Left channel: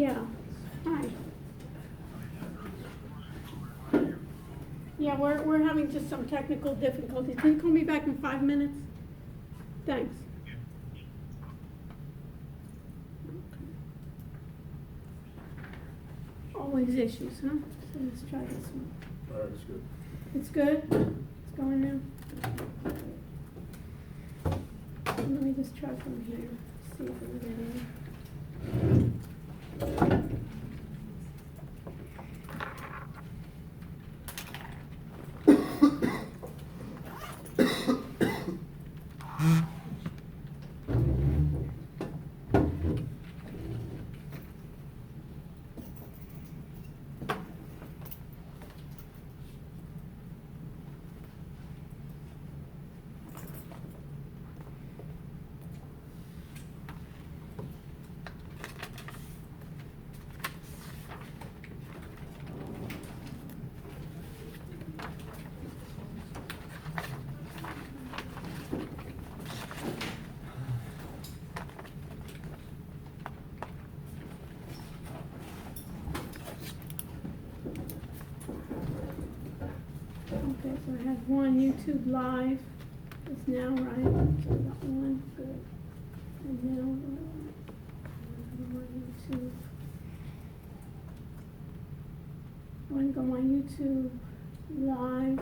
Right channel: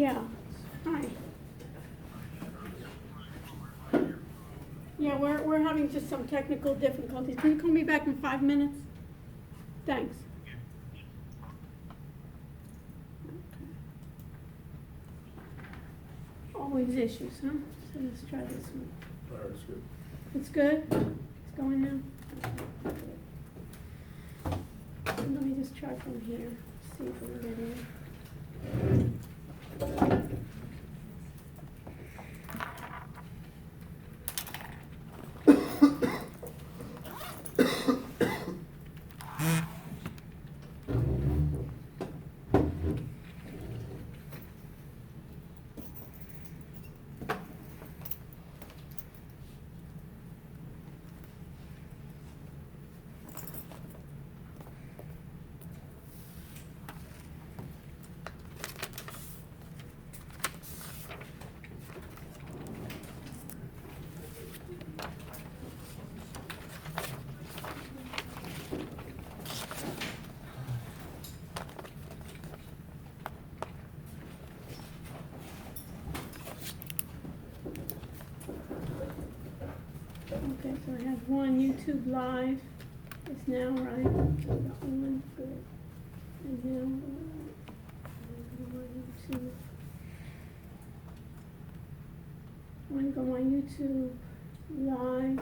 Yeah, hi. Yeah, we're having just some technical difficulties. Can you call me back in 5 minutes? Thanks. Always issues, huh? So let's try this one. All right, it's good. It's good? It's going now? Let me just try from here, see if it'll get in. Okay, so I have one YouTube live. It's now right. So I got one for and now YouTube. I want to go on YouTube live.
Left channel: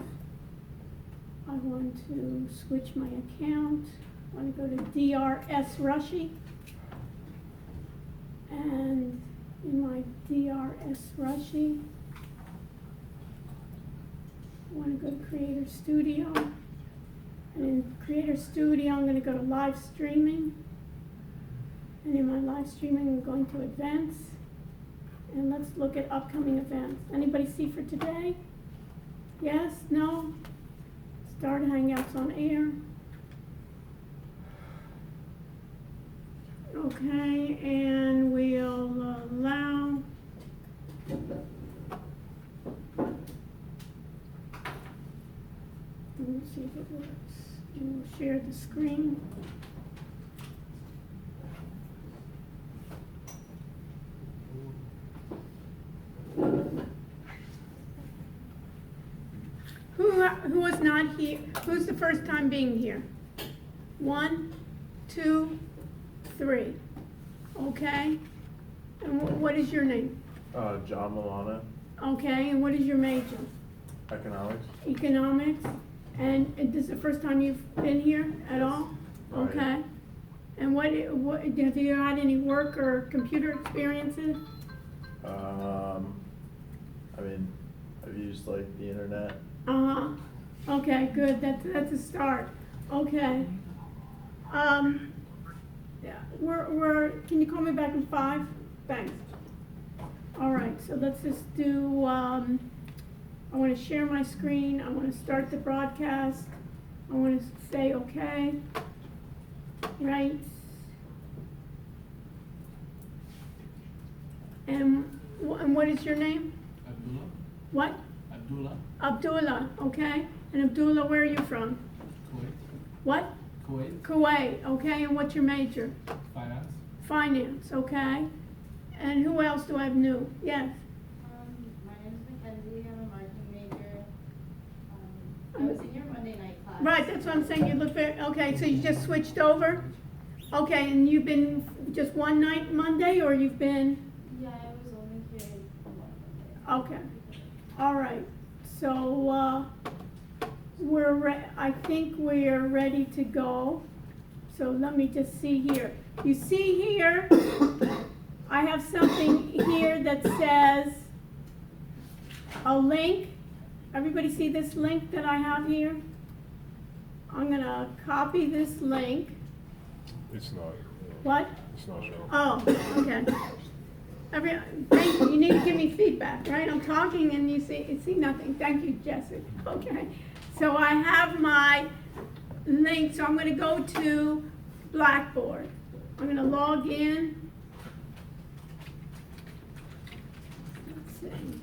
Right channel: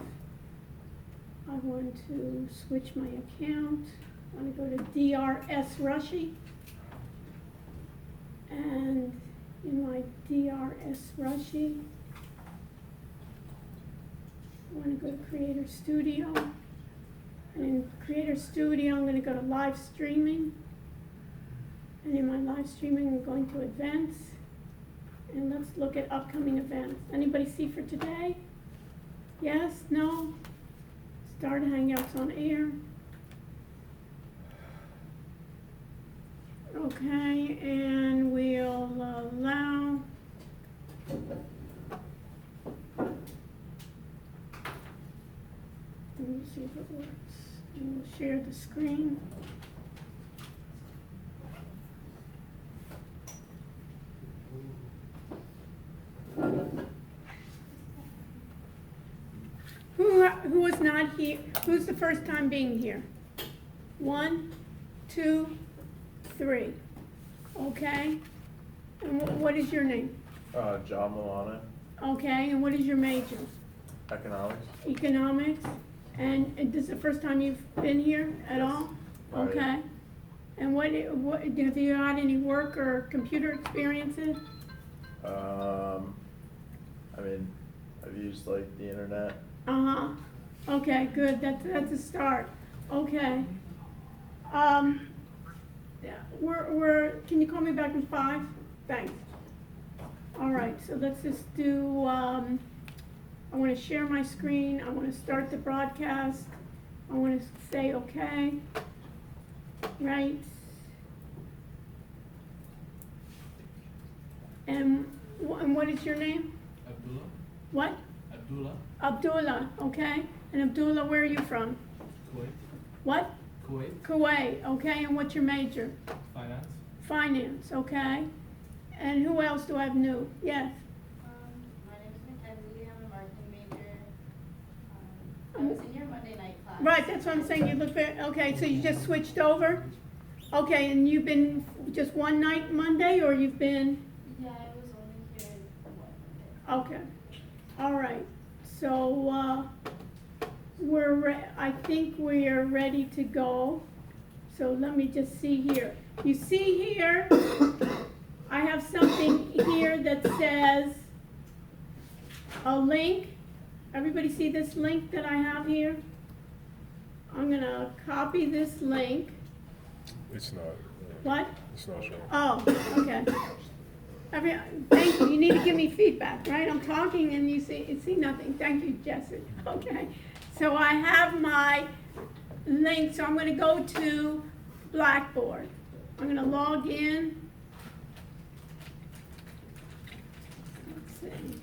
I want to switch my account. I want to go to DRS Rushy. And in my DRS Rushy, I want to go to Creator Studio. And in Creator Studio, I'm going to go to Live Streaming. And in my live streaming, I'm going to Events. And let's look at upcoming events. Anybody see for today? Yes? No? Start Hangouts on Air. Okay, and we'll allow let me see if it works. And we'll share the screen. Who is not here? Who's the first time being here? 1, 2, 3. Okay. And what is your name? John Milana, Okay. And what is your major? economics. Economics. And this is the first time you've been here at all? Okay. Yeah. And what have you had any work or computer experiences? I mean, I've used like the internet. Uh-huh. Okay, good. That's a start. Okay. Can you call me back in 5? Thanks. All right, so let's just do, I want to share my screen. I want to start the broadcast. I want to say okay. Right. And what is your name? Abdullah. What? Abdullah. Abdullah, okay. And Abdullah, where are you from? Kuwait. What? Kuwait. Kuwait, okay. And what's your major? Finance. Finance, okay. And who else do I have new? Yes. My name is Mackenzie. I'm a marketing major. I was in your Monday night class. Right, that's what I'm saying. You look very, okay, so you just switched over? Okay, and you've been just one night Monday, or you've been? Yeah, I was only here one Monday. Okay, all right. So, I think we are ready to go. So let me just see here. You see here, I have something here that says a link. Everybody see this link that I have here? I'm gonna copy this link. It's not. What? It's not showing. Oh, okay. Thank you. You need to give me feedback, right? I'm talking and you see nothing. Thank you, Jessica. Okay. So I have my link. So I'm going to go to Blackboard. I'm going to log in. Let's see.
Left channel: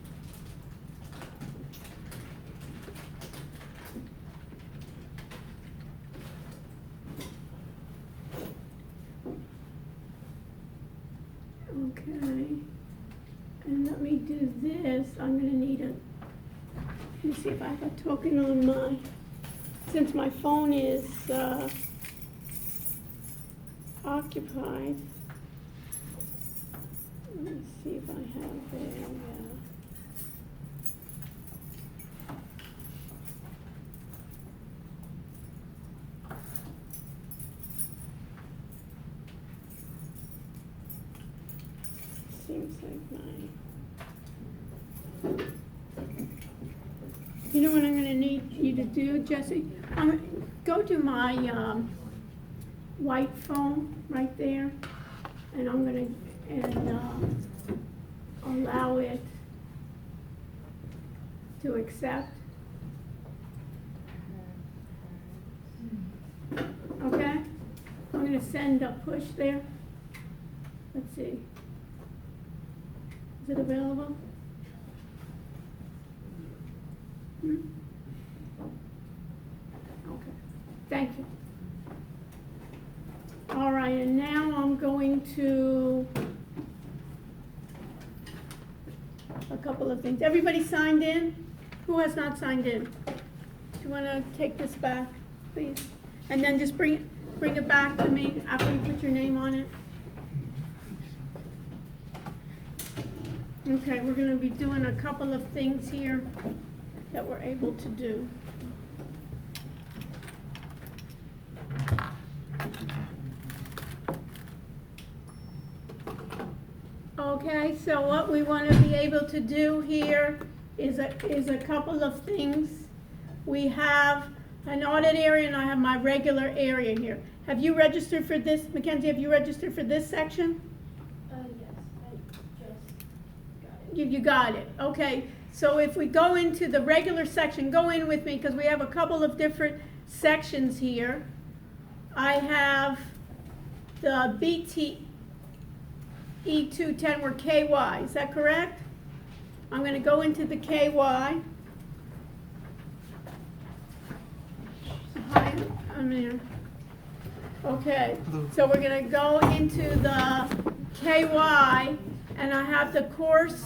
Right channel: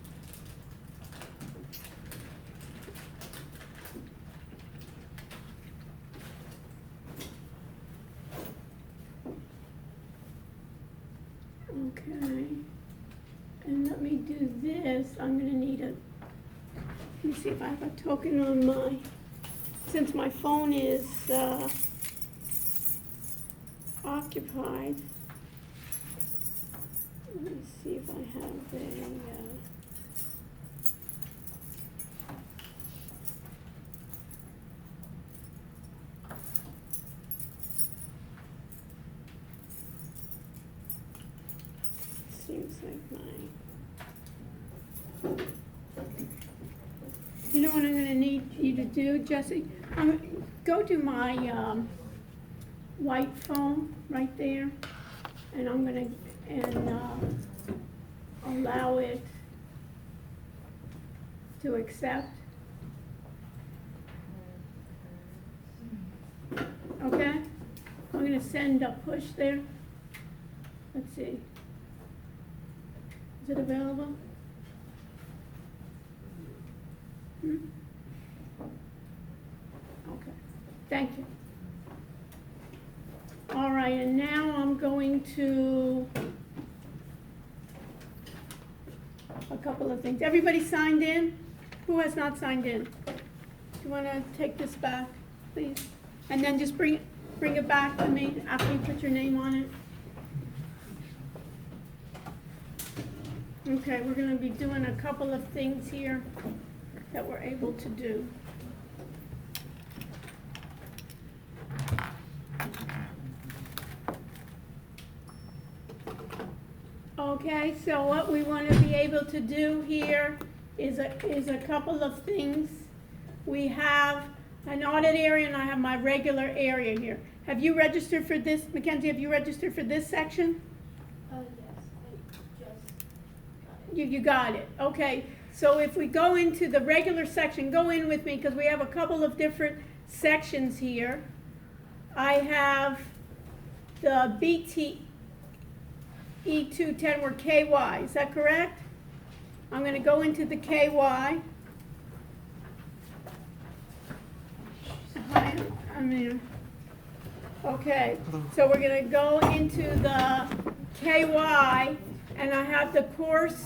Okay. see if I have a token on my, since my phone is occupied. Let me see if I have a, seems like mine. You know what I'm gonna need you to do, Jesse? Go to my white phone right there, and I'm gonna allow it to accept. Okay? I'm gonna send a push there. Let's see. Is it available? Okay, thank you. All right, and now I'm going to a couple of things. Everybody signed in? Who has not signed in? Do you want to take this back, please? And then just bring it back to me after you put your name on it. Okay, we're going to be doing a couple of things here that we're able to do. Okay, so what we want to be able to do here is a couple of things. We have an audit area and I have my regular area here. Have you registered for this, Mackenzie, have you registered for this section? Yes, I just got it. You got it, okay. So if we go into the regular section, go in with me because we have a couple of different sections here. I have the BTE210 or KY, is that correct? I'm going to go into the KY. Hi, I'm here. Okay, so we're going to go into the KY and I have the course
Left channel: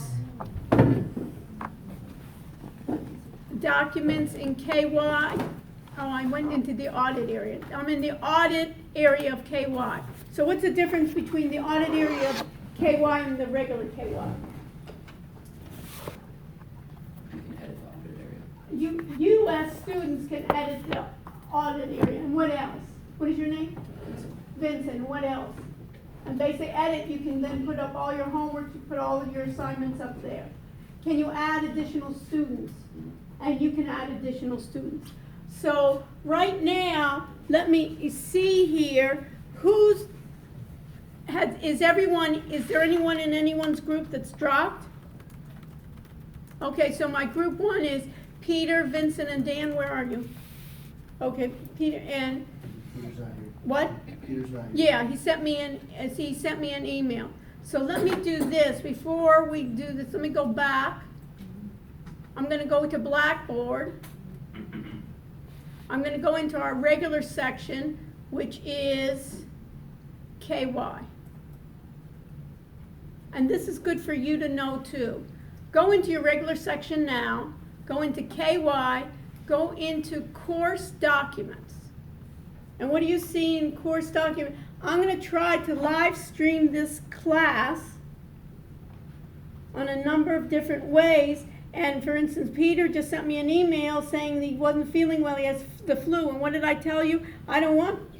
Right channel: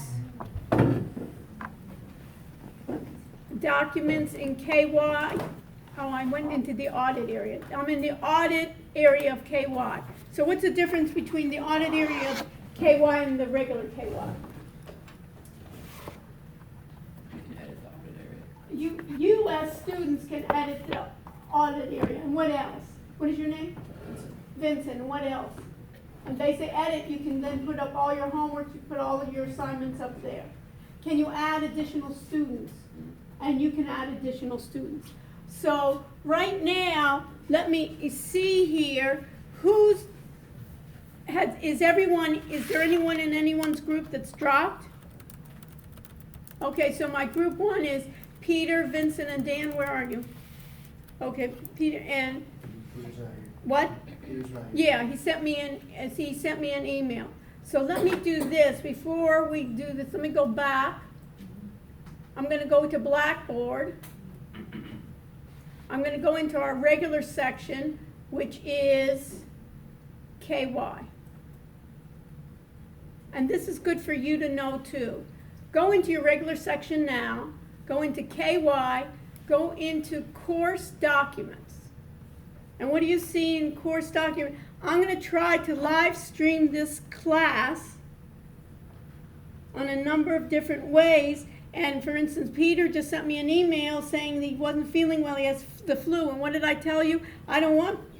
documents in KY. Oh, I went into the audit area. I'm in the audit area of KY. So what's the difference between the audit area of KY and the regular KY? You as students can edit the audit area. And what else? What is your name? Vincent. What else? And they say edit, you can then put up all your homework, you put all of your assignments up there. Can you add additional students? And you can add additional students. So right now, let me see here, is there anyone in anyone's group that's dropped? Okay, so my group 1 is Peter, Vincent, and Dan. Where are you? Okay, Peter and Peter's not here. what? Peter's not here. Yeah, he sent me an email. So let me do this before we do this. Let me go back. I'm going to go to Blackboard. I'm going to go into our regular section, which is KY. And this is good for you to know too. Go into your regular section now, go into KY, go into course documents. And what do you see in course document? I'm going to try to live stream this class on a number of different ways. And for instance, Peter just sent me an email saying that he wasn't feeling well, he has the flu. And what did I tell you?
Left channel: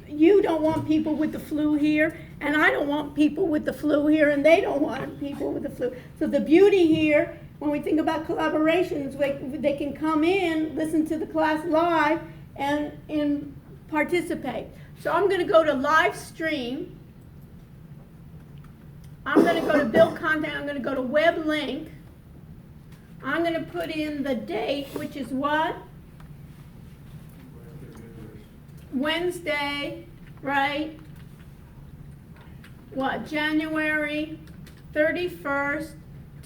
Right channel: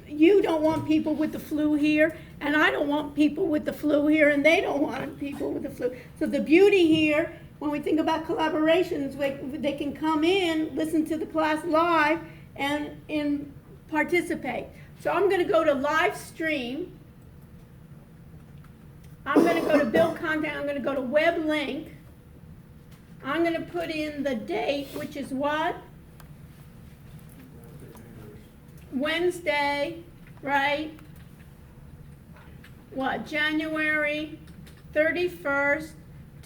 You don't want people with the flu here, and I don't want people with the flu here, and they don't want people with the flu. So the beauty here, when we think about collaborations, they can come in, listen to the class live, and participate. So I'm going to go to live stream. I'm going to go to build content. I'm going to go to web link. I'm going to put in the date, which is what? Wednesday, right? What? January 31st,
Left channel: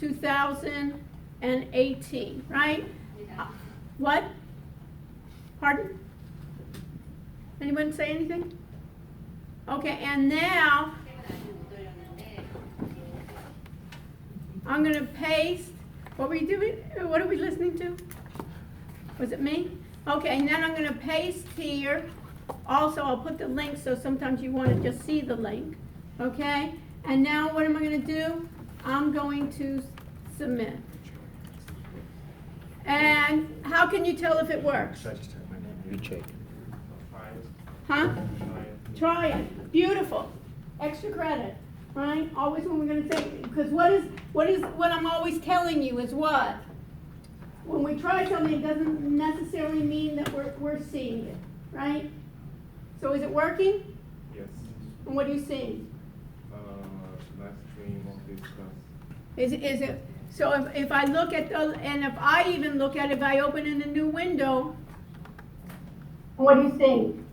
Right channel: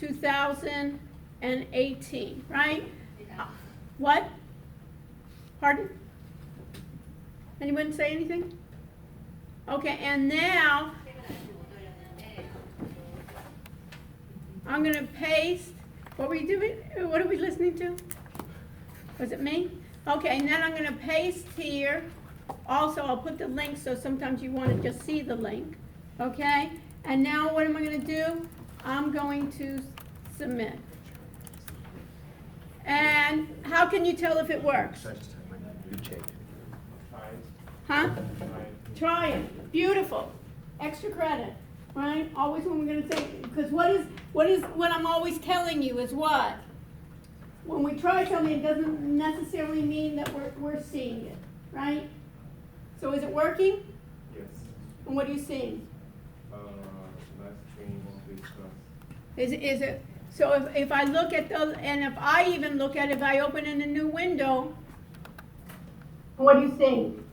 2018, right? What? Pardon? Anyone say anything? Okay, and now I'm going to paste. What were you doing? What are we listening to? Was it me? Okay, and then I'm gonna paste here. Also, I'll put the link so sometimes you wanna just see the link, okay? And now what am I gonna do? I'm going to submit. And how can you tell if it works? You check. Huh? Try it. Beautiful. Extra credit, right? Always when we're gonna say, because what I'm always telling you is what? When we try something, it doesn't necessarily mean that we're seeing it, right? So is it working? Yes. And what are you seeing? Live stream of this class. Is it, so if I look at the, and if I even look at it, if I open in a new window, what are you seeing?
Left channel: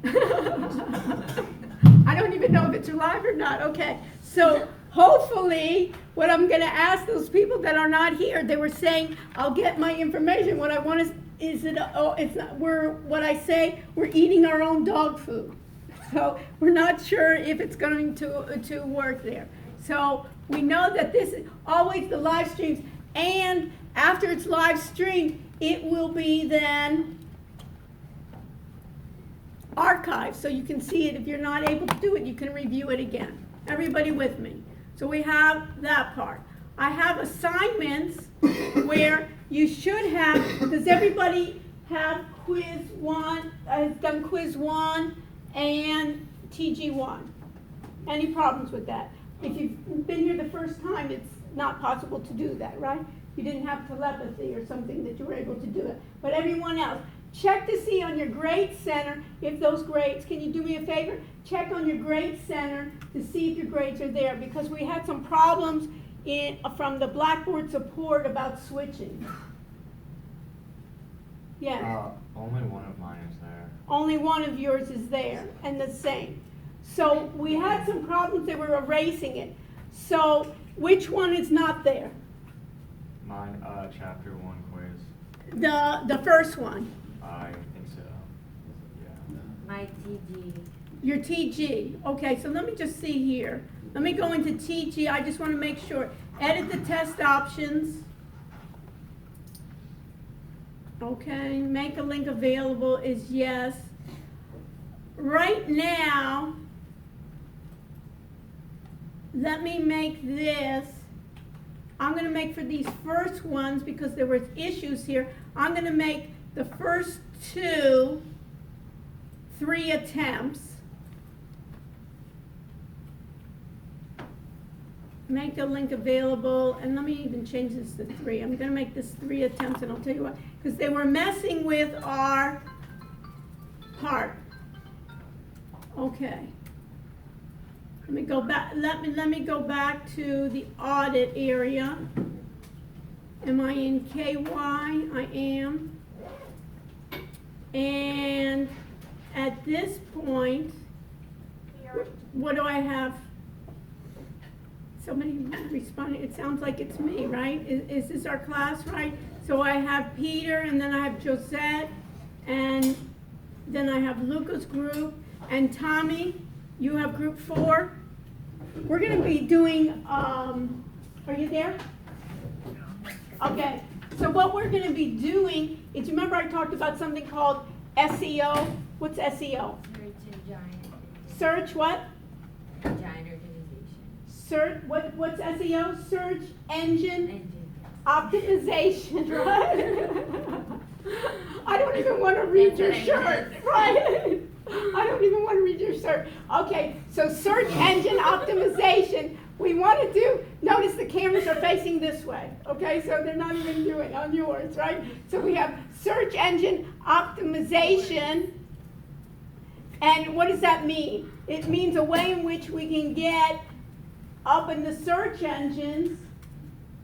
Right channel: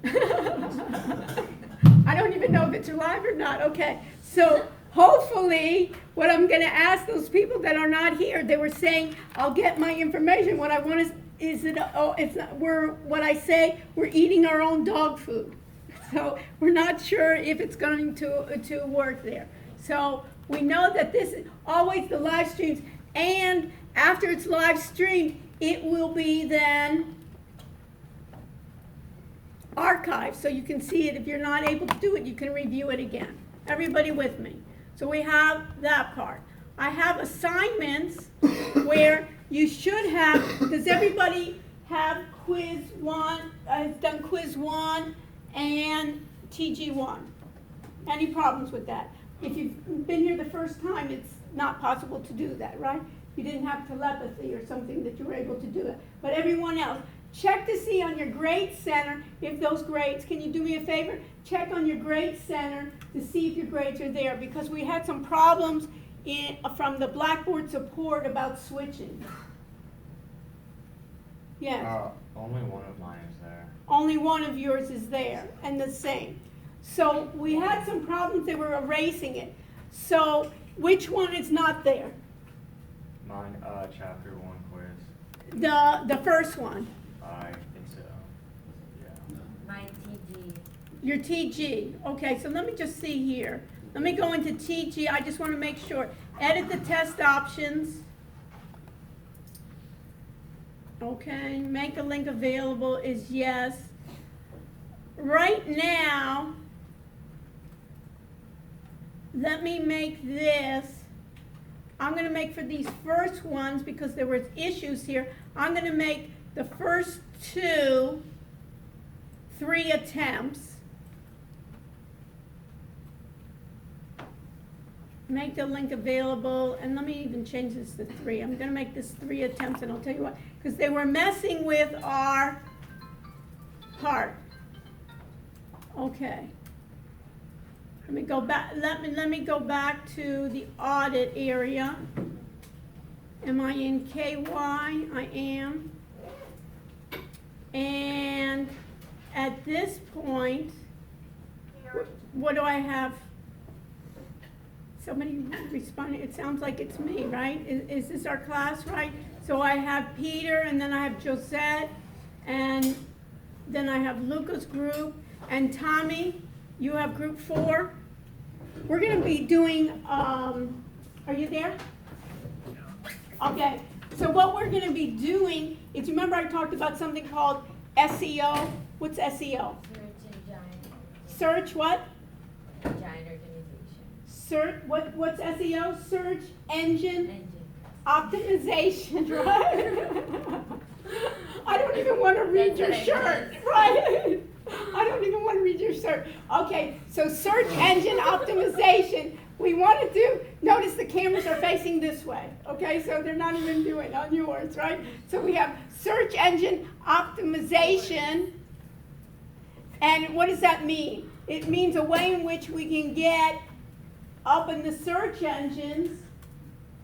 I don't even know if it's live or not. Okay, so hopefully, what I'm gonna ask those people that are not here, they were saying, I'll get my information. What I want is it, oh, it's not, what I say, we're eating our own dog food. So we're not sure if it's going to work there. So we know that this is always the live streams, and after it's live streamed, it will be then archived, so you can see it. If you're not able to do it, you can review it again. Everybody with me? So we have that part. I have assignments where you should have, does everybody have quiz 1, has done quiz 1 and TG 1? Any problems with that? If you've been here the first time, it's not possible to do that, right? You didn't have telepathy or something that you were able to do it. But everyone else, check to see on your grade center if those grades, can you do me a favor? Check on your grade center to see if your grades are there, because we had some problems from the Blackboard support about switching. Yeah. Only one of mine is there. Only one of yours is there, and the same. So we had some problems, they were erasing it. So which one is not there? Mine, chapter 1 quiz. The first one. I think so. Yeah. My TG. Your TG. Okay, so let me just see here. Let me go into TG. I just want to make sure. Edit the test options. Okay, make a link available is yes. Right now, let me make this. I'm going to make for these first ones, because there were issues here, I'm going to make the first 2 3 attempts. Make the link available, and let me even change this to 3. I'm going to make this 3 attempts, and I'll tell you why. Because they were messing with our part. Okay. Let me go back. Let me go back to the audit area. Am I in KY? I am. And at this point, what do I have? Somebody responding. It sounds like it's me, right? Is this our class, right? So I have Peter, and then I have Josette, and then I have Luca's group, and Tommy, you have group 4. We're going to be doing, are you there? Okay, so what we're going to be doing is, remember I talked about something called SEO? What's SEO? Search engine. Search what? Engine organization. Search, what's SEO? Search engine Engine. optimization, right? I don't even want to read your shirt, right? I don't even want to read your shirt. Okay, so search engine optimization. We want to do, notice the cameras are facing this way, okay? So they're not even doing on yours, right? So we have search engine optimization. And what does that mean? It means a way in which we can get up in the search engines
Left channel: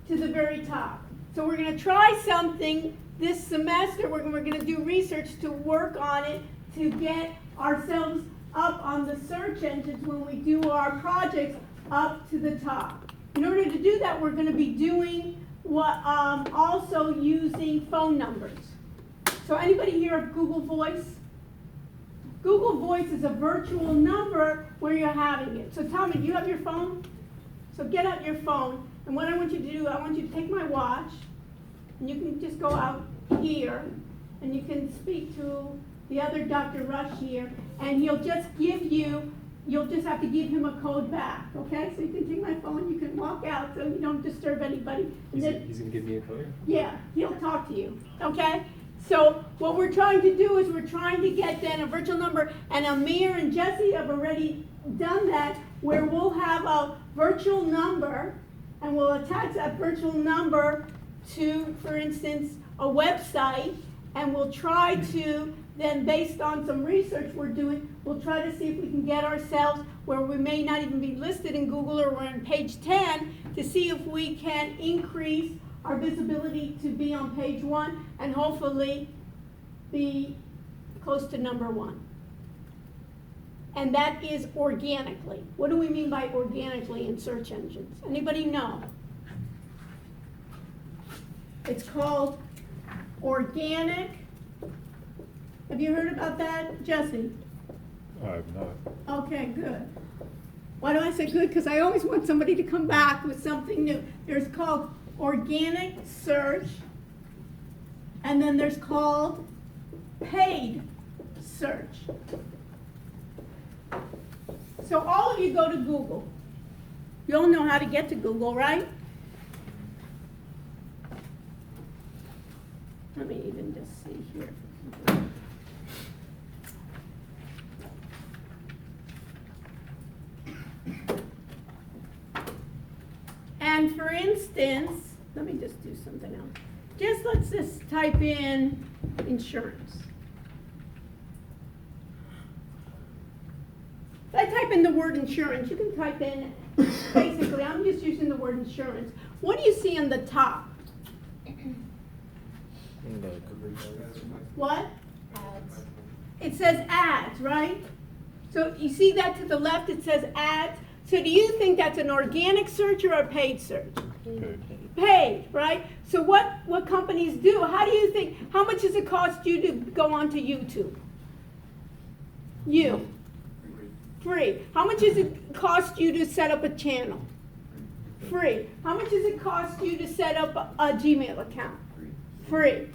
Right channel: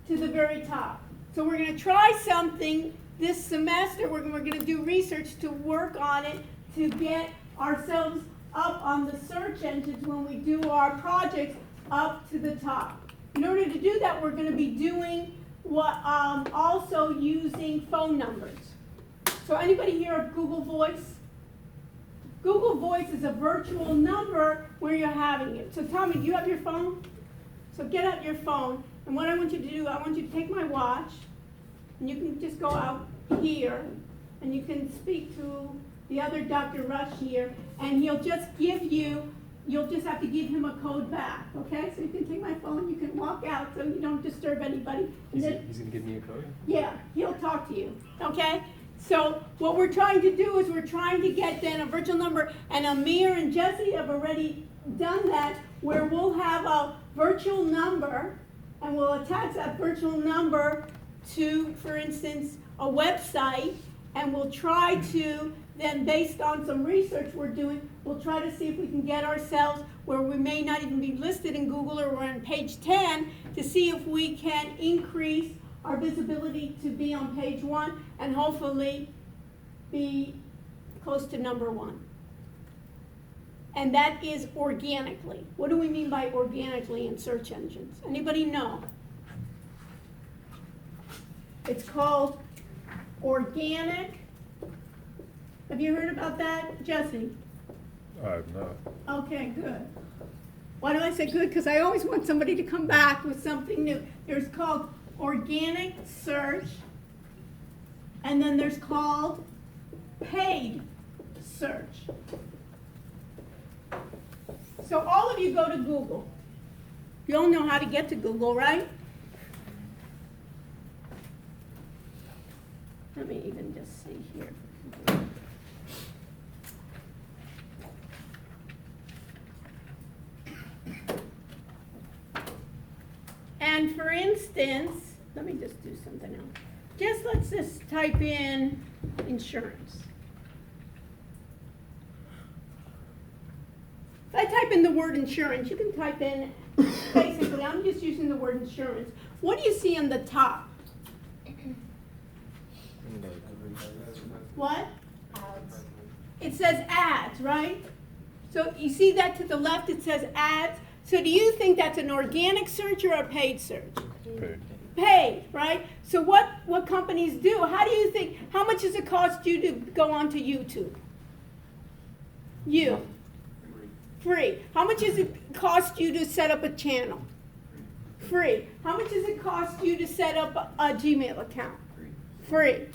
to the very top. So we're going to try something this semester. We're going to do research to work on it to get ourselves up on the search engines when we do our projects up to the top. In order to do that, we're going to be doing what also using phone numbers. So anybody hear of Google Voice? Google Voice is a virtual number where you're having it. So tell me, do you have your phone? So get out your phone, and what I want you to do, I want you to take my watch, and you can just go out here, and you can speak to the other Dr. Rush here, and he'll just give you, you'll just have to give him a code back, okay? So you can take my phone, you can walk out so you don't disturb anybody. And then, He's gonna give me a code? yeah, he'll talk to you, okay? So what we're trying to do is we're trying to get then a virtual number, and Amir and Jesse have already done that, where we'll have a virtual number, and we'll attach that virtual number to, for instance, a website, and we'll try to then, based on some research we're doing, we'll try to see if we can get ourselves where we may not even be listed in Google, or we're on page 10, to see if we can increase our visibility to be on page 1 and hopefully be close to number 1. And that is organically. What do we mean by organically in search engines? Anybody know? It's called organic. Have you heard about that, Jesse? I've not. Okay, good. Why do I say good? Because I always want somebody to come back with something new. There's called organic search, and then there's called paid search. So all of you go to Google. You all know how to get to Google, right? Let me even just see here. And for instance, let me just do something else. Let's just type in insurance. If I type in the word insurance, you can type in, basically, I'm just using the word insurance. What do you see on the top? What? Ads. It says ads, right? So you see that to the left, it says ads. So do you think that's an organic search or a paid search? Paid, right? So what companies do, how do you think, how much does it cost you to go onto YouTube? You. Free. How much does it cost you to set up a channel? Free. How much does it cost you to set up a Gmail account? Free.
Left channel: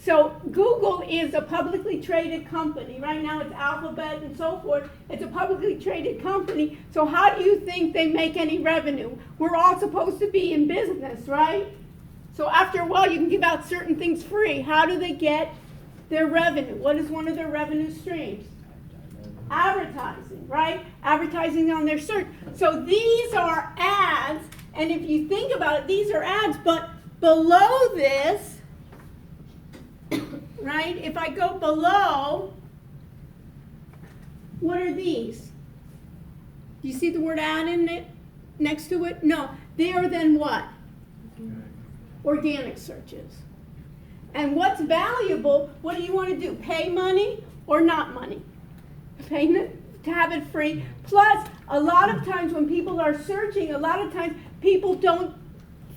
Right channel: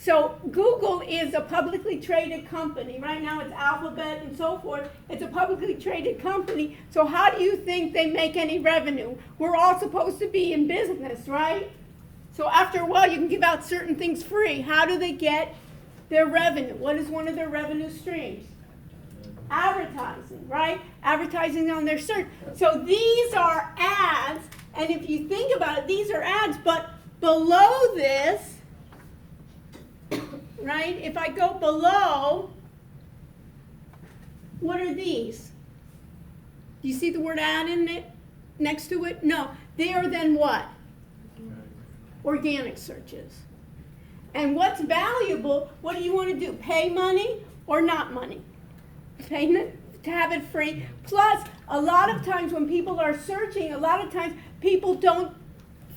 So Google is a publicly traded company. Right now it's Alphabet and so forth. It's a publicly traded company. So how do you think they make any revenue? We're all supposed to be in business, right? So after a while you can give out certain things free. How do they get their revenue? What is one of their revenue streams? Advertising, right? Advertising on their search. So these are ads, and if you think about it, these are ads, but below this, right? If I go below, what are these? Do you see the word ad in it? Next to it? No. They are then what? Organic searches. And what's valuable, what do you want to do? Pay money or not money? Payment to have it free. Plus, a lot of times when people are searching, a lot of times people don't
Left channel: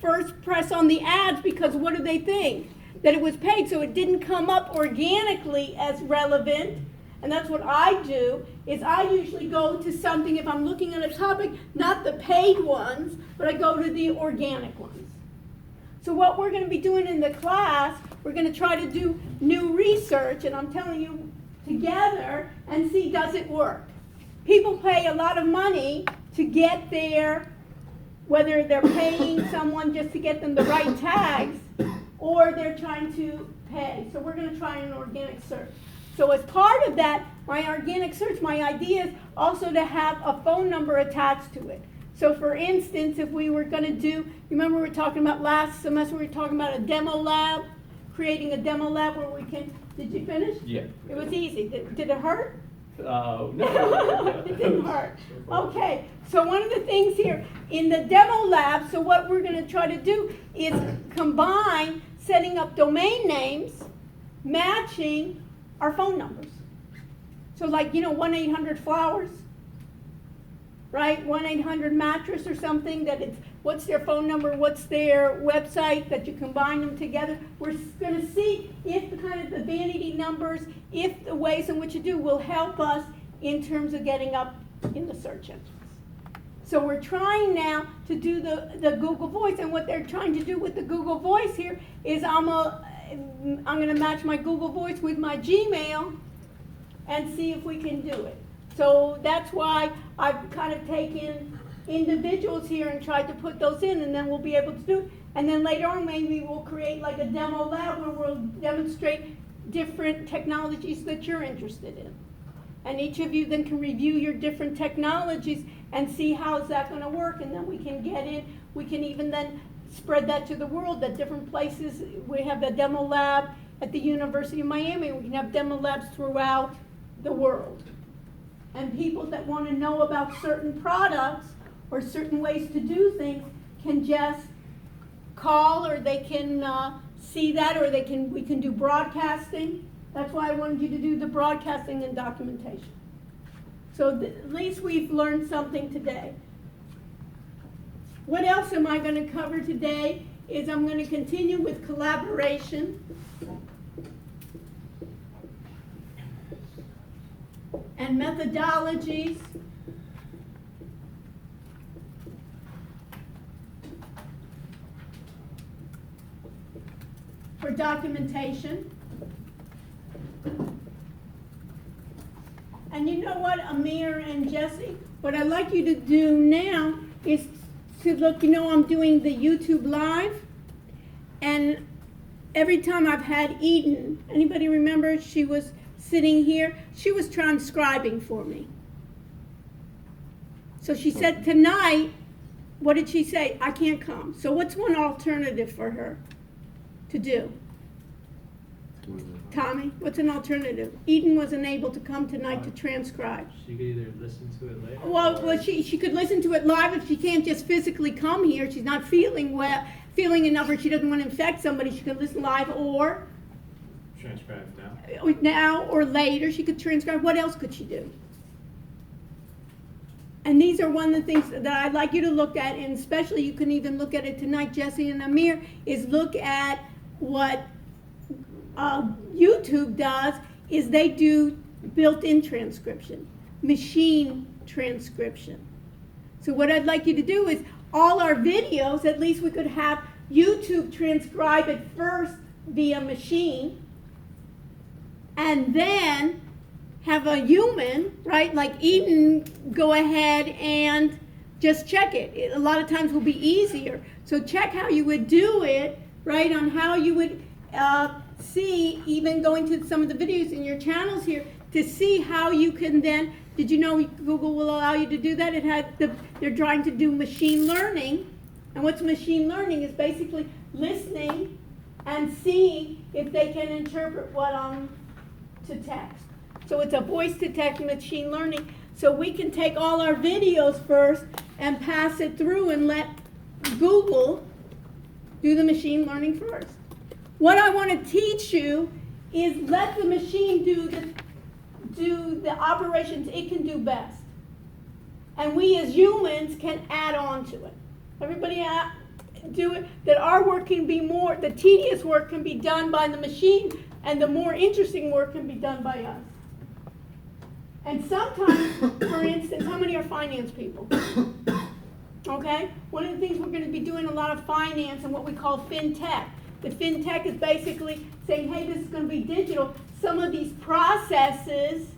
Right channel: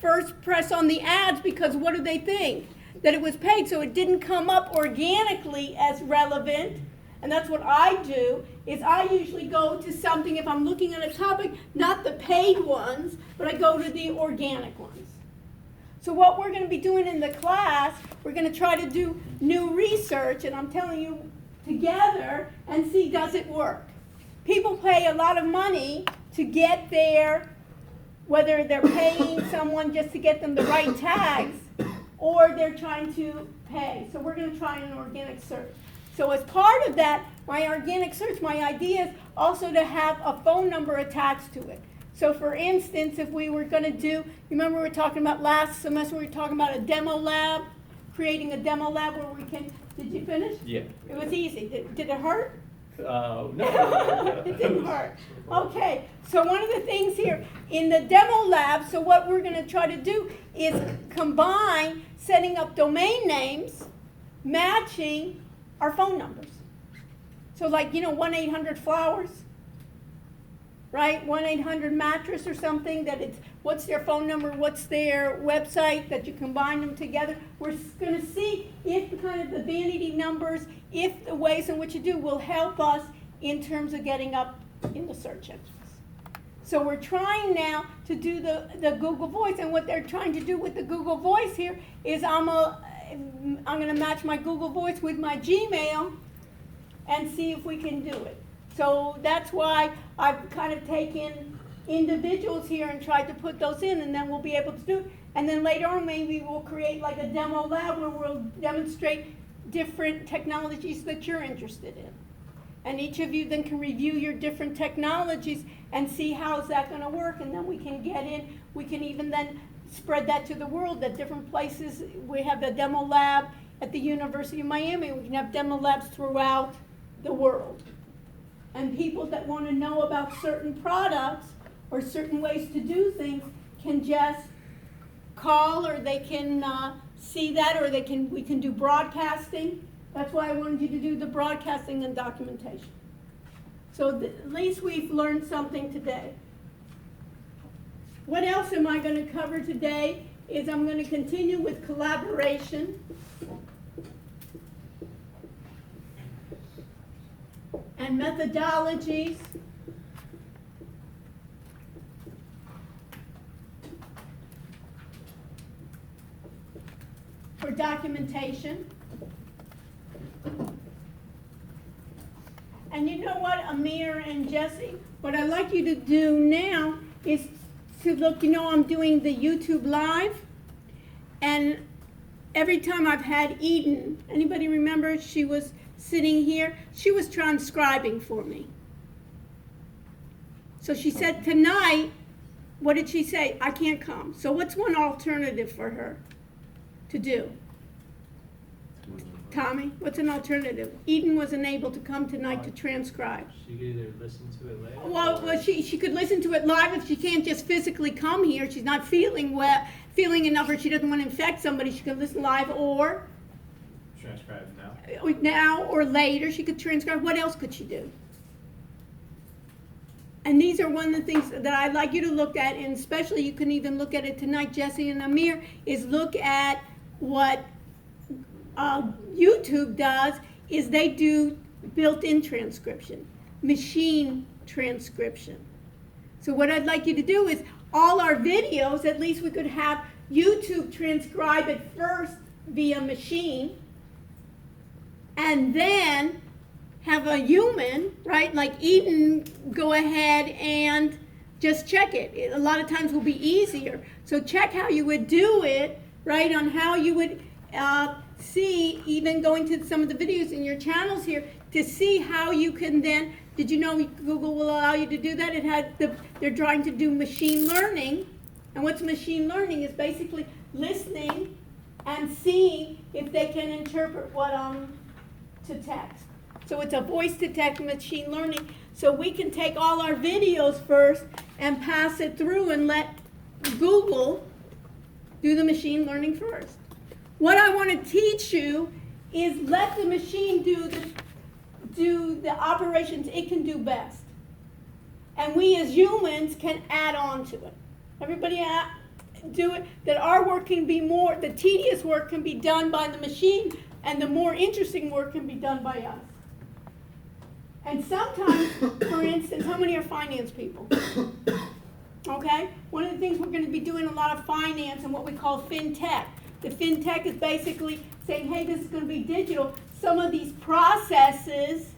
first press on the ads because what do they think? That it was paid, so it didn't come up organically as relevant. And that's what I do, is I usually go to something, if I'm looking at a topic, not the paid ones, but I go to the organic ones. So what we're going to be doing in the class, we're going to try to do new research, and I'm telling you, together, and see does it work. People pay a lot of money to get there, whether they're paying someone just to get them the right tags, or they're trying to pay. So we're going to try an organic search. So as part of that, my organic search, my idea is also to have a phone number attached to it. So for instance, if we were going to do, remember we were talking about last semester, we were talking about a demo lab, creating a demo lab where we can, did you finish? Yeah. It was easy. Did it hurt? No. It didn't hurt. Okay, so one of the things here in the demo lab, so what we're going to try to do is combine setting up domain names, matching our phone numbers. So like, 1-800-Flowers, right? 1-800-Mattress or something, that it's, what's their phone number, what's their website, that you combine them together. We're going to see if the kind of the vanity numbers, if the ways in which you do will help us in terms of getting up in the search engines. So we're trying now to do the Google Voice, and what they're trying to do with the Google Voice here is I'm gonna match my Google Voice with my Gmail and see if we can do it. So that's why I've kind of taken individuals here and tried to put those in, and then we'll be able to do it. And then later on, maybe we'll create like a demo lab where we'll demonstrate different technologies that you're interested in. And each of you then can review your different technologies and see how's that gonna work, and then we can get in, we can even then spread that to the world at different places. We have a demo lab at the University of Miami, we can have demo labs throughout the world. And people that wanna know about certain products or certain ways to do things can just call, or they can see that, or we can do broadcasting. That's why I wanted you to do the broadcasting and documentation. So at least we've learned something today. What else am I going to cover today is I'm going to continue with collaboration and methodologies. For documentation. And you know what, Amir and Jesse, what I'd like you to do now is to look, I'm doing the YouTube Live, and every time I've had Eden, anybody remember she was sitting here? She was transcribing for me. So she said tonight, what did she say? I can't come. So what's one alternative for her to do? Tommy, what's an alternative? Eden wasn't able to come tonight to transcribe. She could either listen to it later. Well, she could listen to it live if she can't just physically come here. She's not feeling feeling enough, or she doesn't want to infect somebody. She could listen live, or Transcribe it now. now or later. She could transcribe. What else could she do? And these are one of the things that I'd like you to look at, and especially you can even look at it tonight, Jesse and Amir, is look at what YouTube does, is they do built-in transcription, machine transcription. So what I'd like you to do is all our videos, at least we could have YouTube transcribe it first via machine, and then have a human, right, like Eden, go ahead and just check it. A lot of times will be easier. So check how you would do it, right, on how you would see, even going to some of the videos in your channels here, to see how you can then, did you know Google will allow you to do that? They're trying to do machine learning. And what's machine learning is basically listening and seeing if they can interpret what to text. So it's a voice to text machine learning. So we can take all our videos first and pass it through and let Google do the machine learning first. What I want to teach you is let the machine do the operations it can do best. And we as humans can add on to it. Everybody do it, that our work can be more, the tedious work can be done by the machine, and the more interesting work can be done by us. And sometimes, for instance, how many are finance people? Okay? One of the things we're going to be doing a lot of finance and what we call fintech. The fintech is basically saying, hey, this is going to be digital. Some of these processes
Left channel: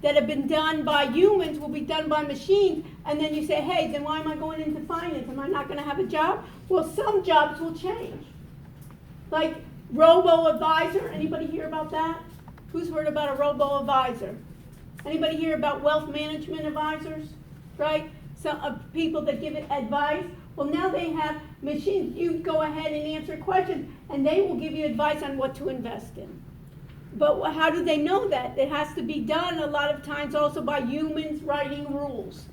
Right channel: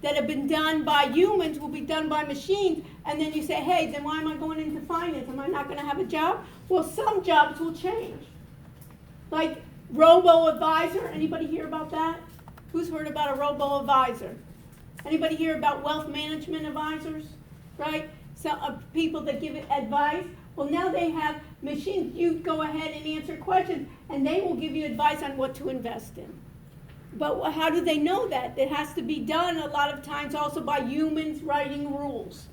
that have been done by humans will be done by machines. And then you say, hey, then why am I going into finance? Am I not going to have a job? Well, some jobs will change. Like robo-advisor. Anybody hear about that? Who's heard about a robo-advisor? Anybody hear about wealth management advisors? Right? Some people that give advice. Well, now they have machines. You go ahead and answer questions, and they will give you advice on what to invest in. But how do they know that? It has to be done a lot of times also by humans writing rules.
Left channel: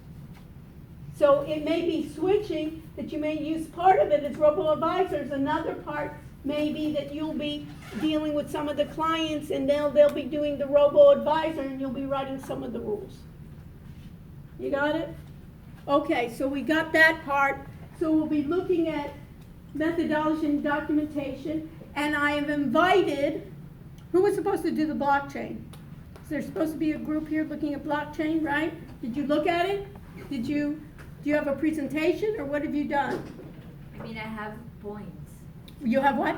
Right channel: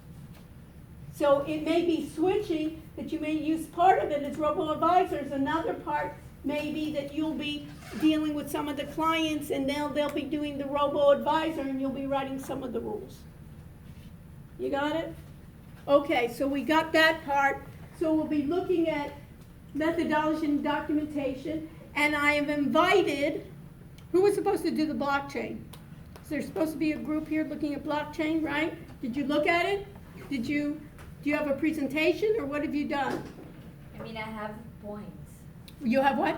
So it may be switching that you may use part of it as robo-advisors. Another part may be that you'll be dealing with some of the clients, and they'll be doing the robo-advisor, and you'll be writing some of the rules. You got it? Okay, so we got that part. So we'll be looking at methodology and documentation, and I have invited, who was supposed to do the blockchain? Is there supposed to be a group here looking at blockchain, right? Did you look at it? Do you have a presentation, or what have you done? I mean, I have points. You have what?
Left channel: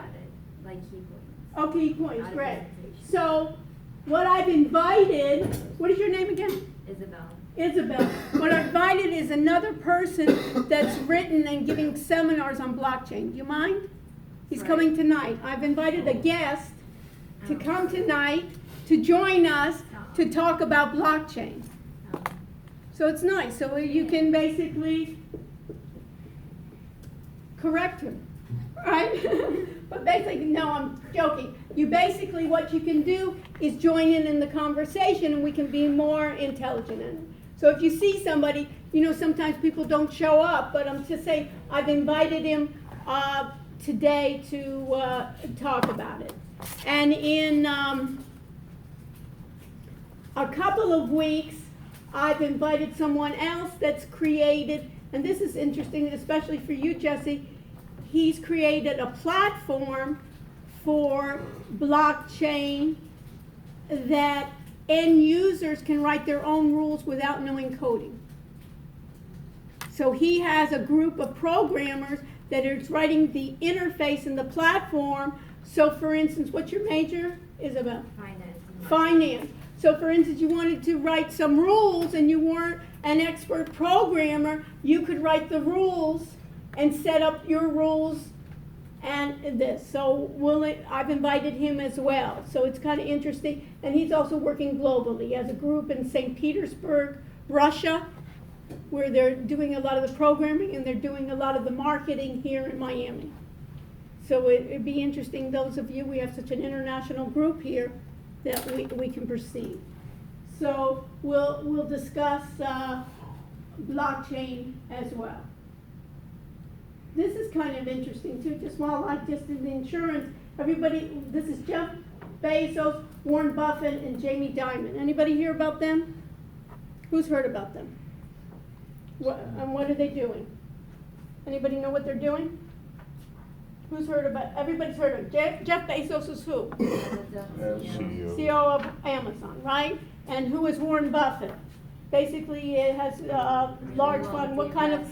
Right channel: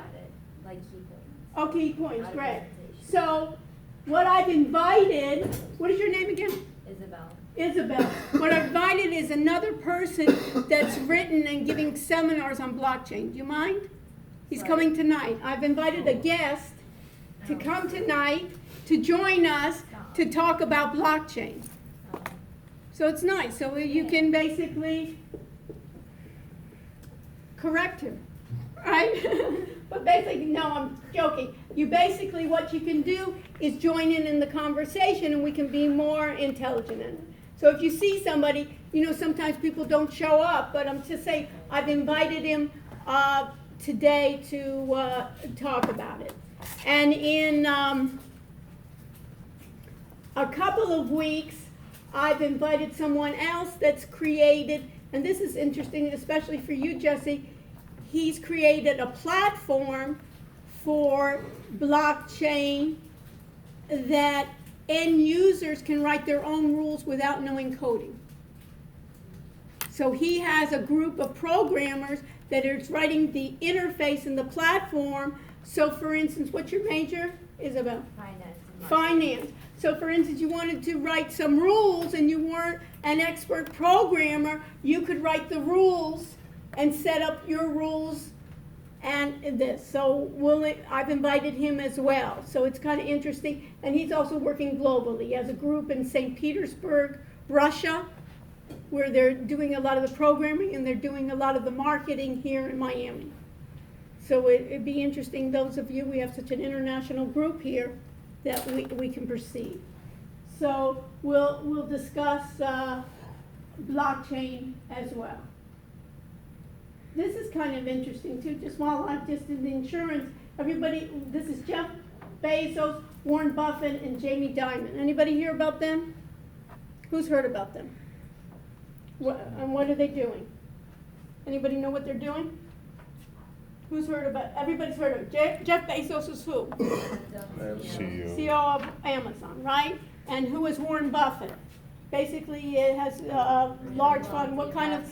Like key points. Okay, points, Not a great. presentation. So, what I've invited, what is your name again? Isabel. Isabel. What I've invited is another person that's written and giving seminars on blockchain. Do you mind? He's Right. coming tonight. I've invited a guest to come tonight to join us to talk about blockchain. So it's nice. So you can basically correct him, right? But basically, no, I'm joking. You basically, what you can do is join in the conversation, and we can be more intelligent in it. So if you see somebody, sometimes people don't show up, but I'm just saying, I've invited him today to talk about it. And in a couple of weeks, I've invited someone else that's created, and this is interesting, especially for you, Jesse. He's created a platform for blockchain that end users can write their own rules without knowing coding. So he has a group of programmers that are writing the interface in the platform. So for instance, what's your major, Isabel? Finance. and Finance. So for instance, you wanted to write some rules and you weren't an expert programmer, you could write the rules and set up your rules and this. So I've invited him as well. So it's kind of interesting. And he's also working globally. He has a group in St. Petersburg, Russia, where they're doing a lot of the programming and they're doing a lot of the marketing here in Miami. So it'd be interesting, those of you, we have such an international group here that we can proceed. So we'll discuss blockchain as well. This is kind of interesting too, just in the insurance, everybody, this is Jeff Bezos, Warren Buffett, and Jamie Dimon. Anybody hear about them? Who's heard about them? And what are they doing? Anybody know what they're doing? Who's heard about, everybody's heard of, Jeff Bezos is who? CEO of Amazon, right? And who is Warren Buffett? Basically, it has a large fund. What kind of,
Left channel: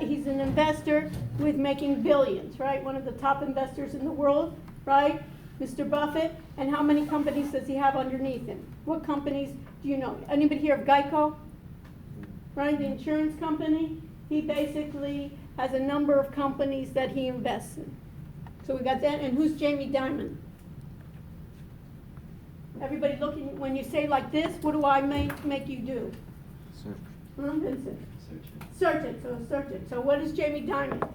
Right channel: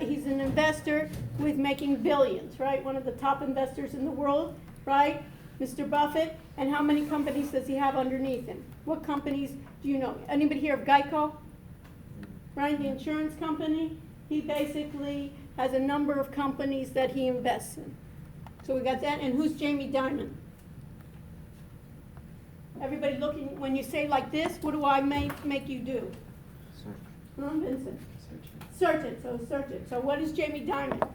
he's an investor with making billions, right? One of the top investors in the world, right? Mr. Buffett. And how many companies does he have underneath him? What companies do you know? Anybody hear of Geico? Right, the insurance company? He basically has a number of companies that he invests in. So we got that. And who's Jamie Dimon? Everybody looking, when you say like this, what do I make you do? Vincent. Search it. So what is Jamie Dimon?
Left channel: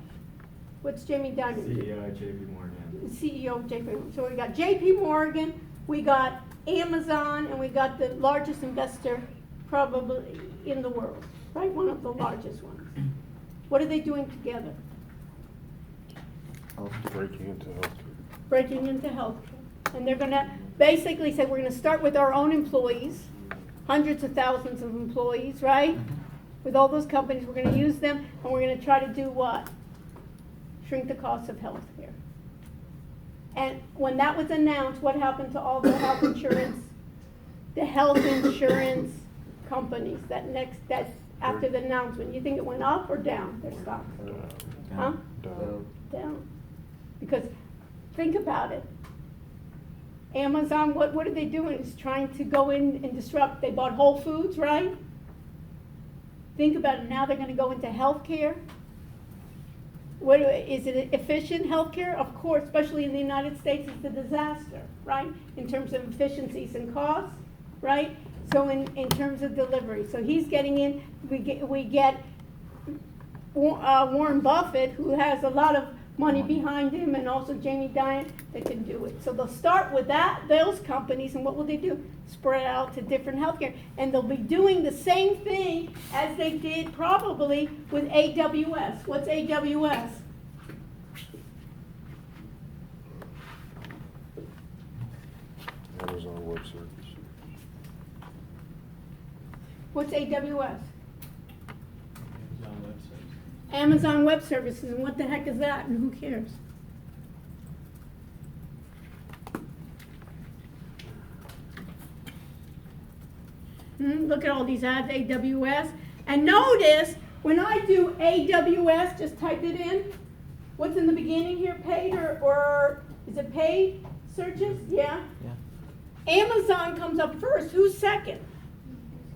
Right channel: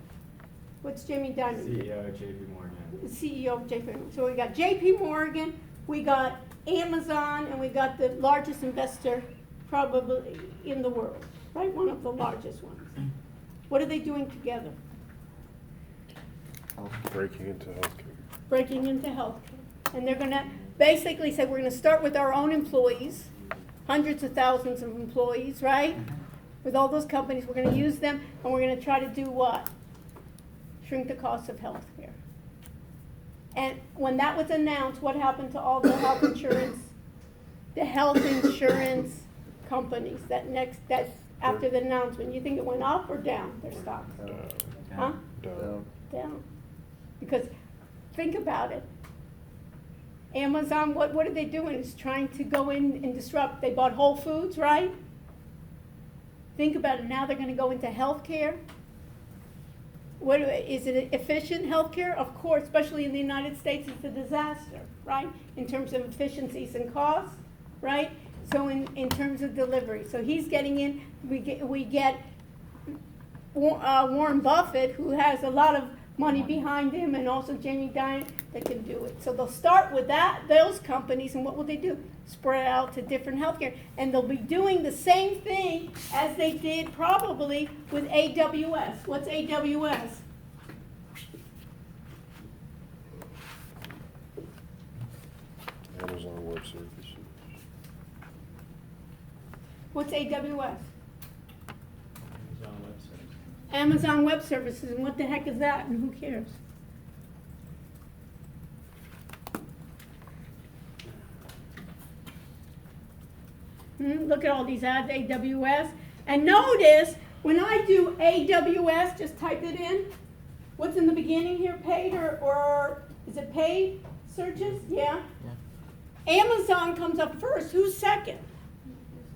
What's Jamie Dimon? CEO of JP Morgan. The CEO of JP Morgan. So we got JP Morgan, we got Amazon, and we got the largest investor probably in the world, right? One of the largest ones. What are they doing together? Breaking into healthcare. Breaking into healthcare. And they're gonna basically say, we're gonna start with our own employees, hundreds of thousands of employees, right? With all those companies, we're gonna use them, and we're gonna try to do what? Shrink the cost of healthcare. And when that was announced, what happened to all the health insurance companies that after the announcement? You think it went up or down, their stocks? Huh? Down. Because think about it. Amazon, what are they doing? It's trying to go in and disrupt. They bought Whole Foods, right? Think about it. Now they're going to go into healthcare. Is it efficient healthcare? Of course, especially in the United States, it's a disaster, right? In terms of efficiencies and costs, right? So in terms of delivery. So he's getting in. We get Warren Buffett, who has a lot of money behind him, and also Jamie Dimon that can do it. So they'll start with those companies, and what will they do? Spread out to different healthcare. And they'll be doing the same thing as they did probably with AWS. What's AWS? Amazon Web Services. What's AWS? Amazon Web Services. Amazon Web Services, and what the heck is that, and who cares? Look at all these ads, AWS. And notice, when I do AWS, just type it in. What's in the beginning here, paid or is it paid searches? Yeah? Amazon comes up first. Who's second?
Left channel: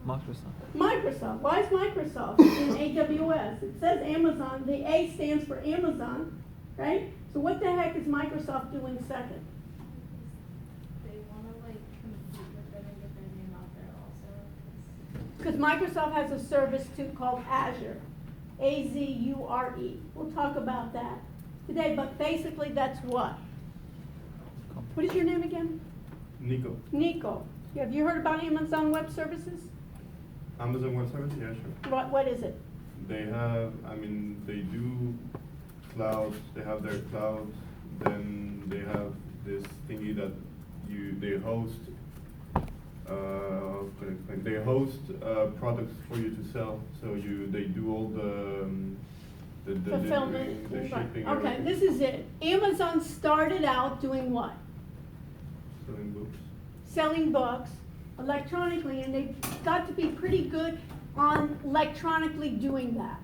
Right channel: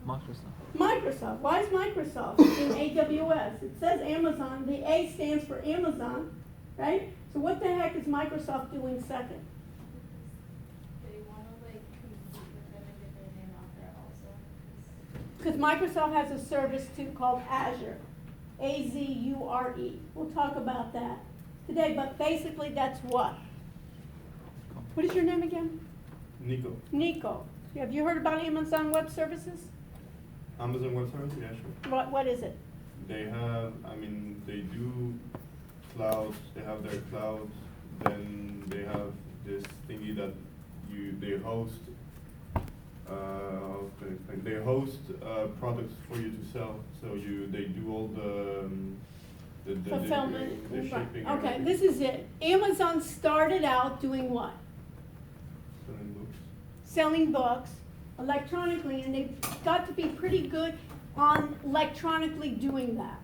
Microsoft. Why is Microsoft in AWS? It says Amazon. The A stands for Amazon, right? So what the heck is Microsoft doing second? They wanna like compete with every different name out there also. Because Microsoft has a service too called Azure. Azure. We'll talk about that today, but basically that's what? What is your name again? Nico. Nico. Have you heard about Amazon Web Services? Amazon Web Services, yeah, sure. What is it? They have, they do clouds, they have their clouds, then they have this thingy that they host, how can I explain? They host, products for you to sell, so they do all the Fulfillment. delivering, the shipping. Okay, everything. this is it. Amazon started out doing what? Selling books. Selling books electronically, and they've got to be pretty good on electronically doing that.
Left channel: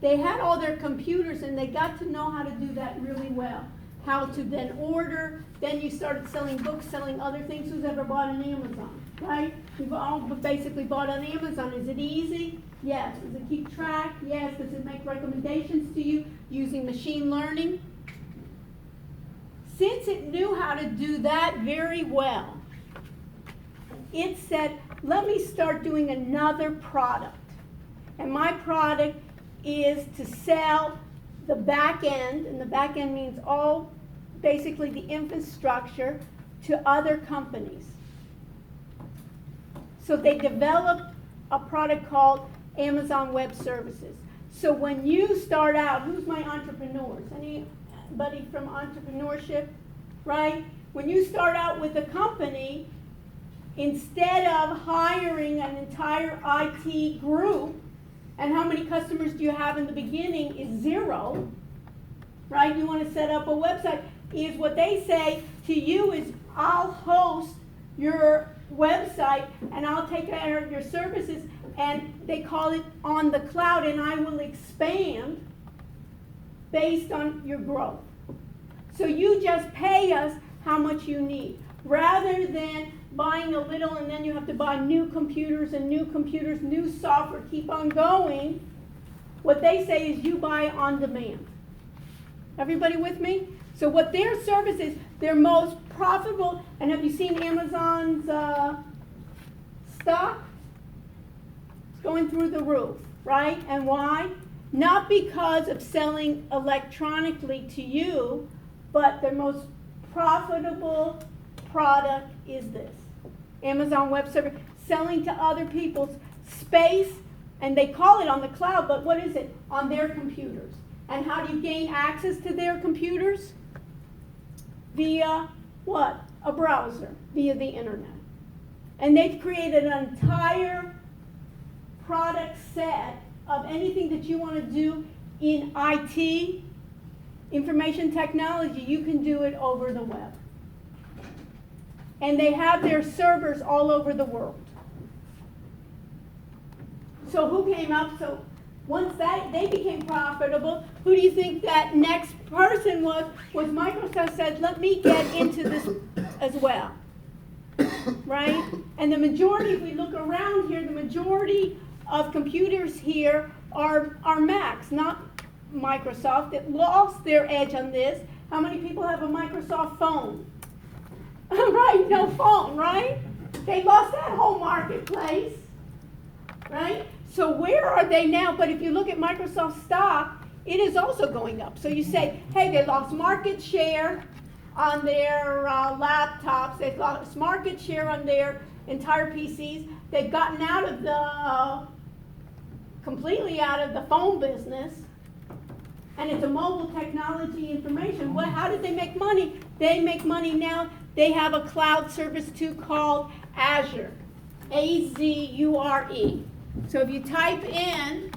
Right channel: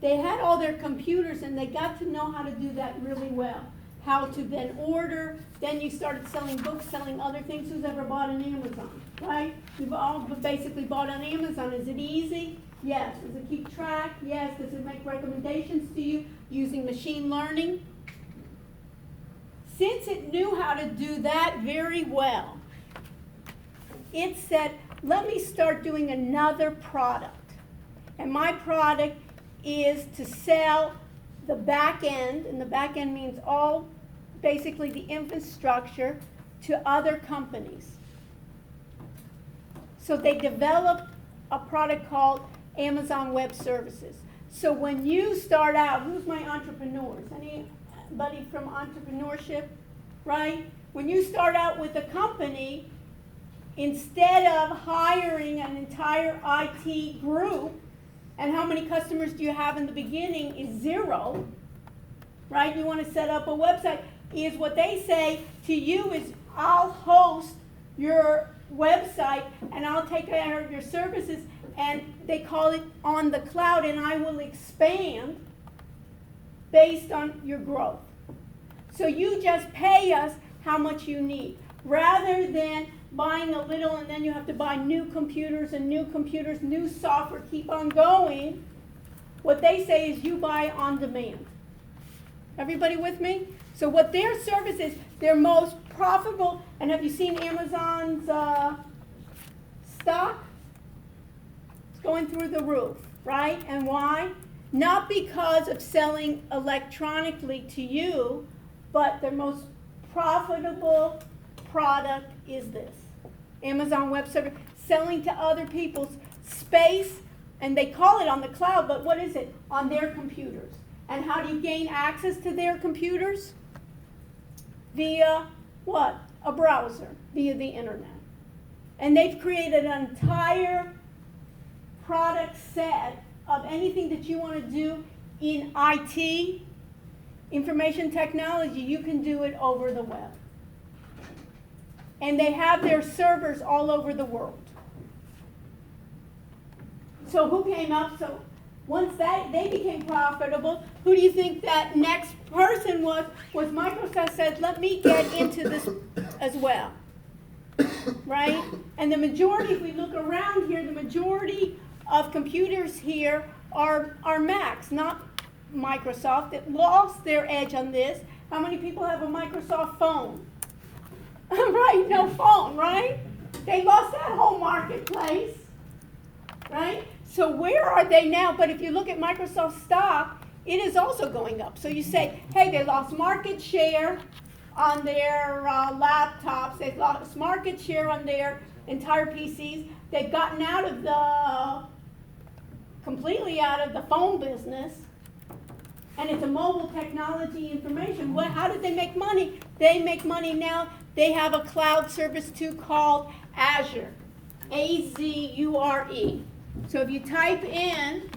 They had all their computers and they got to know how to do that really well. How to then order, then you started selling books, selling other things. Who's ever bought on Amazon, right? We've all basically bought on Amazon. Is it easy? Yes. Does it keep track? Yes. Does it make recommendations to you using machine learning? Since it knew how to do that very well, it said, let me start doing another product. And my product is to sell the back end, and the back end means all, basically the infrastructure, to other companies. So they developed a product called Amazon Web Services. So when you start out, who's my entrepreneurs? Anybody from entrepreneurship, right? When you start out with a company, instead of hiring an entire IT group, and how many customers do you have in the beginning is 0, right? You want to set up a website. Is what they say to you is, I'll host your website and I'll take care of your services, and they call it on the cloud, and I will expand based on your growth. So you just pay us how much you need, rather than buying a little and then you have to buy new computers, new software, keep on going. What they say is you buy on demand. Everybody with me? So what their service is, their most profitable, and have you seen Amazon's stock? It's going through the roof, right? And why? Not because of selling electronically to you, but their most profitable product is this. Amazon Web Service, selling to other people's space, and they call it on the cloud, but what is it? On their computers. And how do you gain access to their computers? Via what? A browser, via the internet. And they've created an entire product set of anything that you want to do in IT, information technology. You can do it over the web. And they have their servers all over the world. So who came up? So once they became profitable, who do you think that next person was? Was Microsoft said, let me get into this as well. Right? And the majority, if we look around here, the majority of computers here are Macs, not Microsoft. It lost their edge on this. How many people have a Microsoft phone? Right, no phone, right? They lost that whole marketplace, right? So where are they now? But if you look at Microsoft stock, it is also going up. So you say, hey, they lost market share on their laptops. They've lost market share on their entire PCs. They've gotten completely out of the phone business. And it's a mobile technology information. How did they make money? They make money now. They have a cloud service too called Azure, A-Z-U-R-E. So if you type in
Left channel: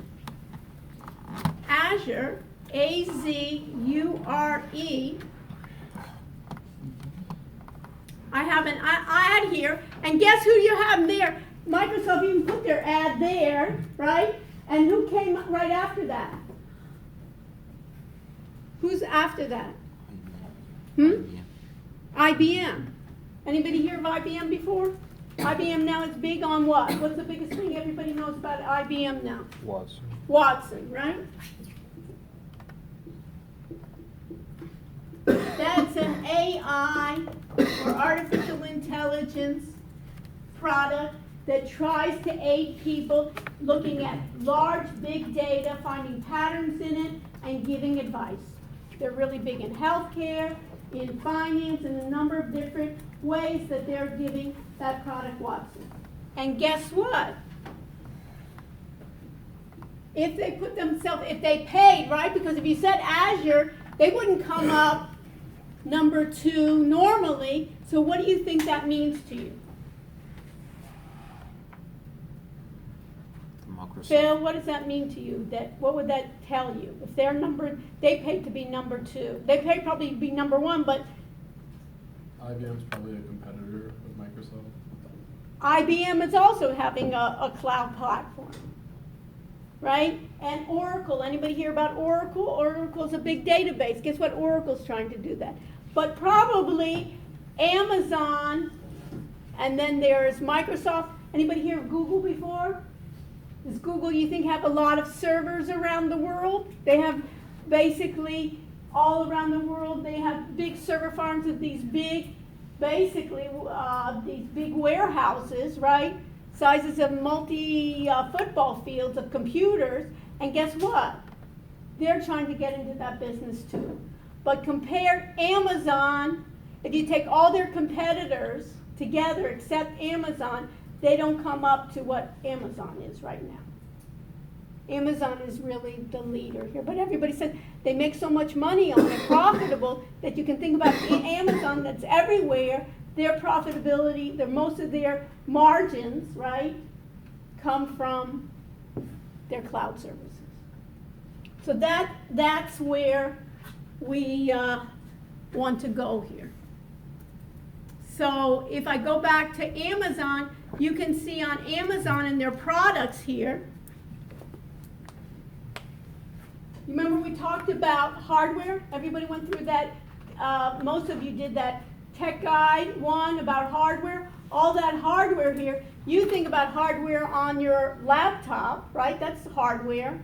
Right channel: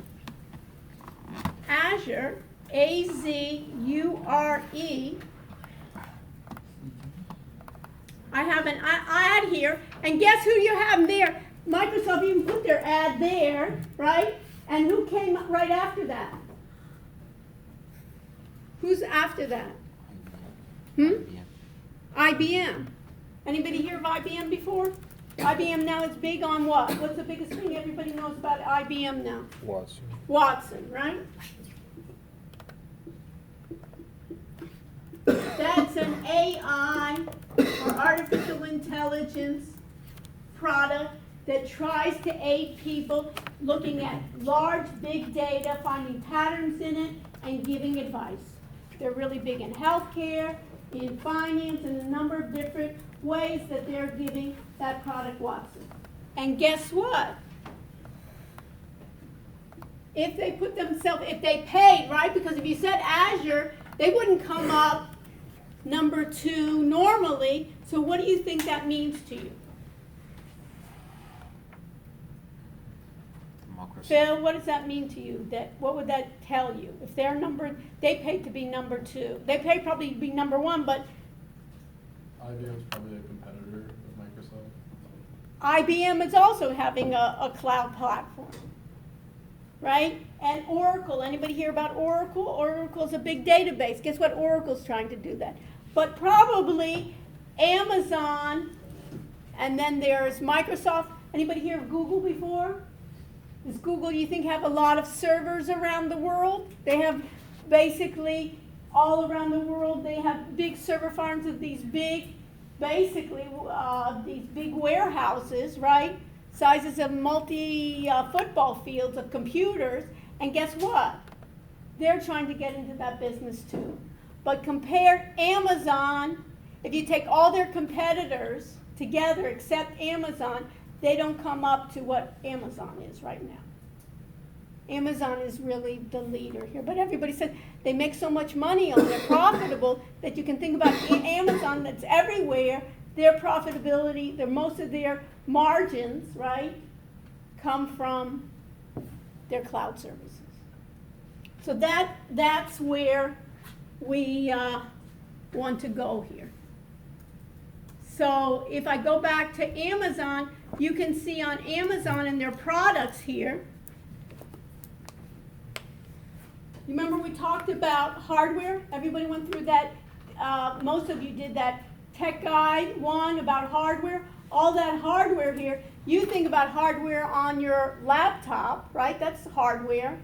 Azure, A-Z-U-R-E, I have an ad here, and guess who you have there? Microsoft even put their ad there, right? And who came right after that? Who's after that? IBM. Anybody hear of IBM before? IBM now is big on what? What's the biggest thing everybody knows about IBM now? Watson. Watson, right? That's an AI, or artificial intelligence, product that tries to aid people looking at large, big data, finding patterns in it, and giving advice. They're really big in healthcare, in finance, and a number of different ways that they're giving that product Watson. And guess what? If they put themselves, if they paid, right? Because if you said Azure, they wouldn't come up number 2 normally. So what do you think that means to you? Phil, what does that mean to you? What would that tell you? If they're they paid to be number 2. They paid probably to be number 1, but IBM is probably a competitor of Microsoft. IBM is also having a cloud platform, right? And Oracle, anybody hear about Oracle? Oracle's a big database. Guess what? Oracle's trying to do that. But probably Amazon, and then there's Microsoft. Anybody hear of Google before? Does Google, you think, have a lot of servers around the world? They have basically all around the world, they have big server farms of these big, basically, these big warehouses, right? Sizes of football fields of computers. And guess what? They're trying to get into that business too. But compare Amazon, if you take all their competitors together except Amazon, they don't come up to what Amazon is right now. Amazon is really the leader here. But everybody says they make so much money on it, profitable, that you can think about Amazon that's everywhere. Their profitability, most of their margins, right, come from their cloud services. So that's where we want to go here. So if I go back to Amazon, you can see on Amazon in their products here. You remember we talked about hardware? Everybody went through that. Most of you did that tech guide 1 about hardware. All that hardware here, you think about hardware on your laptop, right? That's hardware.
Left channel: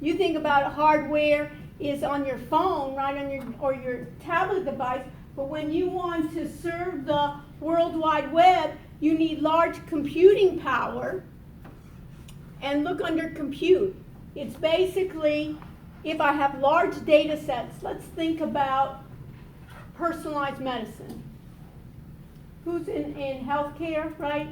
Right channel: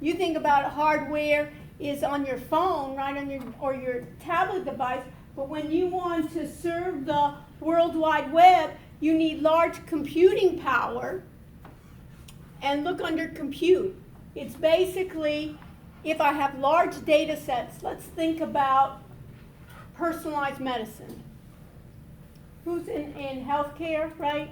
You think about hardware is on your phone, right, or your tablet device. But when you want to serve the World Wide Web, you need large computing power. And look under compute. It's basically, if I have large data sets, let's think about personalized medicine. Who's in healthcare, right,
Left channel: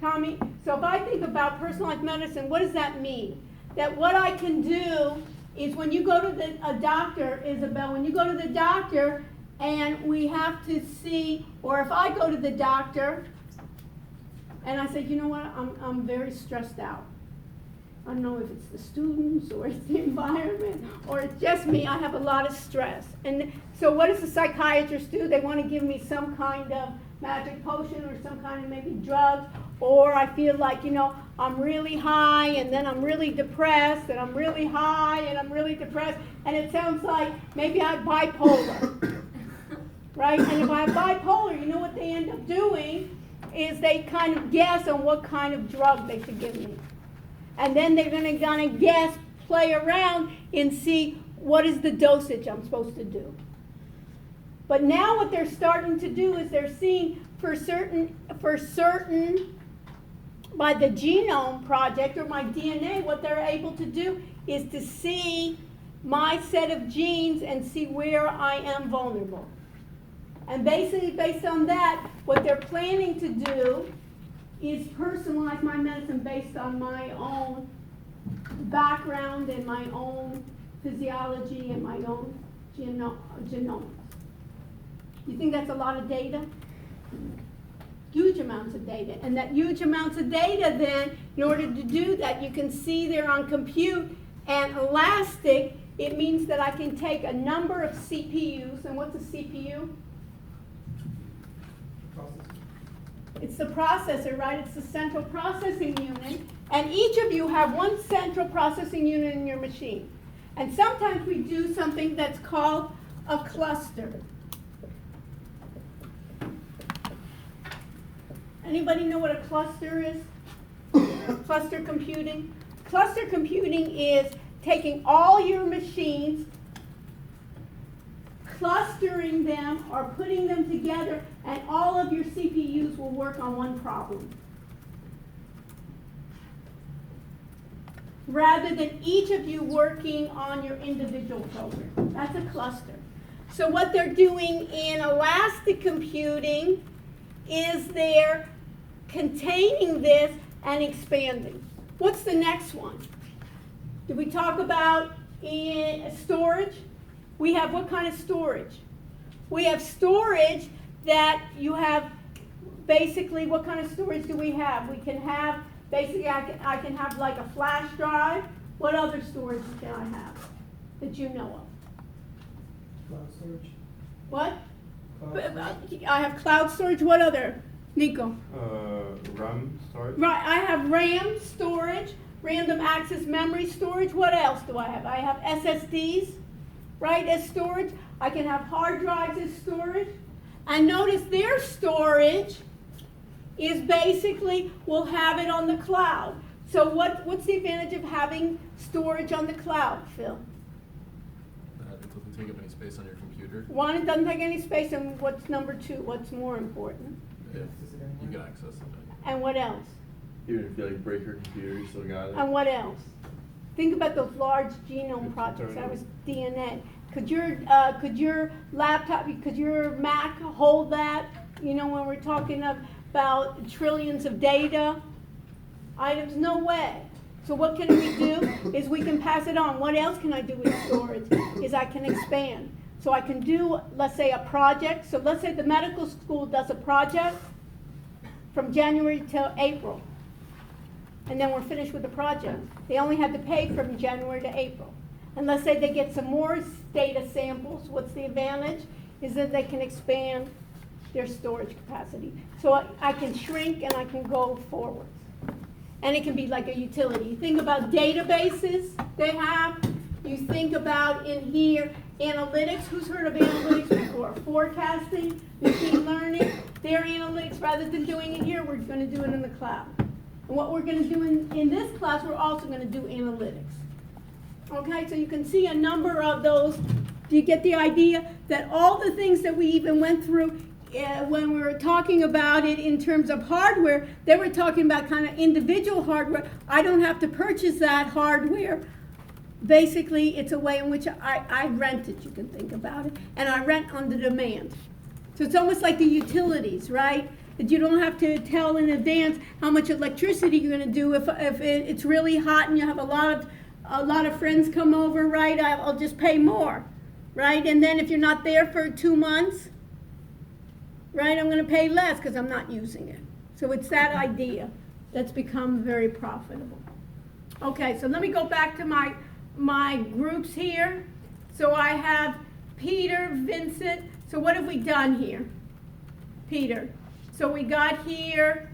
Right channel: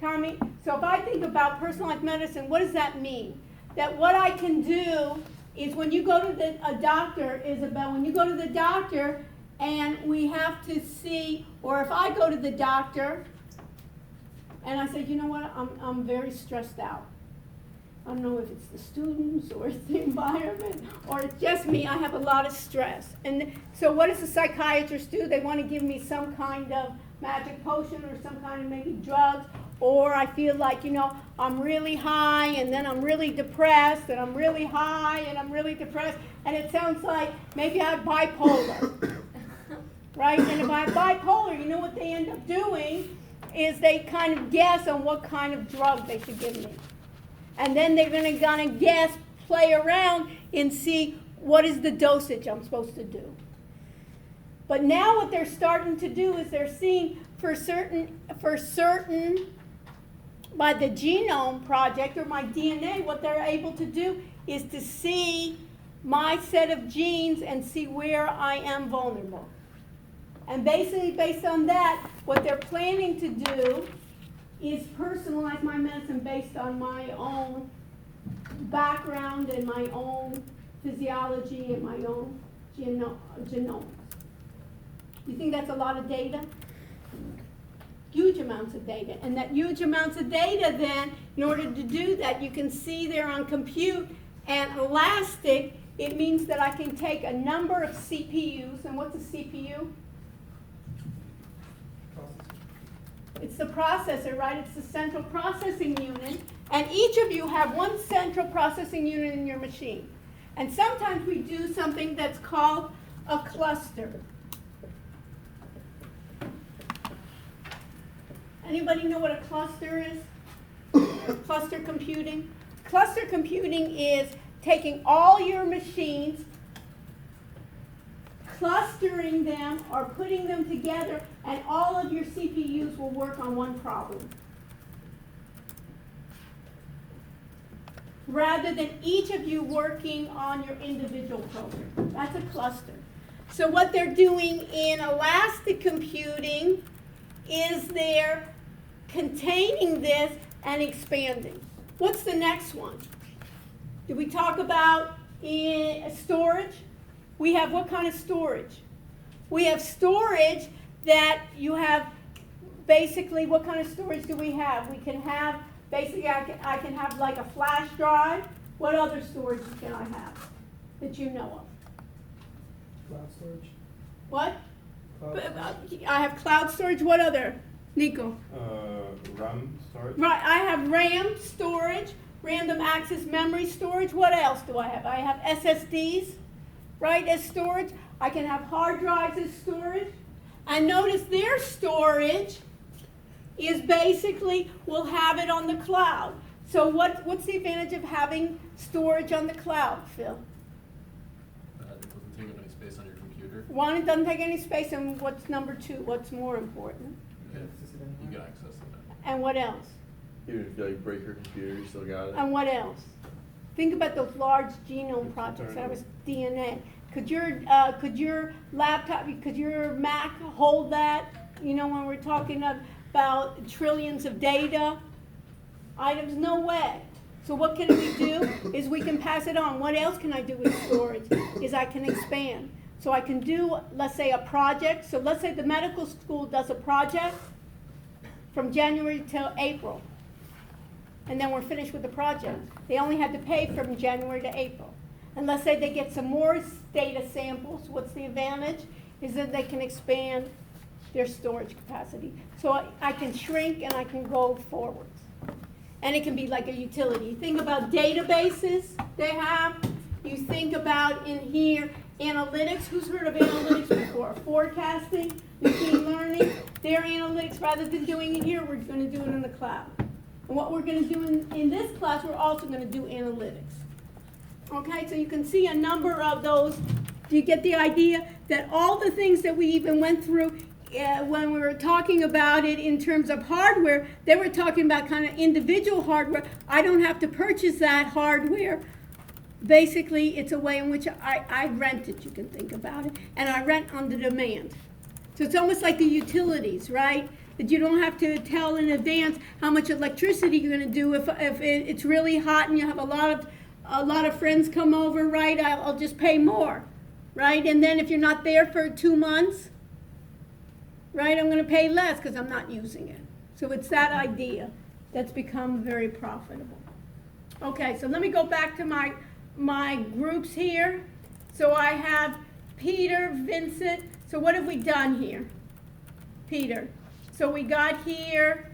Tommy? So if I think about personalized medicine, what does that mean? That what I can do is when you go to a doctor, Isabel, when you go to the doctor and we have to see, or if I go to the doctor and I say, you know what, I'm very stressed out. I don't know if it's the students or it's the environment or it's just me. I have a lot of stress. And so what does the psychiatrist do? They want to give me some kind of magic potion or some kind of maybe drugs. Or I feel like, you know, I'm really high and then I'm really depressed and I'm really high and I'm really depressed. And it sounds like maybe I have bipolar. Right? And if I have bipolar, you know what they end up doing is they kind of guess on what kind of drug they should give me. And then they're going to guess, play around, and see what is the dosage I'm supposed to do. But now what they're starting to do is they're seeing for certain, by the Genome Project or my DNA, what they're able to do is to see my set of genes and see where I am vulnerable. And basically, based on that, what they're planning to do is personalize my medicine based on my own background and my own physiology and my own genomics. You think that's a lot of data? Huge amounts of data. And that huge amounts of data then, in order to do that, you can see there on compute and elastic, it means that I can take a number of CPUs. And what's a CPU? It's the processor, right? It's the central processing unit. And each of you have one central processing unit in your machine. And sometimes we do something that's called a cluster. Anybody know what a cluster is? Cluster computing? Cluster computing is taking all your machines, clustering them or putting them together, and all of your CPUs will work on one problem. Rather than each of you working on your individual program. That's a cluster. So what they're doing in elastic computing is they're containing this and expanding. What's the next one? Did we talk about storage? We have what kind of storage? We have storage that you have, basically, what kind of storage do we have? We can have, basically, I can have like a flash drive. What other storage can I have that you know of? Cloud storage. What? Cloud storage. I have cloud storage. What other? Nico? RAM storage. Right, I have RAM storage, random access memory storage. What else do I have? I have SSDs, right, as storage. I can have hard drives as storage. And notice their storage is basically, we'll have it on the cloud. So what's the advantage of having storage on the cloud, Phil? It doesn't take up any space on your computer. One, it doesn't take any space, and what's number two? What's more important? Yeah, you get access to it. And what else? Even if you like break your computer, you still got it. And what else? Think about those large genome projects. That was DNA. Could your laptop, could your Mac hold that? You know, when we're talking about trillions of data items, no way. So what can we do is we can pass it on. What else can I do with storage? Is I can expand. So I can do, let's say, a project. So let's say the medical school does a project from January till April. And then we're finished with the project. They only had to pay from January to April. And let's say they get some more data samples. What's the advantage? Is that they can expand their storage capacity. So I can shrink and I can go forwards. And it can be like a utility. You think about databases they have. You think about in here analytics. Who's heard of analytics before? Forecasting, machine learning. Their analytics, rather than doing it here, we're going to do it in the cloud. And what we're going to do in this class, we're also going to do analytics. Okay, so you can see a number of those. Do you get the idea that all the things that we even went through when we were talking about it in terms of hardware, they were talking about kind of individual hardware. I don't have to purchase that hardware. Basically, it's a way in which I rent it, you can think about it, and I rent on the demand. So it's almost like the utilities, right? That you don't have to tell in advance how much electricity you're going to do. If it's really hot and you have a lot of friends come over, right? I'll just pay more, right? And then if you're not there for 2 months, right, I'm going to pay less because I'm not using it. So it's that idea that's become very profitable. Okay, so let me go back to my groups here. So I have Peter, Vincent. So what have we done here? Peter. So we got here,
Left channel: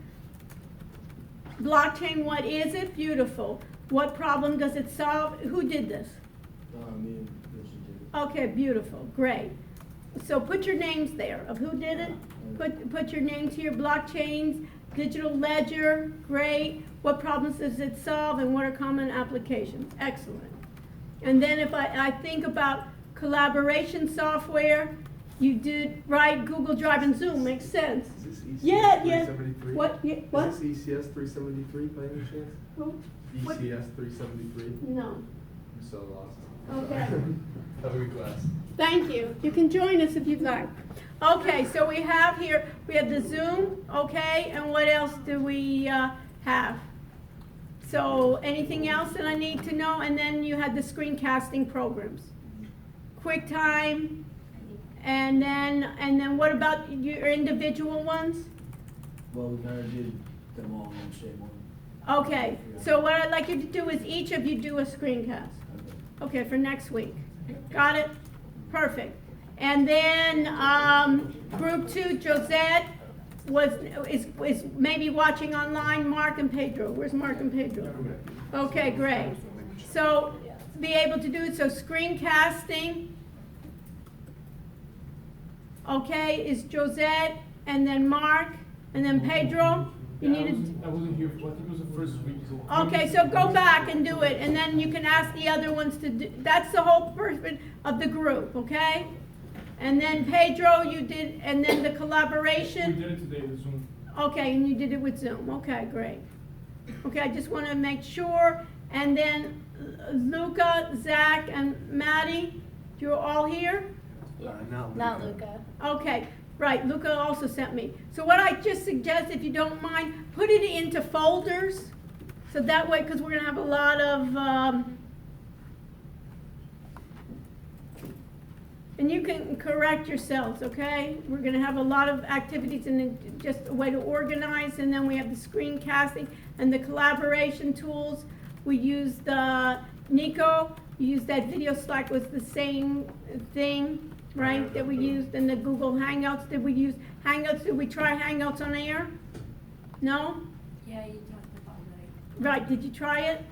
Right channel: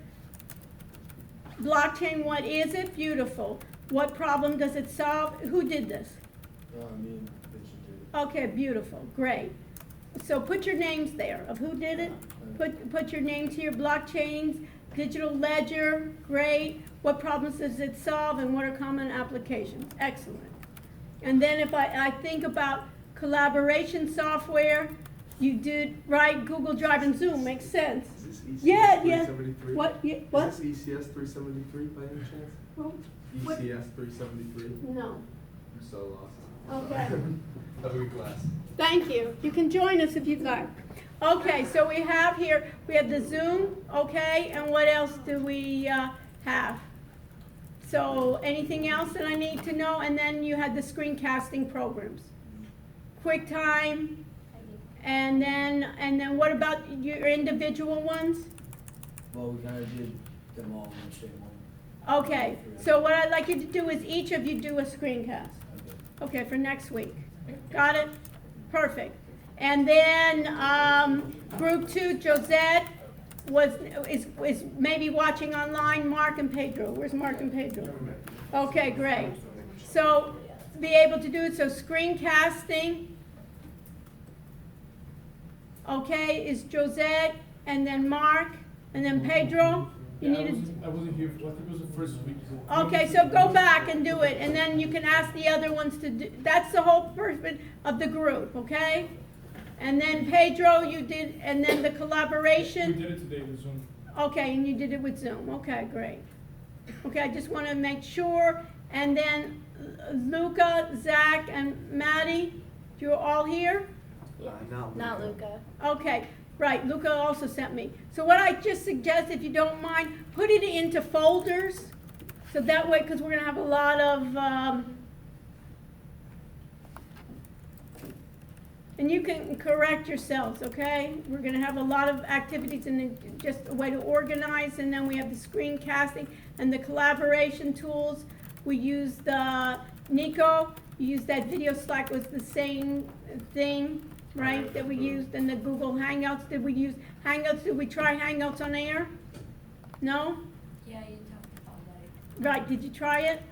blockchain, what is it? Beautiful. What problem does it solve? Who did this? Me and Vincent did it. Okay, beautiful, great. So put your names there of who did it. Put your names here, blockchains, digital ledger, great. What problems does it solve and what are common applications? Excellent. And then if I think about collaboration software, you did, right, Google Drive and Zoom, makes sense. Is this ECS Yeah. 373? What? Yeah, what? Is this ECS 373 by any chance? Who? What? ECS 373? No. I'm so lost. Okay. Have a good class. Thank you. You can join us if you'd like. Okay, so we have here, we have the Zoom, okay, and what else do we have? So anything else that I need to know? And then you had the screencasting programs. QuickTime, and then what about your individual ones? Well, we kind of did them all in the same one. Okay, so what I'd like you to do is each of you do a screencast. Okay, for next week. Got it? Perfect. And then group 2, Josette is maybe watching online. Mark and Pedro. Where's Mark and Pedro? Okay, great. So be able to do it. So screencasting, okay, is Josette, and then Mark. And then Pedro, you Yeah, needed. I wasn't here, I think it was the first week. Okay, so go back and do it, and then you can ask the other ones to do, that's the whole person of the group, okay? And then Pedro, you did, and then the We collaboration, did it today, the Zoom. okay, and you did it with Zoom, okay, great. Okay, I just wanna make sure, and then Luca, Zach, and Maddie, you're all here? Not Luca. Okay, right, Luca also sent me. So what I just suggest, if you don't mind, put it into folders. So that way, because we're gonna have a lot of, and you can correct yourselves, okay? We're gonna have a lot of activities and just a way to organize, and then we have the screencasting and the collaboration tools. We used Nico, you used that video Slack was the same thing, right, that we used, and the Google Hangouts. Did we use Hangouts? Did we try Hangouts on air? No? Yeah, you talked about that. Right, did you try it?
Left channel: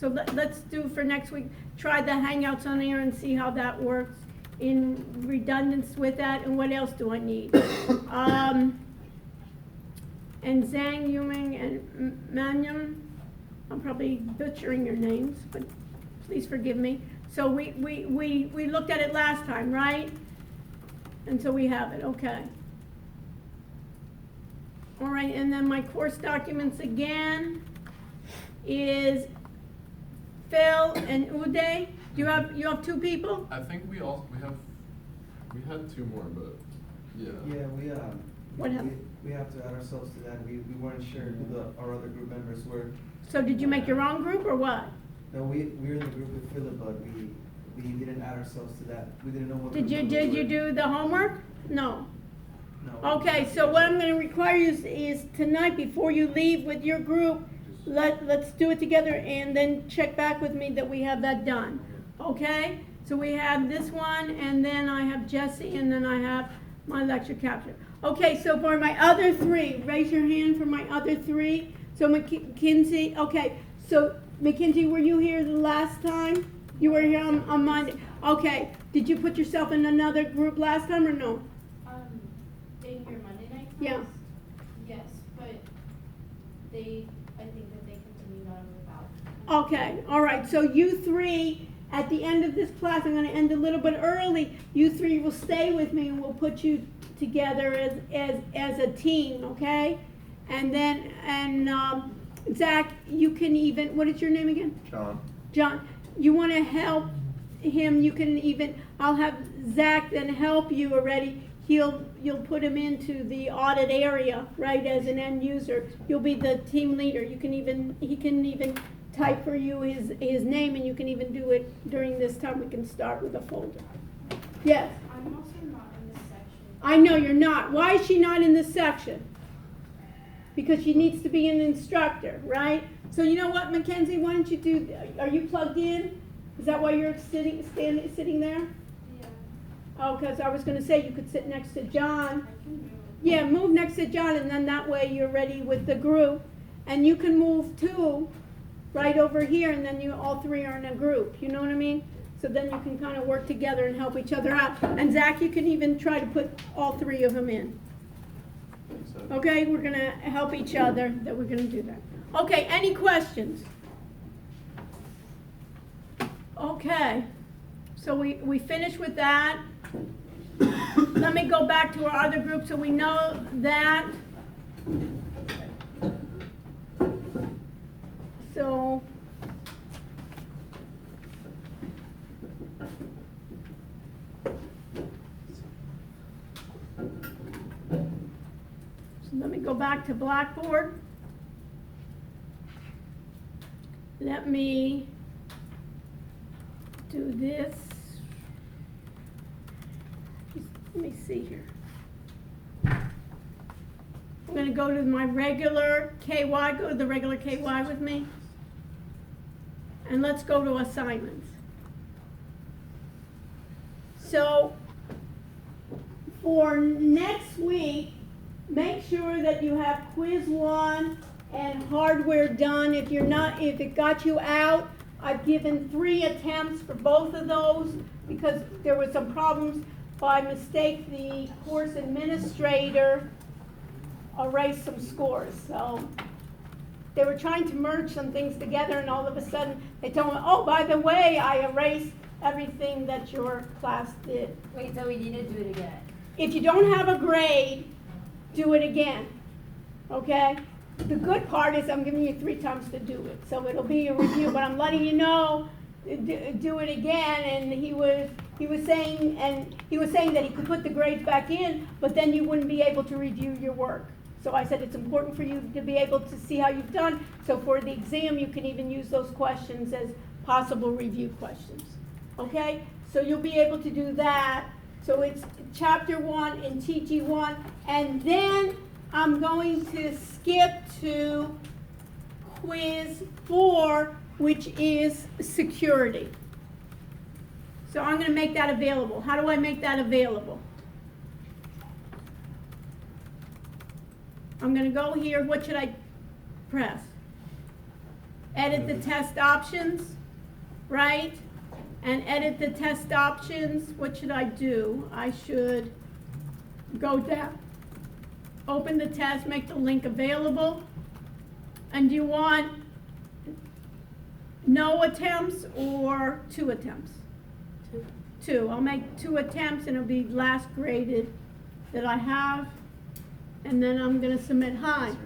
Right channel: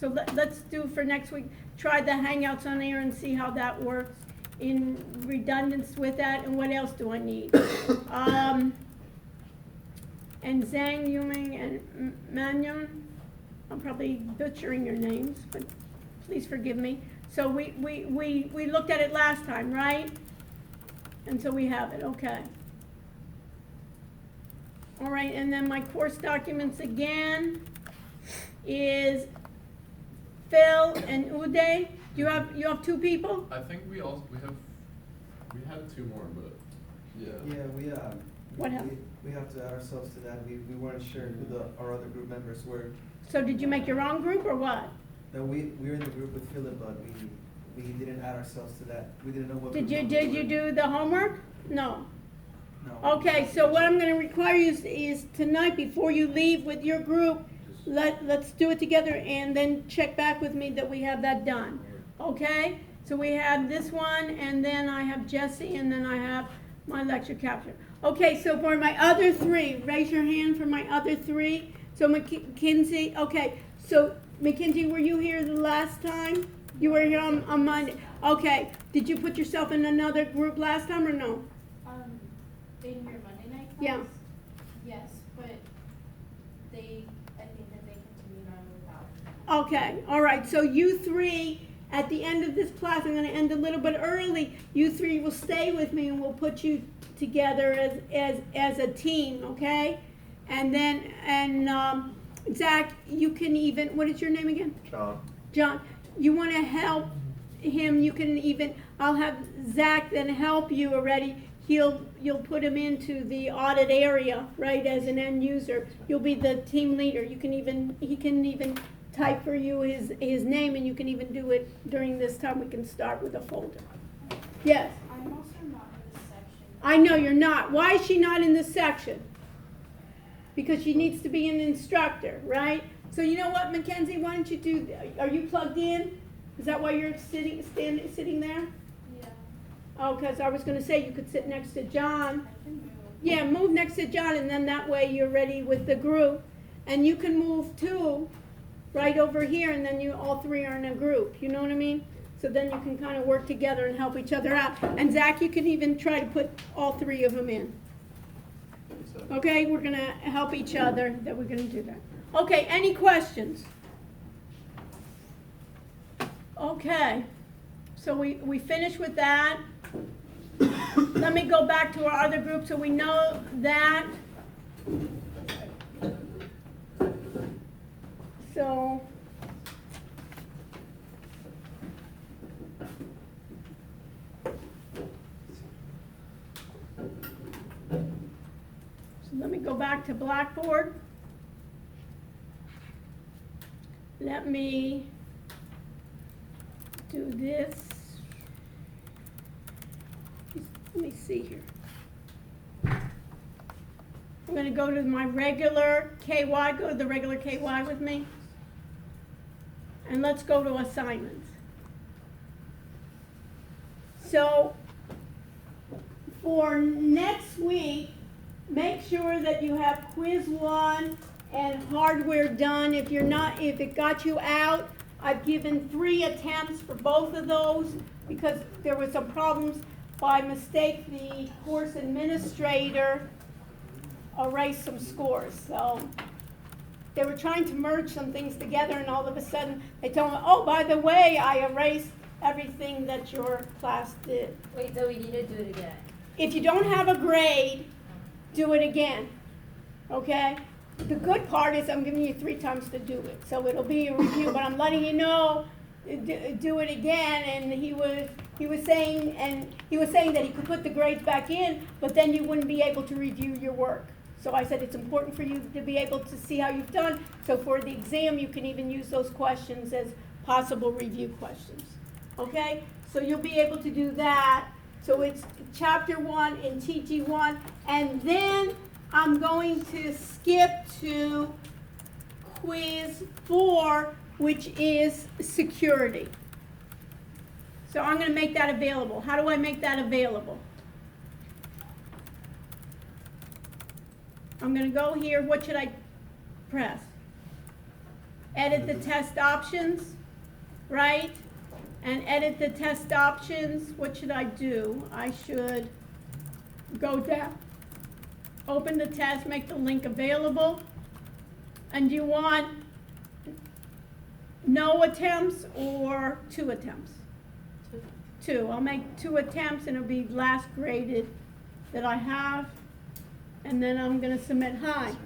So let's do for next week, try the Hangouts on air and see how that works in redundance with that, and what else do I need? And Zhang Yuming and Manyon, I'm probably butchering your names, but please forgive me. So we looked at it last time, right? And so we have it, okay. All right, and then my course documents again is Phil and Uday. You have two people? I think we had two more, but, yeah. Yeah, What happened? we have to add ourselves to that. We weren't sure who our other group members were. So did you make your own group or what? No, we're in the group with Philip, but we didn't add ourselves to that. We didn't know what. Did group you members were. do the homework? No. No. Okay, so what I'm gonna require you is tonight, before you leave with your group, let's do it together and then check back with me that we have that done. Okay? So we have this one, and then I have Jesse, and then I have my lecture capture. Okay, so for my other three, raise your hand for my other three. So Mackenzie, okay, so Mackenzie, were you here the last time? You were here on Monday. Okay, did you put yourself in another group last time or no? In your Monday night class? Yeah. Yes, but I think that they continued on without. Okay, all right, so you three, at the end of this class, I'm gonna end a little bit early, you three will stay with me and we'll put you together as a team, okay? And then, Zach, you can even, what is your name again? John, you wanna help him, you can even, I'll have Zach then help you already. You'll put him into the audit area, right, as an end user. You'll be the team leader. He can even type for you his name, and you can even do it during this time. We can start with a folder. Yes? I'm also not in this section. I know you're not. Why is she not in this section? Because she needs to be an instructor, right? So you know what, Mackenzie, why don't you do, are you plugged in? Is that why you're sitting there? Yeah, Oh, because I was gonna say you could sit next to John. I can move. Yeah, move next to John, and then that way you're ready with the group. And you can move too, right over here, and then you all three are in a group, you know what I mean? So then you can kind of work together and help each other out. And Zach, you can even try to put all three of them in. Okay, we're gonna help each other, that we're gonna do that. Okay, any questions? Okay, so we finished with that. Let me go back to our other group so we know that. So. So let me go back to Blackboard. Let me do this. Let me see here. I'm going to go to my regular KY, go to the regular KY with me. And let's go to assignments. So for next week, make sure that you have quiz 1 and hardware done. If it got you out, I've given 3 attempts for both of those because there were some problems. By mistake, the course administrator erase some scores. So they were trying to merge some things together, and all of a sudden they told me, oh, by the way, I erased everything that your class did. Wait, so we need to do it again. If you don't have a grade, do it again, okay? The good part is I'm giving you 3 times to do it, so it'll be a review, but I'm letting you know, do it again. And he was saying that he could put the grades back in, but then you wouldn't be able to review your work. So I said it's important for you to be able to see how you've done, so for the exam you can even use those questions as possible review questions, okay? So you'll be able to do that. So it's chapter 1 in TG1, and then I'm going to skip to quiz 4, which is security. So I'm going to make that available. How do I make that available? I'm going to go here. What should I press? Edit the test options, right? And edit the test options. What should I do? I should go down, open the test, make the link available. And do you want no attempts or 2 attempts? 2. I'll make 2 attempts, and it'll be last graded that I have. And then I'm going to submit hi.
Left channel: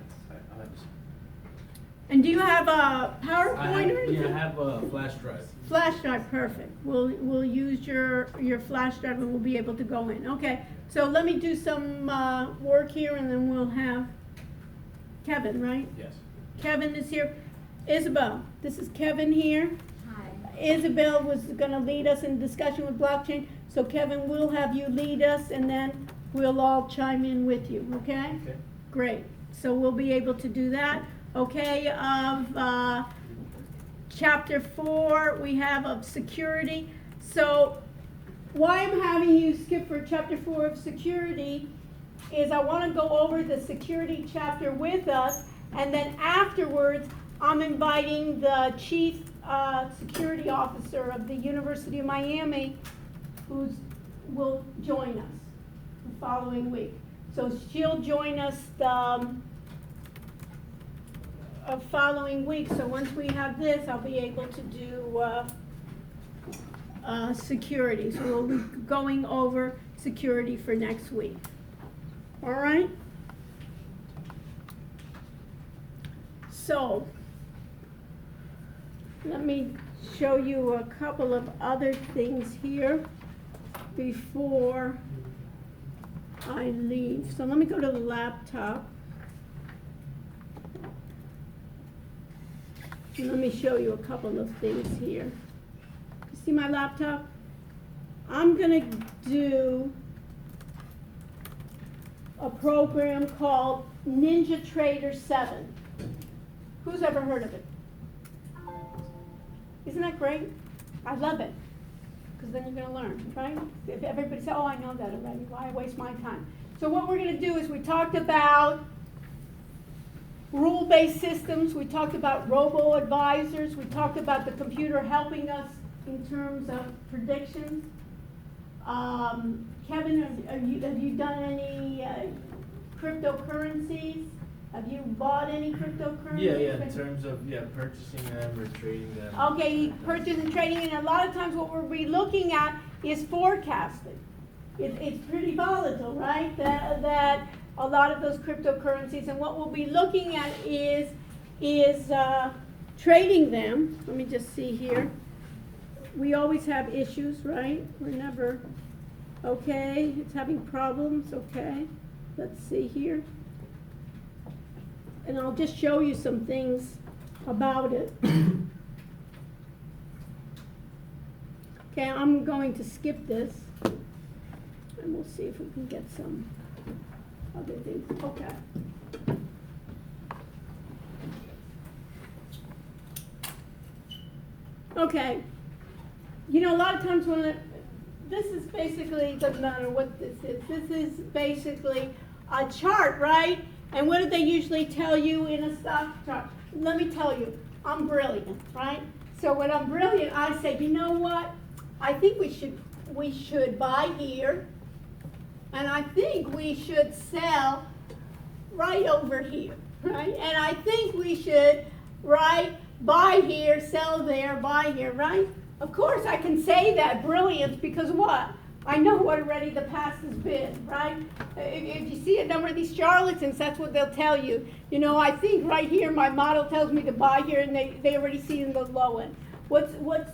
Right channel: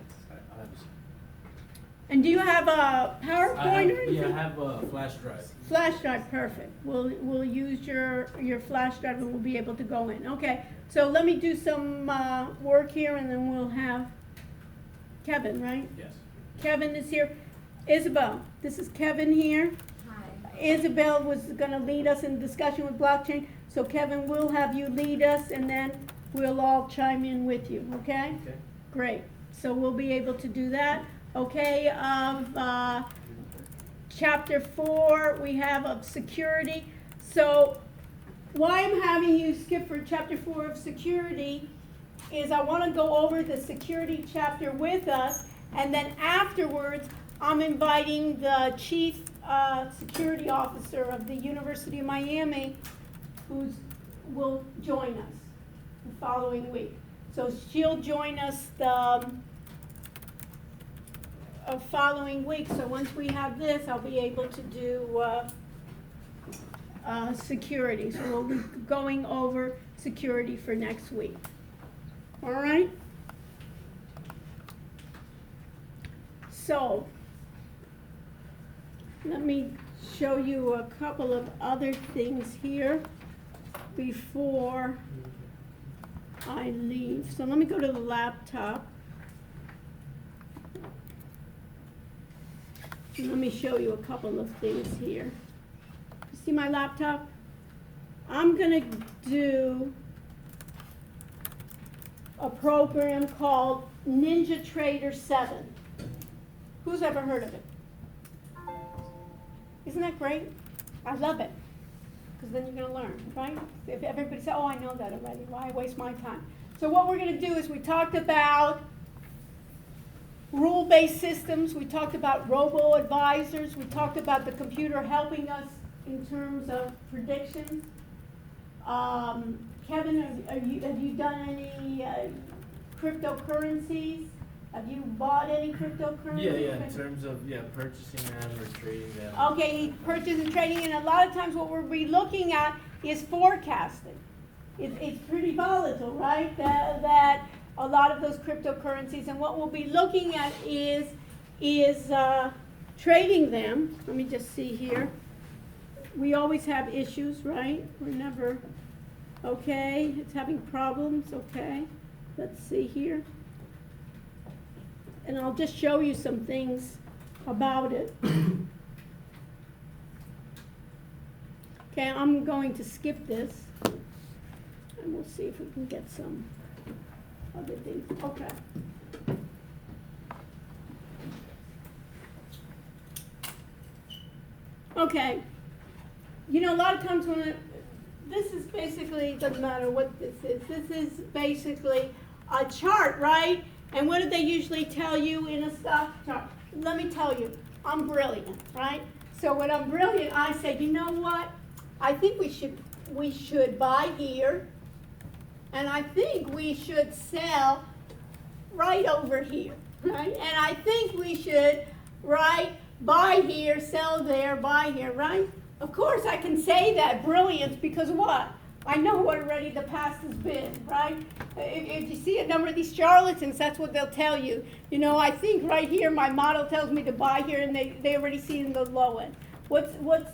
And do you have a PowerPoint or anything? Yeah, I have a flash drive. Flash drive, perfect. We'll use your flash drive, and we'll be able to go in. Okay, so let me do some work here, and then we'll have Kevin, right? Yes. Kevin is here. Isabel, this is Kevin here. Hi. Isabel was gonna lead us in discussion with blockchain, so Kevin will have you lead us, and then we'll all chime in with you, okay? Okay. Great, so we'll be able to do that. Okay, chapter 4, we have of security. So why I'm having you skip for chapter 4 of security is I want to go over the security chapter with us, and then afterwards I'm inviting the chief security officer of the University of Miami who will join us the following week. So she'll join us the following week. So once we have this, I'll be able to do security. So we'll be going over security for next week. All right? So let me show you a couple of other things here before I leave. So let me go to the laptop. Let me show you a couple of things here. You see my laptop? I'm gonna do a program called NinjaTrader 7. Who's ever heard of it? Isn't that great? I love it, because then you're gonna learn, right? If everybody says, oh, I know that already, why waste my time? So what we're gonna do is we talked about rule-based systems, we talked about robo-advisors, we talked about the computer helping us in terms of predictions. Kevin, have you done any cryptocurrencies? Have you bought any cryptocurrencies? Yeah, in terms of, purchasing them or trading them. Okay, purchase and trading, and a lot of times what we'll be looking at is forecasting. It's pretty volatile, right? That a lot of those cryptocurrencies, and what we'll be looking at is trading them. Let me just see here. We always have issues, right? We're never, okay, it's having problems, okay. Let's see here. And I'll just show you some things about it. Okay, I'm going to skip this, and we'll see if we can get some other things. Okay. Okay. You know, a lot of times this is basically, doesn't matter what this is basically a chart, right? And what do they usually tell you in a stock chart? Let me tell you, I'm brilliant, right? So when I'm brilliant, I say, you know what? I think we should buy here, and I think we should sell right over here, right? And I think we should write buy here, sell there, buy here, right? Of course I can say that, brilliance, because what? I know what already the past has been, right? If you see a number of these charlatans, that's what they'll tell you. You know, I think right here my model tells me to buy here, and they already see in the low end. What's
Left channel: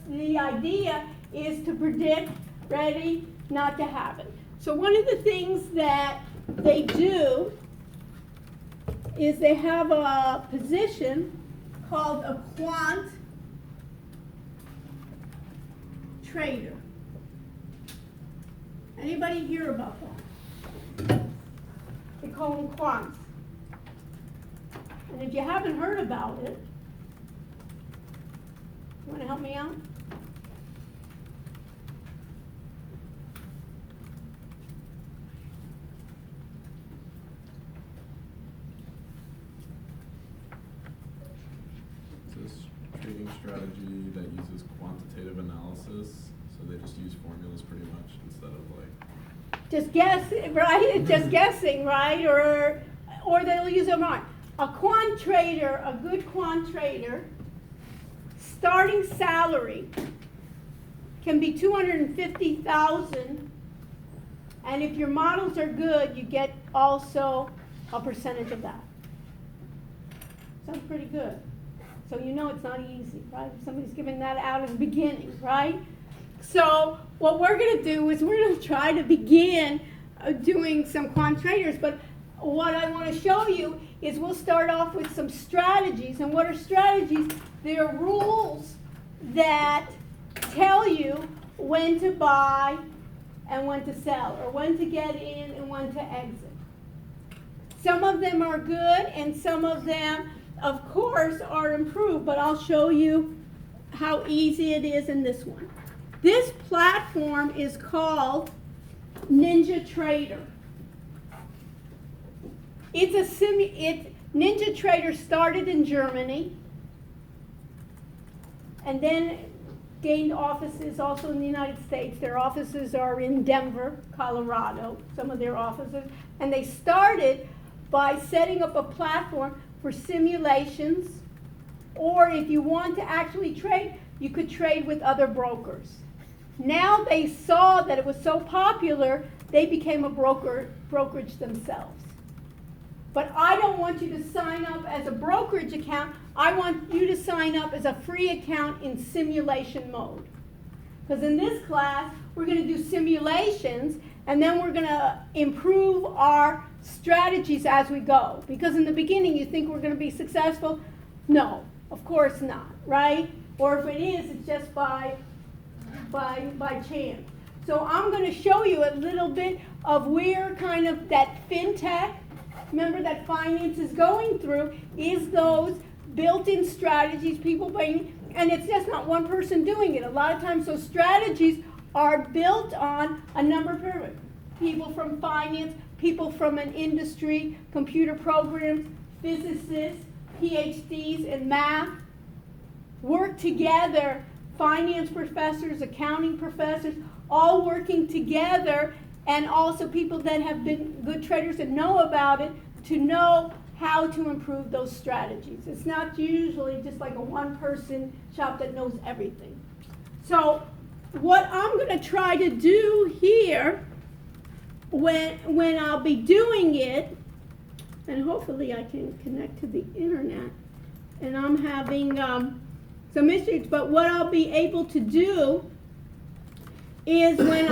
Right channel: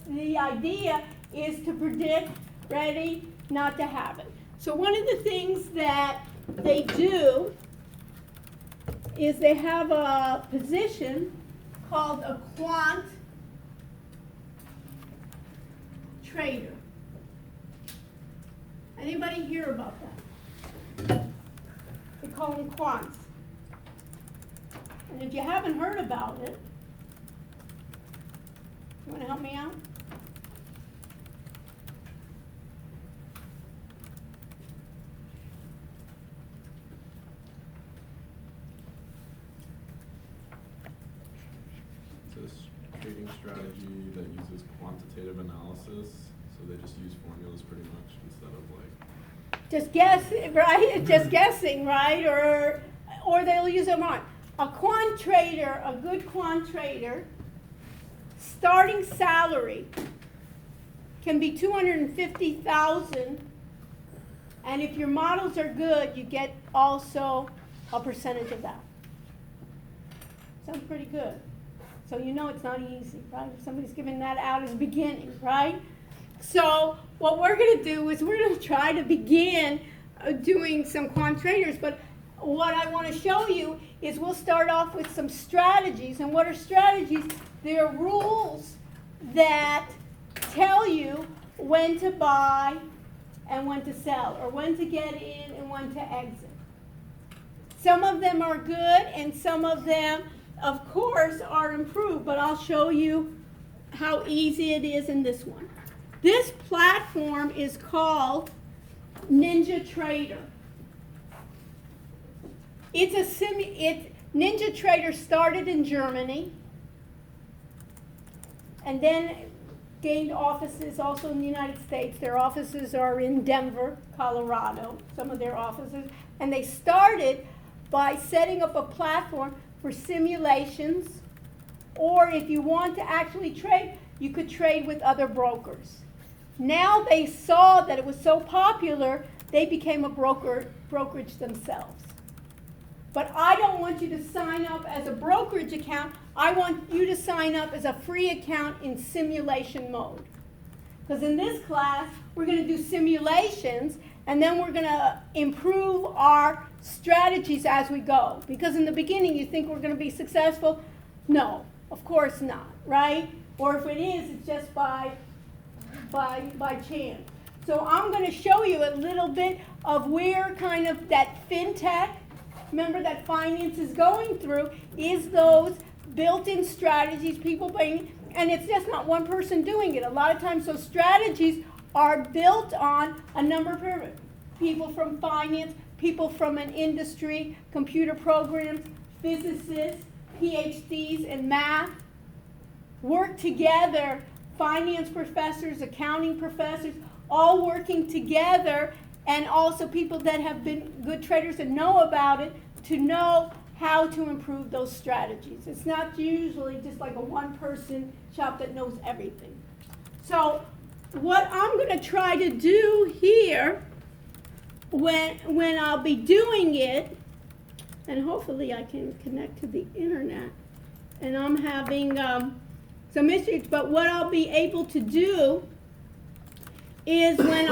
the idea is to predict, ready, not to have it. So one of the things that they do is they have a position called a quant trader. Anybody hear about that? They call them quants. And if you haven't heard about it, you want to help me out? It's a trading strategy that uses quantitative analysis, so they just use formulas pretty much instead of like. Just guess, right? Just guessing, right? Or they'll use them wrong. A quant trader, a good quant trader, starting salary can be $250,000, and if your models are good, you get also a percentage of that. Sounds pretty good. So you know it's not easy, right? If somebody's giving that out as beginning, right? So what we're going to do is we're going to try to begin doing some quant traders, but what I want to show you is we'll start off with some strategies. And what are strategies? They're rules that tell you when to buy and when to sell, or when to get in and when to exit. Some of them are good and some of them, of course, are improved, but I'll show you how easy it is in this one. This platform is called NinjaTrader. NinjaTrader started in Germany and then gained offices also in the United States. Their offices are in Denver, Colorado, some of their offices. And they started by setting up a platform for simulations, or if you want to actually trade, you could trade with other brokers. Now they saw that it was so popular, they became a brokerage themselves. But I don't want you to sign up as a brokerage account. I want you to sign up as a free account in simulation mode. Because in this class, we're going to do simulations, and then we're going to improve our strategies as we go. Because in the beginning, you think we're going to be successful. No, of course not, right? Or if it is, it's just by chance. So I'm going to show you a little bit of where kind of that fintech, remember that finance is going through, is those built-in strategies people bring, and it's just not one person doing it. A lot of times those strategies are built on a number of people from finance, people from an industry, computer programs, physicists, PhDs in math, work together, finance professors, accounting professors, all working together, and also people that have been good traders and know about it to know how to improve those strategies. It's not usually just like a one-person shop that knows everything. So what I'm going to try to do here when I'll be doing it, and hopefully I can connect to the internet, and I'm having some issues, but what I'll be able to do is when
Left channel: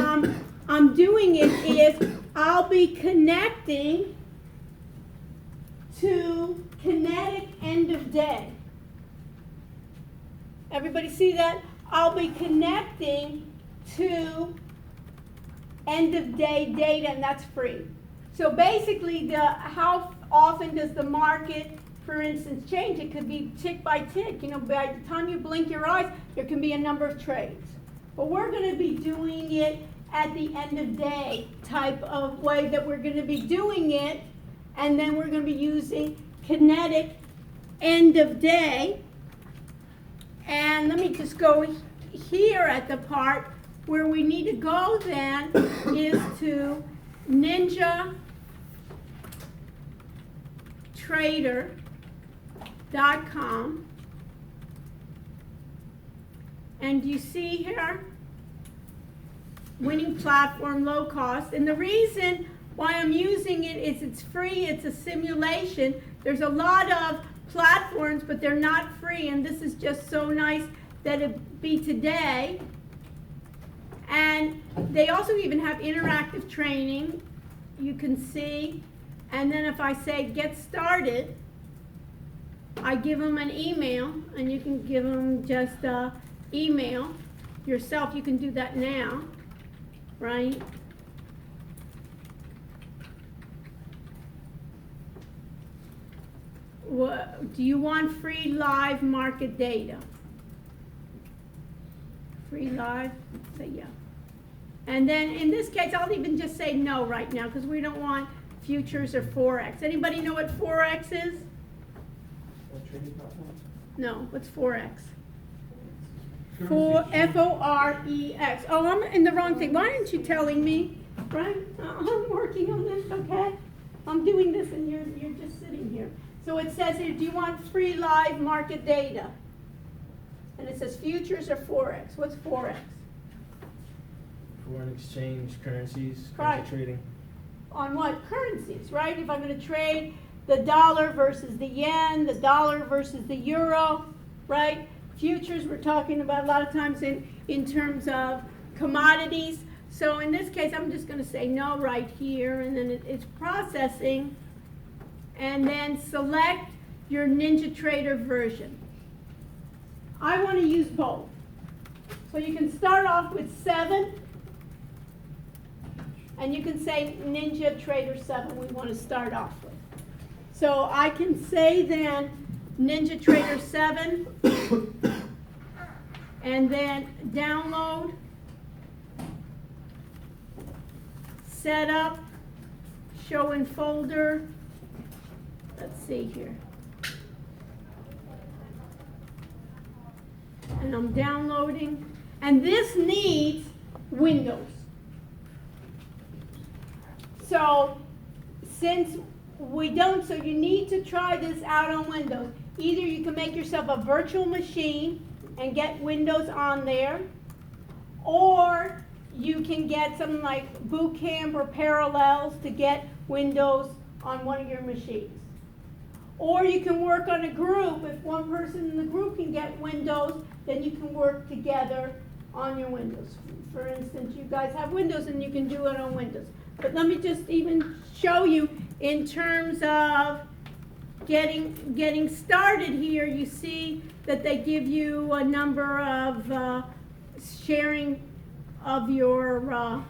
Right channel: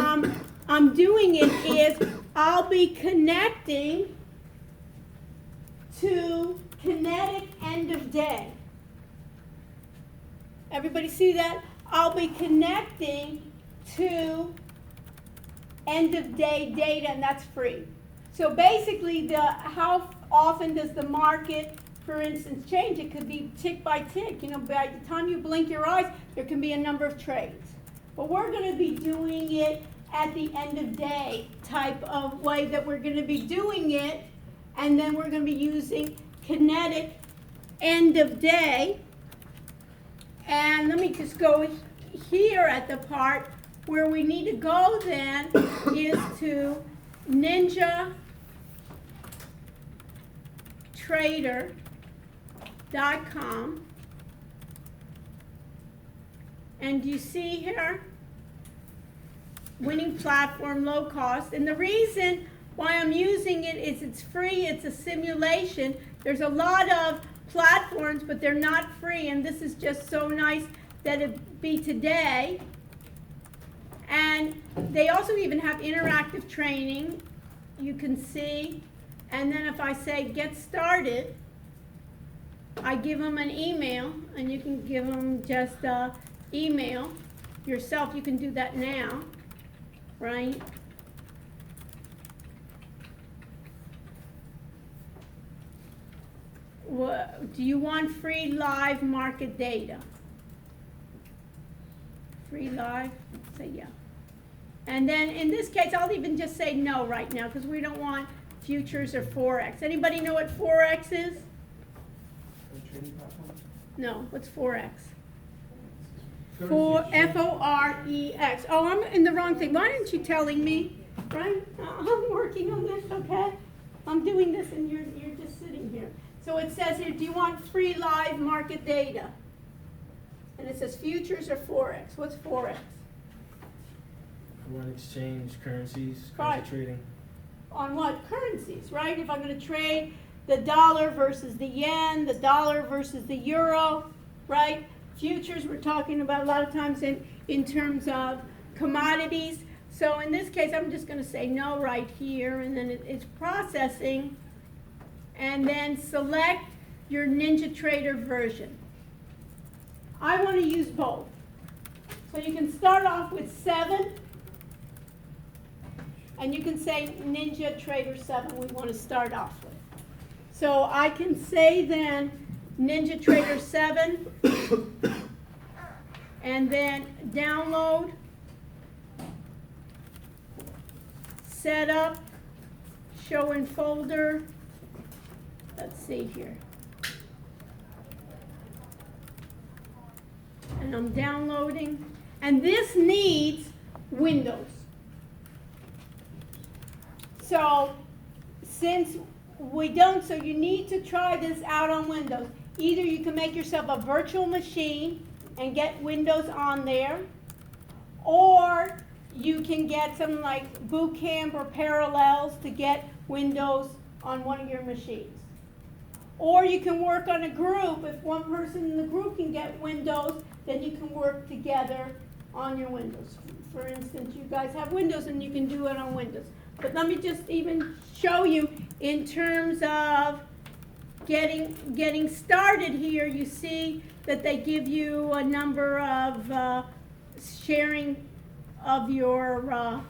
I'm doing it is I'll be connecting to kinetic end of day. Everybody see that? I'll be connecting to end of day data, and that's free. So basically, how often does the market, for instance, change? It could be tick by tick. You know, by the time you blink your eyes, there can be a number of trades. But we're going to be doing it at the end of day type of way that we're going to be doing it, and then we're going to be using kinetic end of day. And let me just go here at the part where we need to go then is to NinjaTrader. ninjatrader.com. And you see here, winning platform, low cost. And the reason why I'm using it is it's free, it's a simulation. There's a lot of platforms, but they're not free, and this is just so nice that it be today. And they also even have interactive training, you can see. And then if I say get started, I give them an email, and you can give them just email yourself. You can do that now, right? Do you want free live market data? Free live? Say yeah. And then in this case, I'll even just say no right now because we don't want futures or Forex. Anybody know what Forex is? A trading platform? No, what's Forex? Currency. F-O-R-E-X. Oh, I'm in the wrong thing. Why aren't you telling me? Right? I'm working on this, okay? I'm doing this and you're just sitting here. So it says here, do you want free live market data? And it says futures or Forex. What's Forex? Foreign exchange, currencies, Right. currency trading. On what? Currencies, right? If I'm going to trade the dollar versus the yen, the dollar versus the euro, right? Futures, we're talking about a lot of times in terms of commodities. So in this case, I'm just going to say no right here, and then it's processing. And then select your NinjaTrader version. I want to use both. So you can start off with 7, and you can say NinjaTrader 7 we want to start off with. So I can say then NinjaTrader 7, and then download, setup, show in folder. Let's see here. And I'm downloading. And this needs Windows. So since we don't, so you need to try this out on Windows. Either you can make yourself a virtual machine and get Windows on there, or you can get something like Boot Camp or Parallels to get Windows on one of your machines. Or you can work on a group. If one person in the group can get Windows, then you can work together on your Windows. For instance, you guys have Windows and you can do it on Windows. But let me just even show you in terms of getting started here. You see that they give you a number of sharing of your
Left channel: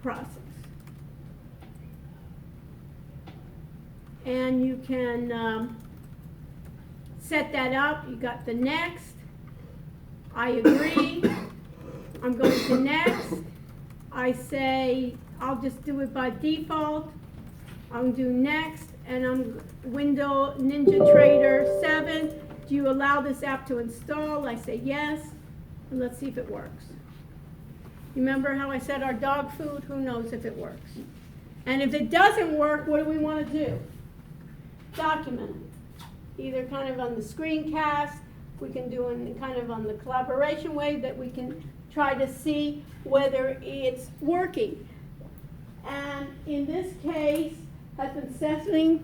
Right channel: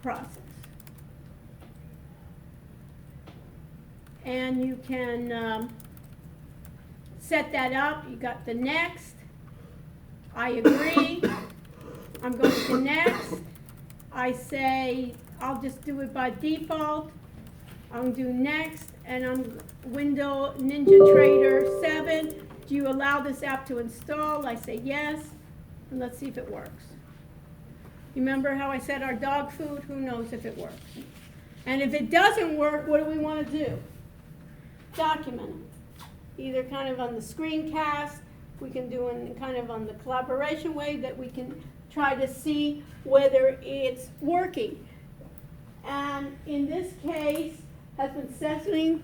process. And you can set that up. You got the next. I agree. I'm going to next. I say I'll just do it by default. I'll do next, and I'm NinjaTrader 7. Do you allow this app to install? I say yes, and let's see if it works. Remember how I said our dog food? Who knows if it works? And if it doesn't work, what do we want to do? Document it. Either kind of on the screencast, we can do it kind of on the collaboration way that we can try to see whether it's working. And in this case, has been successfully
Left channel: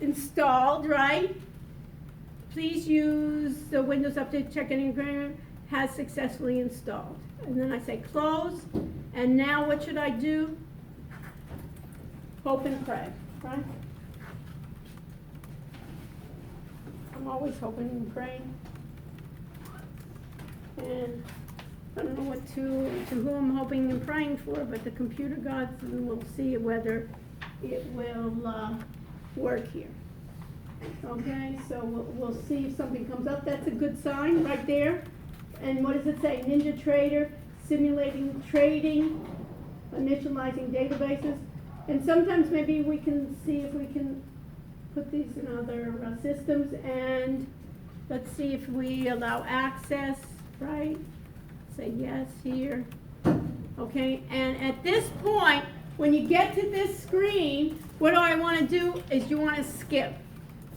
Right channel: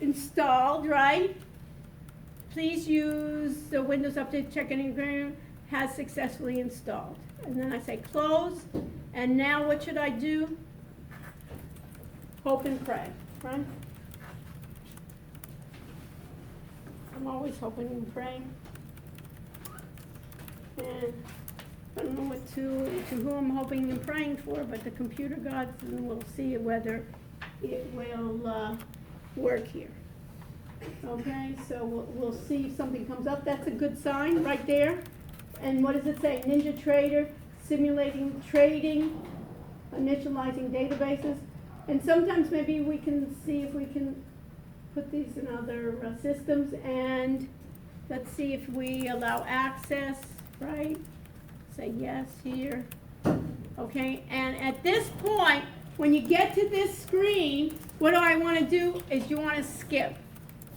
installed, right? Please use the Windows Update Check-in Agreement has successfully installed. And then I say close. And now what should I do? Hope and pray, right? I'm always hoping and praying. And I don't know what to who I'm hoping and praying for, but the computer gods, and we'll see whether it will work here. Okay, so we'll see if something comes up. That's a good sign right there. And what does it say? NinjaTrader, simulating trading, initializing databases. And sometimes maybe we can see if we can put these in other systems. And let's see if we allow access, right? Say yes here. Okay, and at this point, when you get to this screen, what do I want to do is you want to skip.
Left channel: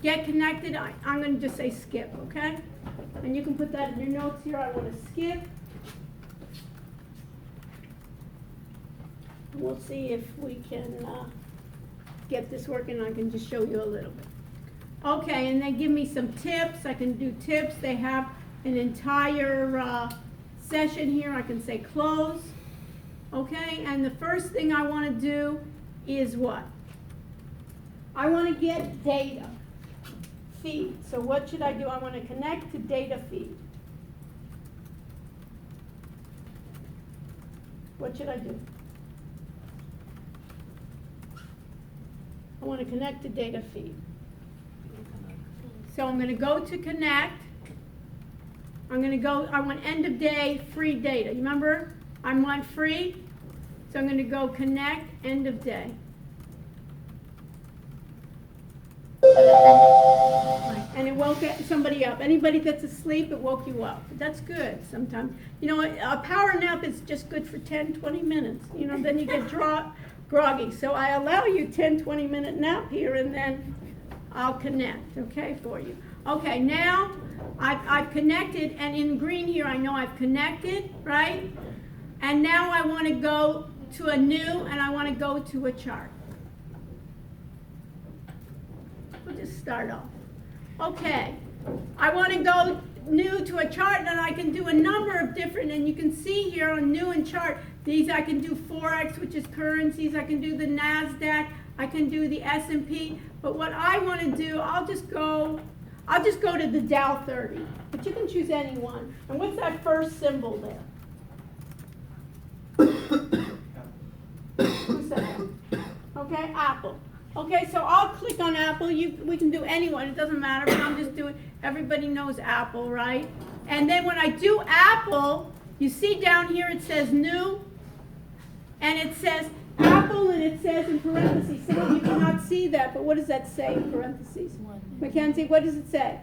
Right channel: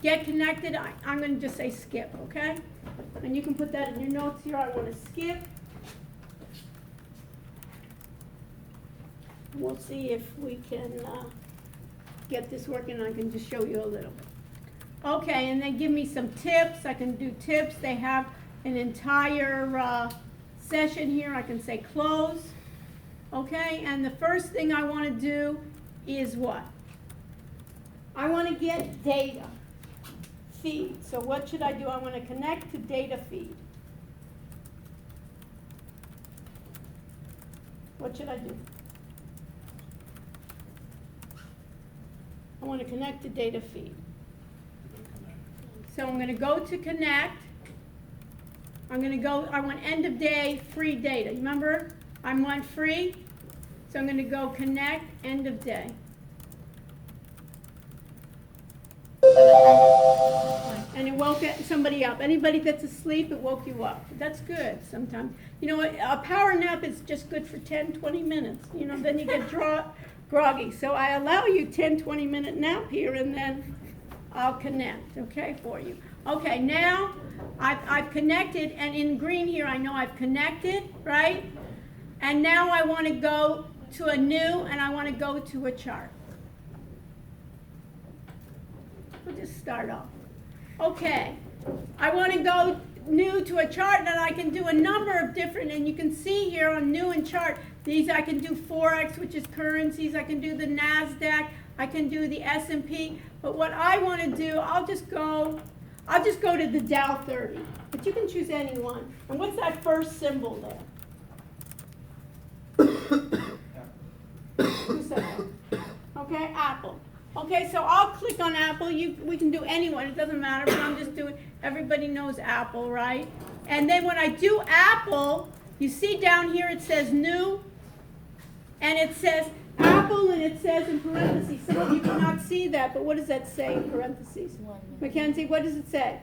Get connected, I'm going to just say skip, okay? And you can put that in your notes here, I want to skip. We'll see if we can get this working. I can just show you a little bit. Okay, and they give me some tips. I can do tips. They have an entire session here. I can say close. Okay, and the first thing I want to do is what? I want to get data feed. So what should I do? I want to connect to data feed. What should I do? I want to connect to data feed. So I'm going to go to connect. I'm going to go, I want end of day free data. You remember? I want free. So I'm going to go connect end of day. And it woke somebody up. Anybody that's asleep, it woke you up. That's good sometimes. You know, a power nap is just good for 10, 20 minutes. You know, then you get groggy. So I allow you 10, 20-minute nap here, and then I'll connect, okay, for you. Okay, now I've connected, and in green here I know I've connected, right? And now I want to go to a new, and I want to go to a chart. We'll just start off. Okay, I want to go new to a chart, and I can do a number of different, and you can see here on new and chart, these I can do Forex, which is currencies, I can do the NASDAQ, I can do the S&P, but what I want to do, I'll just go to the Dow 30, but you can choose any one. And what's that first symbol there? Who said that? Okay, Apple. Okay, so I'll click on Apple. We can do anyone, it doesn't matter, but I'm just doing, everybody knows Apple, right? And then when I do Apple, you see down here it says new, and it says Apple, and it says in parentheses. Some of you cannot see that, but what does that say in parentheses? 1 minute. Mackenzie, what does it say?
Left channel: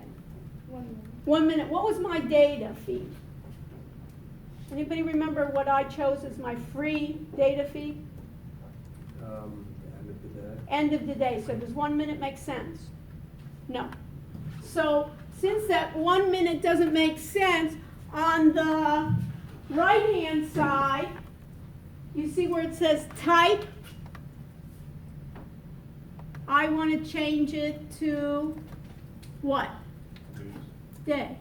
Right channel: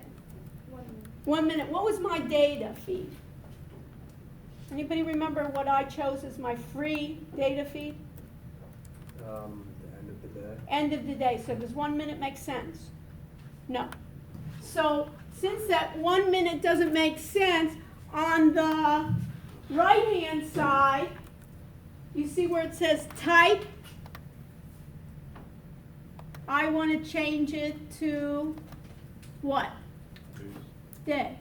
1 minute. 1 minute. What was my data feed? Anybody remember what I chose as my free data feed? End of the day. End of the day. So does 1 minute make sense? No. So since that 1 minute doesn't make sense, on the right-hand side, you see where it says type? I want to change it to what? Day.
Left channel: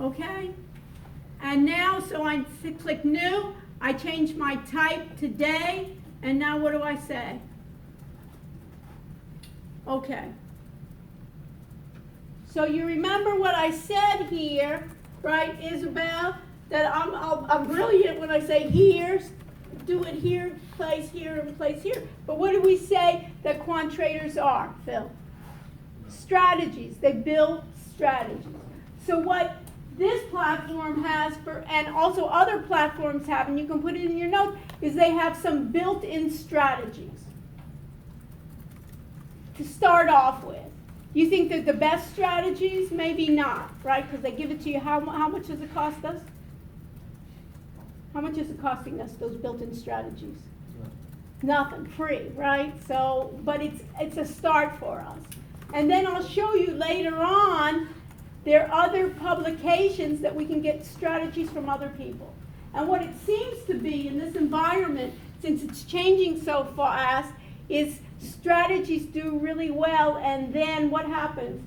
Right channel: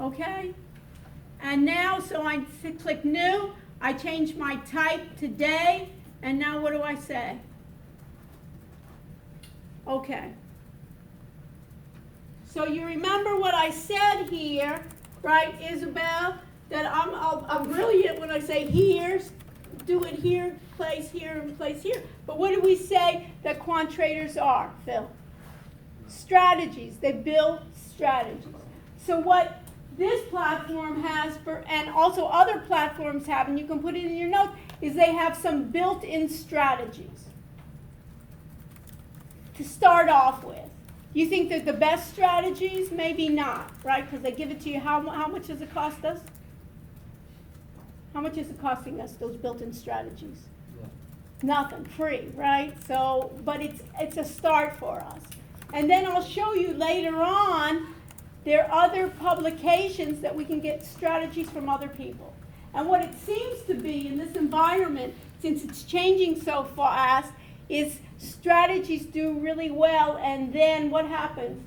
Okay? And now, so I click new, I change my type to day, and now what do I say? Okay. So you remember what I said here, right, Isabel? That I'm brilliant when I say here, do it here, place here, and place here. But what do we say that quant traders are, Phil? Strategies. They build strategies. So what this platform has, and also other platforms have, and you can put it in your notes, is they have some built-in strategies to start off with. You think they're the best strategies? Maybe not, right? Because they give it to you. How much does it cost us? How much is it costing us, those built-in strategies? Nothing, free, right? So, but it's a start for us. And then I'll show you later on, there are other publications that we can get strategies from other people. And what it seems to be in this environment, since it's changing so fast, is strategies do really well, and then what happens?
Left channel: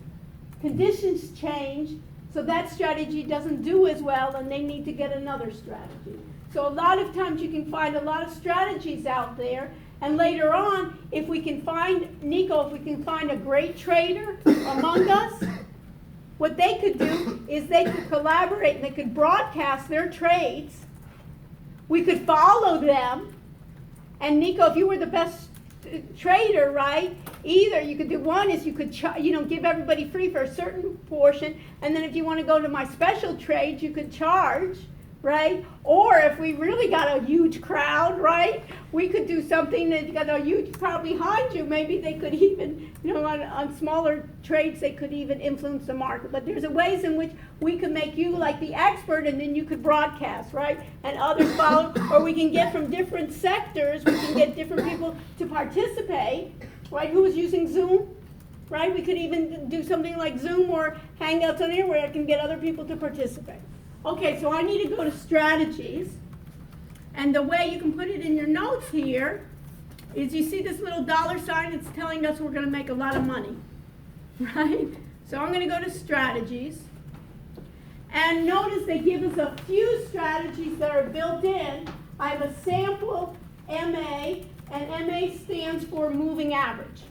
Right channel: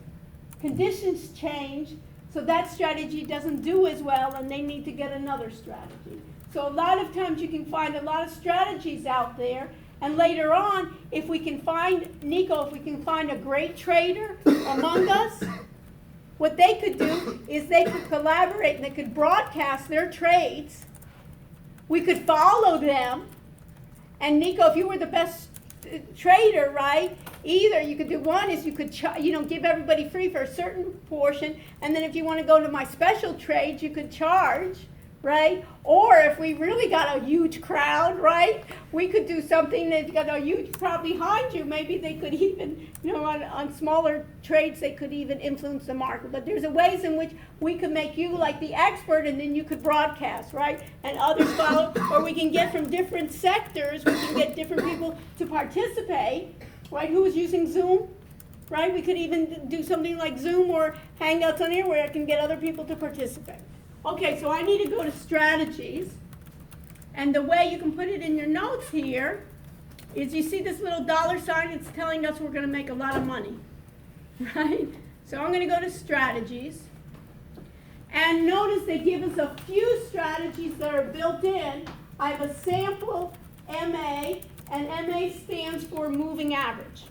Conditions change, so that strategy doesn't do as well, and they need to get another strategy. So a lot of times you can find a lot of strategies out there, and later on, if we can find, Nico, if we can find a great trader among us, what they could do is they could collaborate and they could broadcast their trades. We could follow them, and Nico, if you were the best trader, right, either you could do one is you could give everybody free for a certain portion, and then if you want to go to my special trades, you could charge, right? Or if we really got a huge crowd, right, we could do something that got a huge crowd behind you. Maybe they could even, on smaller trades, they could even influence the market. But there's ways in which we could make you like the expert, and then you could broadcast, right? And others follow. Or we can get from different sectors, we can get different people to participate, right? Who is using Zoom? Right? We could even do something like Zoom or Hangouts on here where I can get other people to participate. Okay, so I need to go to strategies. And the way you can put it in your notes here is you see this little dollar sign, it's telling us we're going to make a lot of money. Right? So I'm going to go to strategies. And notice they give us a few strategies that are built in. I have a sample MA, and MA stands for moving average.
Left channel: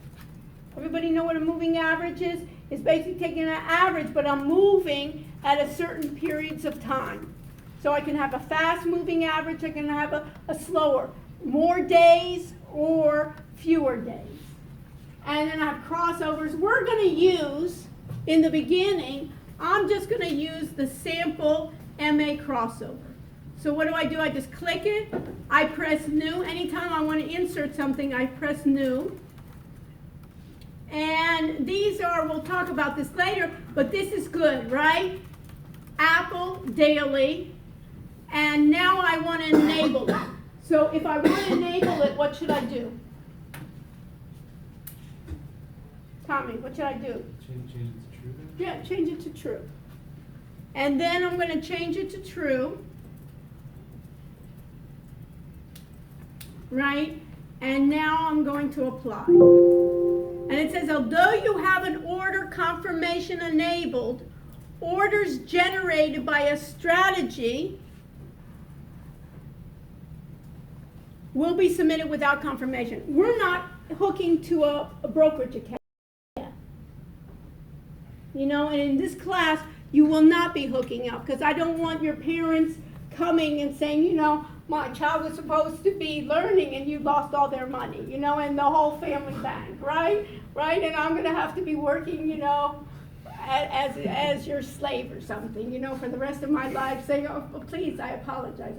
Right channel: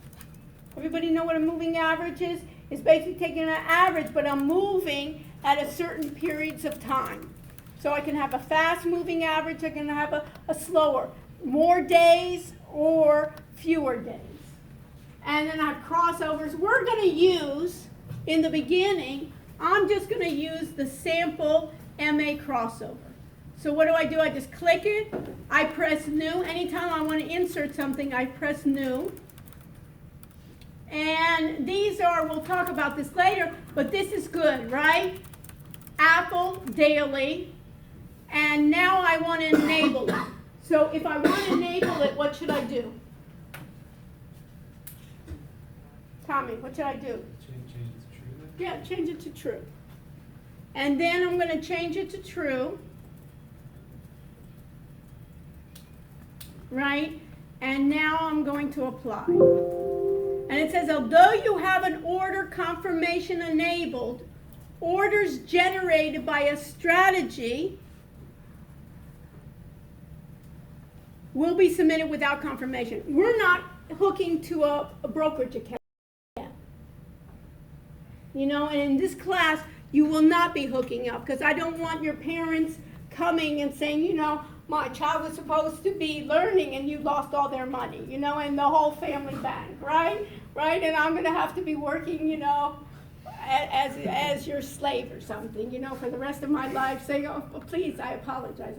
Everybody know what a moving average is? It's basically taking an average, but I'm moving at a certain periods of time. So I can have a fast moving average, I can have a slower, more days or fewer days. And then I have crossovers. We're going to use, in the beginning, I'm just going to use the sample MA crossover. So what do? I just click it, I press new. Anytime I want to insert something, I press new. And these are, we'll talk about this later, but this is good, right? Apple daily, and now I want to enable it. So if I want to enable it, what should I do? Tommy, what should I do? Change it to true then? Yeah, change it to true. And then I'm going to change it to true. Right? And now I'm going to apply. And it says, although you have an order confirmation enabled, orders generated by a strategy will be submitted without confirmation. We're not hooking to a brokerage account yet. And in this class, you will not be hooking up, because I don't want your parents coming and saying, my child was supposed to be learning and you lost all their money, and the whole family bank, right? Right? And I'm going to have to be working, as your slave or something, for the rest of my life, saying, oh, please, I apologize.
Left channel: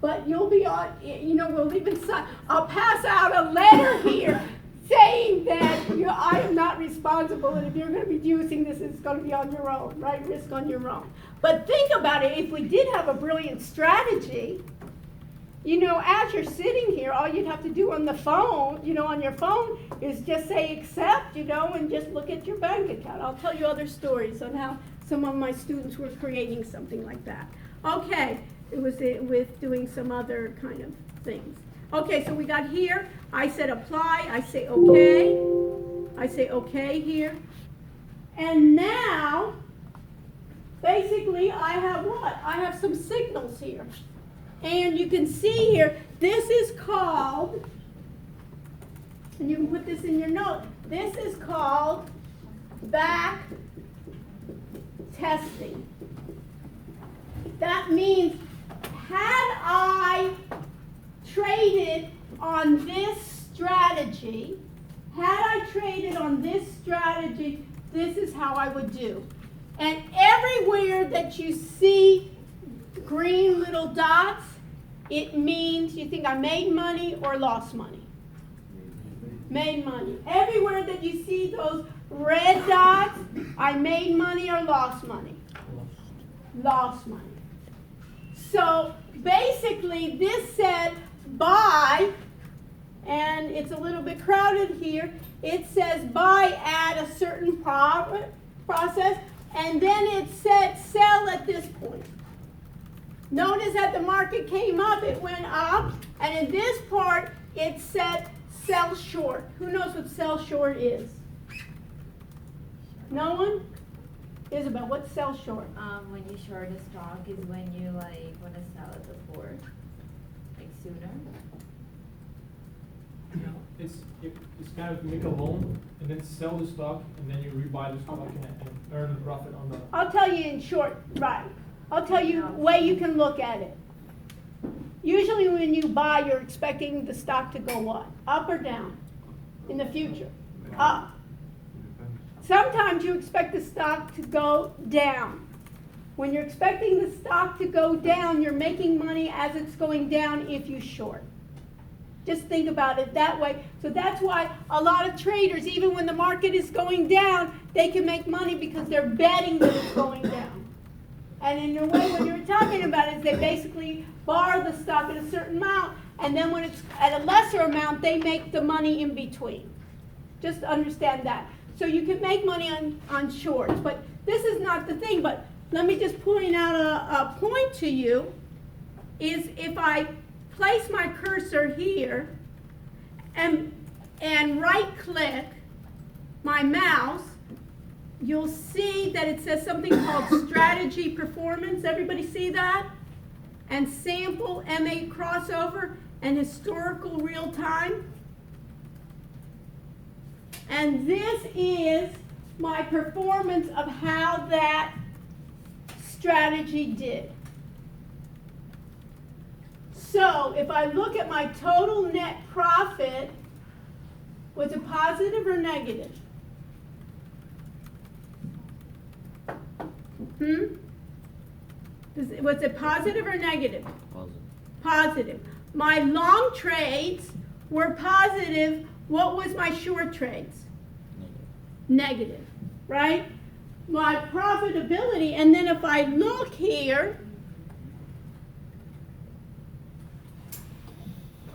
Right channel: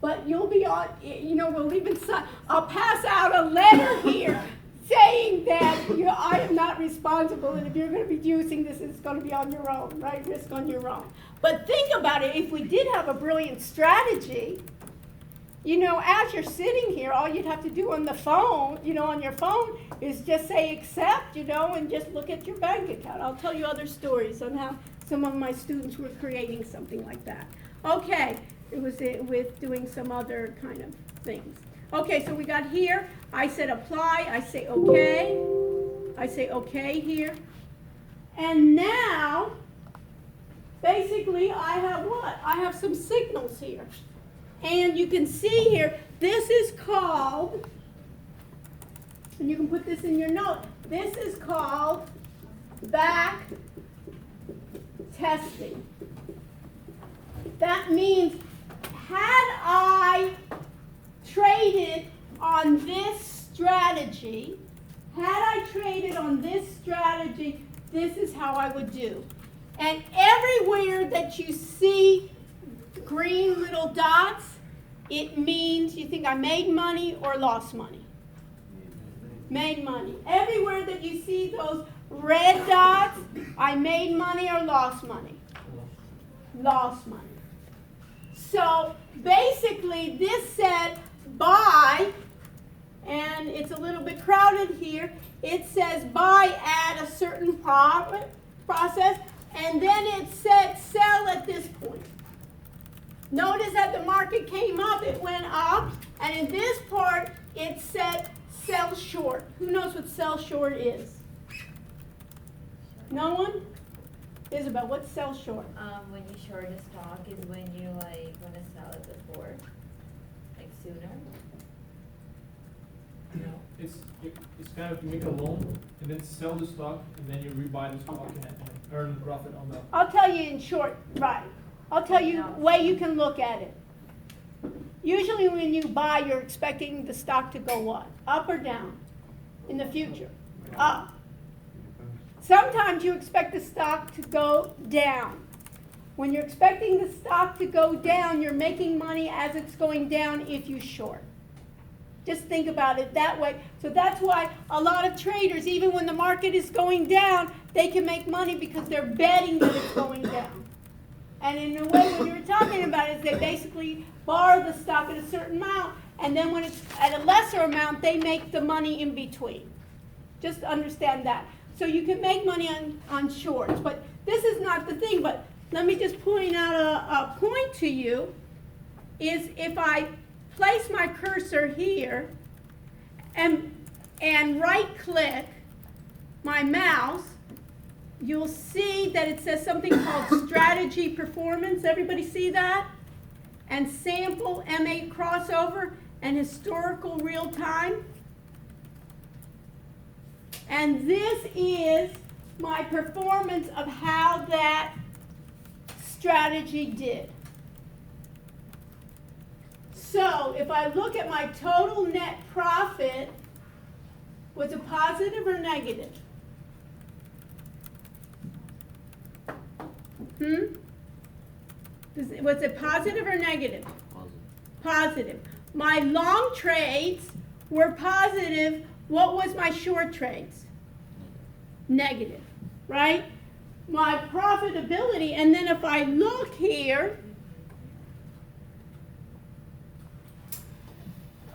But you'll be on, we'll even, I'll pass out a letter here saying that, I am not responsible, and if you're going to be using this, it's going to be on your own, right? Risk on your own. But think about it, if we did have a brilliant strategy, as you're sitting here, all you'd have to do on the phone, on your phone, is just say accept, and just look at your bank account. I'll tell you other stories on how some of my students were creating something like that. Okay, it was with doing some other kind of things. Okay, so we got here, I said apply, I say okay here. And now, basically I have what? I have some signals here. And you can see here, this is called, and you can put this in your note, this is called back testing. That means, had I traded on this strategy, this is how I would do. And everywhere that you see green little dots, it means you think I made money or lost money. Made money. Everywhere that you see those red dots, I made money or lost money. Lost money. So basically this said buy, and it's a little bit crowded here. It says buy at a certain process, and then it said sell at this point. Notice that the market came up, it went up, and in this part it said sell short. Who knows what sell short is? No one? Isabel, what's sell short? When you short a stock is when you want to sell it before, sooner. It's kind of make a loan and then sell the stock and then you rebuy the stock and earn profit on that. I'll tell you in short, right. I'll tell you the way you can look at it. Usually when you buy, you're expecting the stock to go what? Up or down in the future? Up. Sometimes you expect the stock to go down. When you're expecting the stock to go down, you're making money as it's going down if you short. Just think about it that way. So that's why a lot of traders, even when the market is going down, they can make money because they're betting that it's going down. And in a way, when you're talking about it, they basically borrow the stock at a certain amount, and then when it's at a lesser amount, they make the money in between. Just understand that. So you can make money on shorts, but this is not the thing. But let me just point out a point to you, is if I place my cursor here and right-click my mouse, you'll see that it says something called strategy performance. Everybody see that? And sample MA crossover and historical real time. And this is my performance of how that strategy did. So if I look at my total net profit, was it positive or negative? Was it positive or negative? Positive. My long trades were positive. What was my short trades? Negative, right? My profitability, and then if I look here,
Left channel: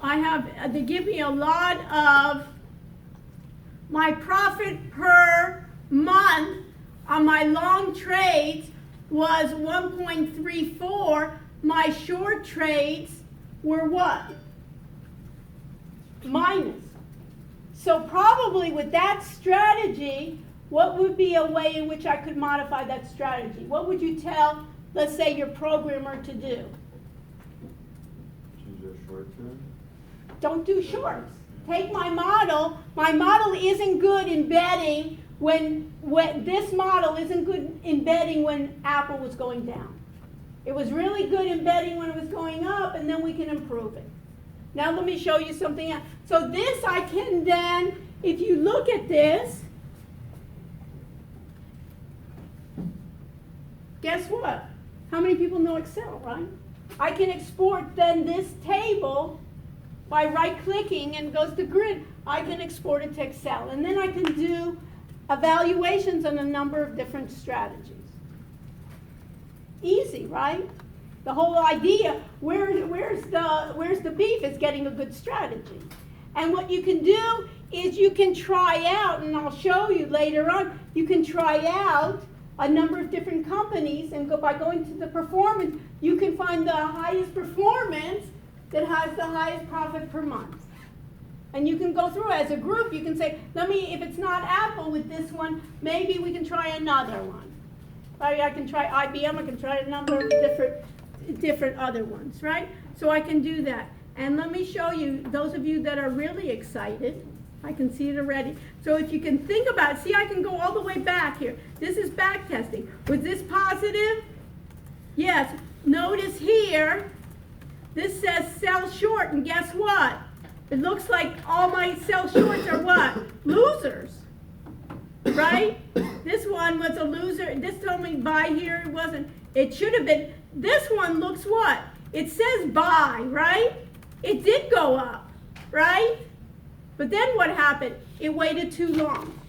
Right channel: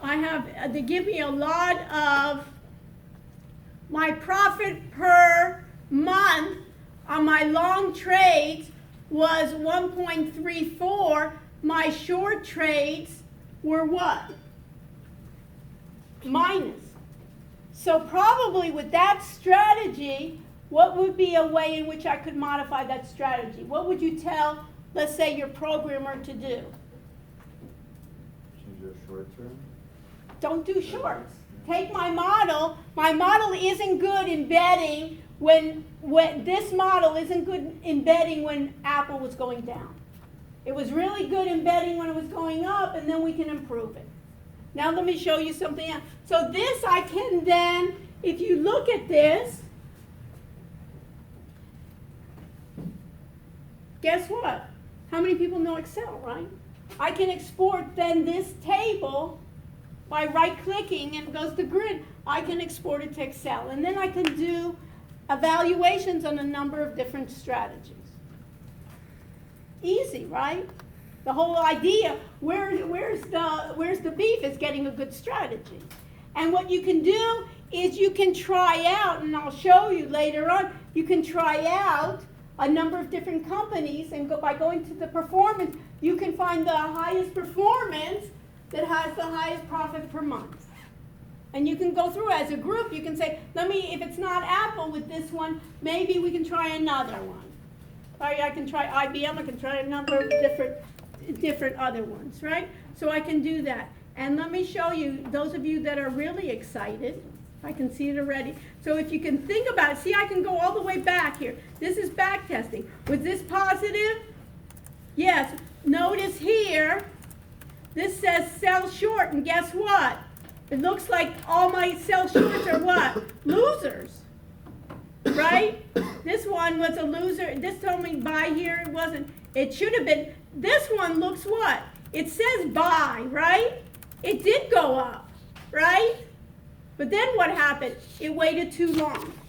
I have, they give me a lot of my profit per month on my long trades was 1.34. My short trades were what? Minus. So probably with that strategy, what would be a way in which I could modify that strategy? What would you tell, let's say, your programmer to do? Choose your short term. Don't do shorts. Take my model. My model isn't good in betting when this model isn't good in betting when Apple was going down. It was really good in betting when it was going up, and then we can improve it. Now let me show you something else. So this I can then, if you look at this, guess what? How many people know Excel, right? I can export then this table by right-clicking, and it goes to grid. I can export it to Excel, and then I can do evaluations on a number of different strategies. Easy, right? The whole idea, where's the beef, is getting a good strategy. And what you can do is you can try out, and I'll show you later on, you can try out a number of different companies, and by going to the performance, you can find the highest performance that has the highest profit per month. And you can go through as a group, you can say, if it's not Apple with this one, maybe we can try another one. I can try IBM, I can try a number of different other ones, right? So I can do that. And let me show you, those of you that are really excited, I can see it already. So if you can think about it, see, I can go all the way back here. This is back testing. Was this positive? Yes. Notice here, this says sell short, and guess what? It looks like all my sell shorts are what? Losers. Right? This one was a loser. This told me buy here. It wasn't. It should have been. This one looks what? It says buy, right? It did go up, right? But then what happened? It waited too long.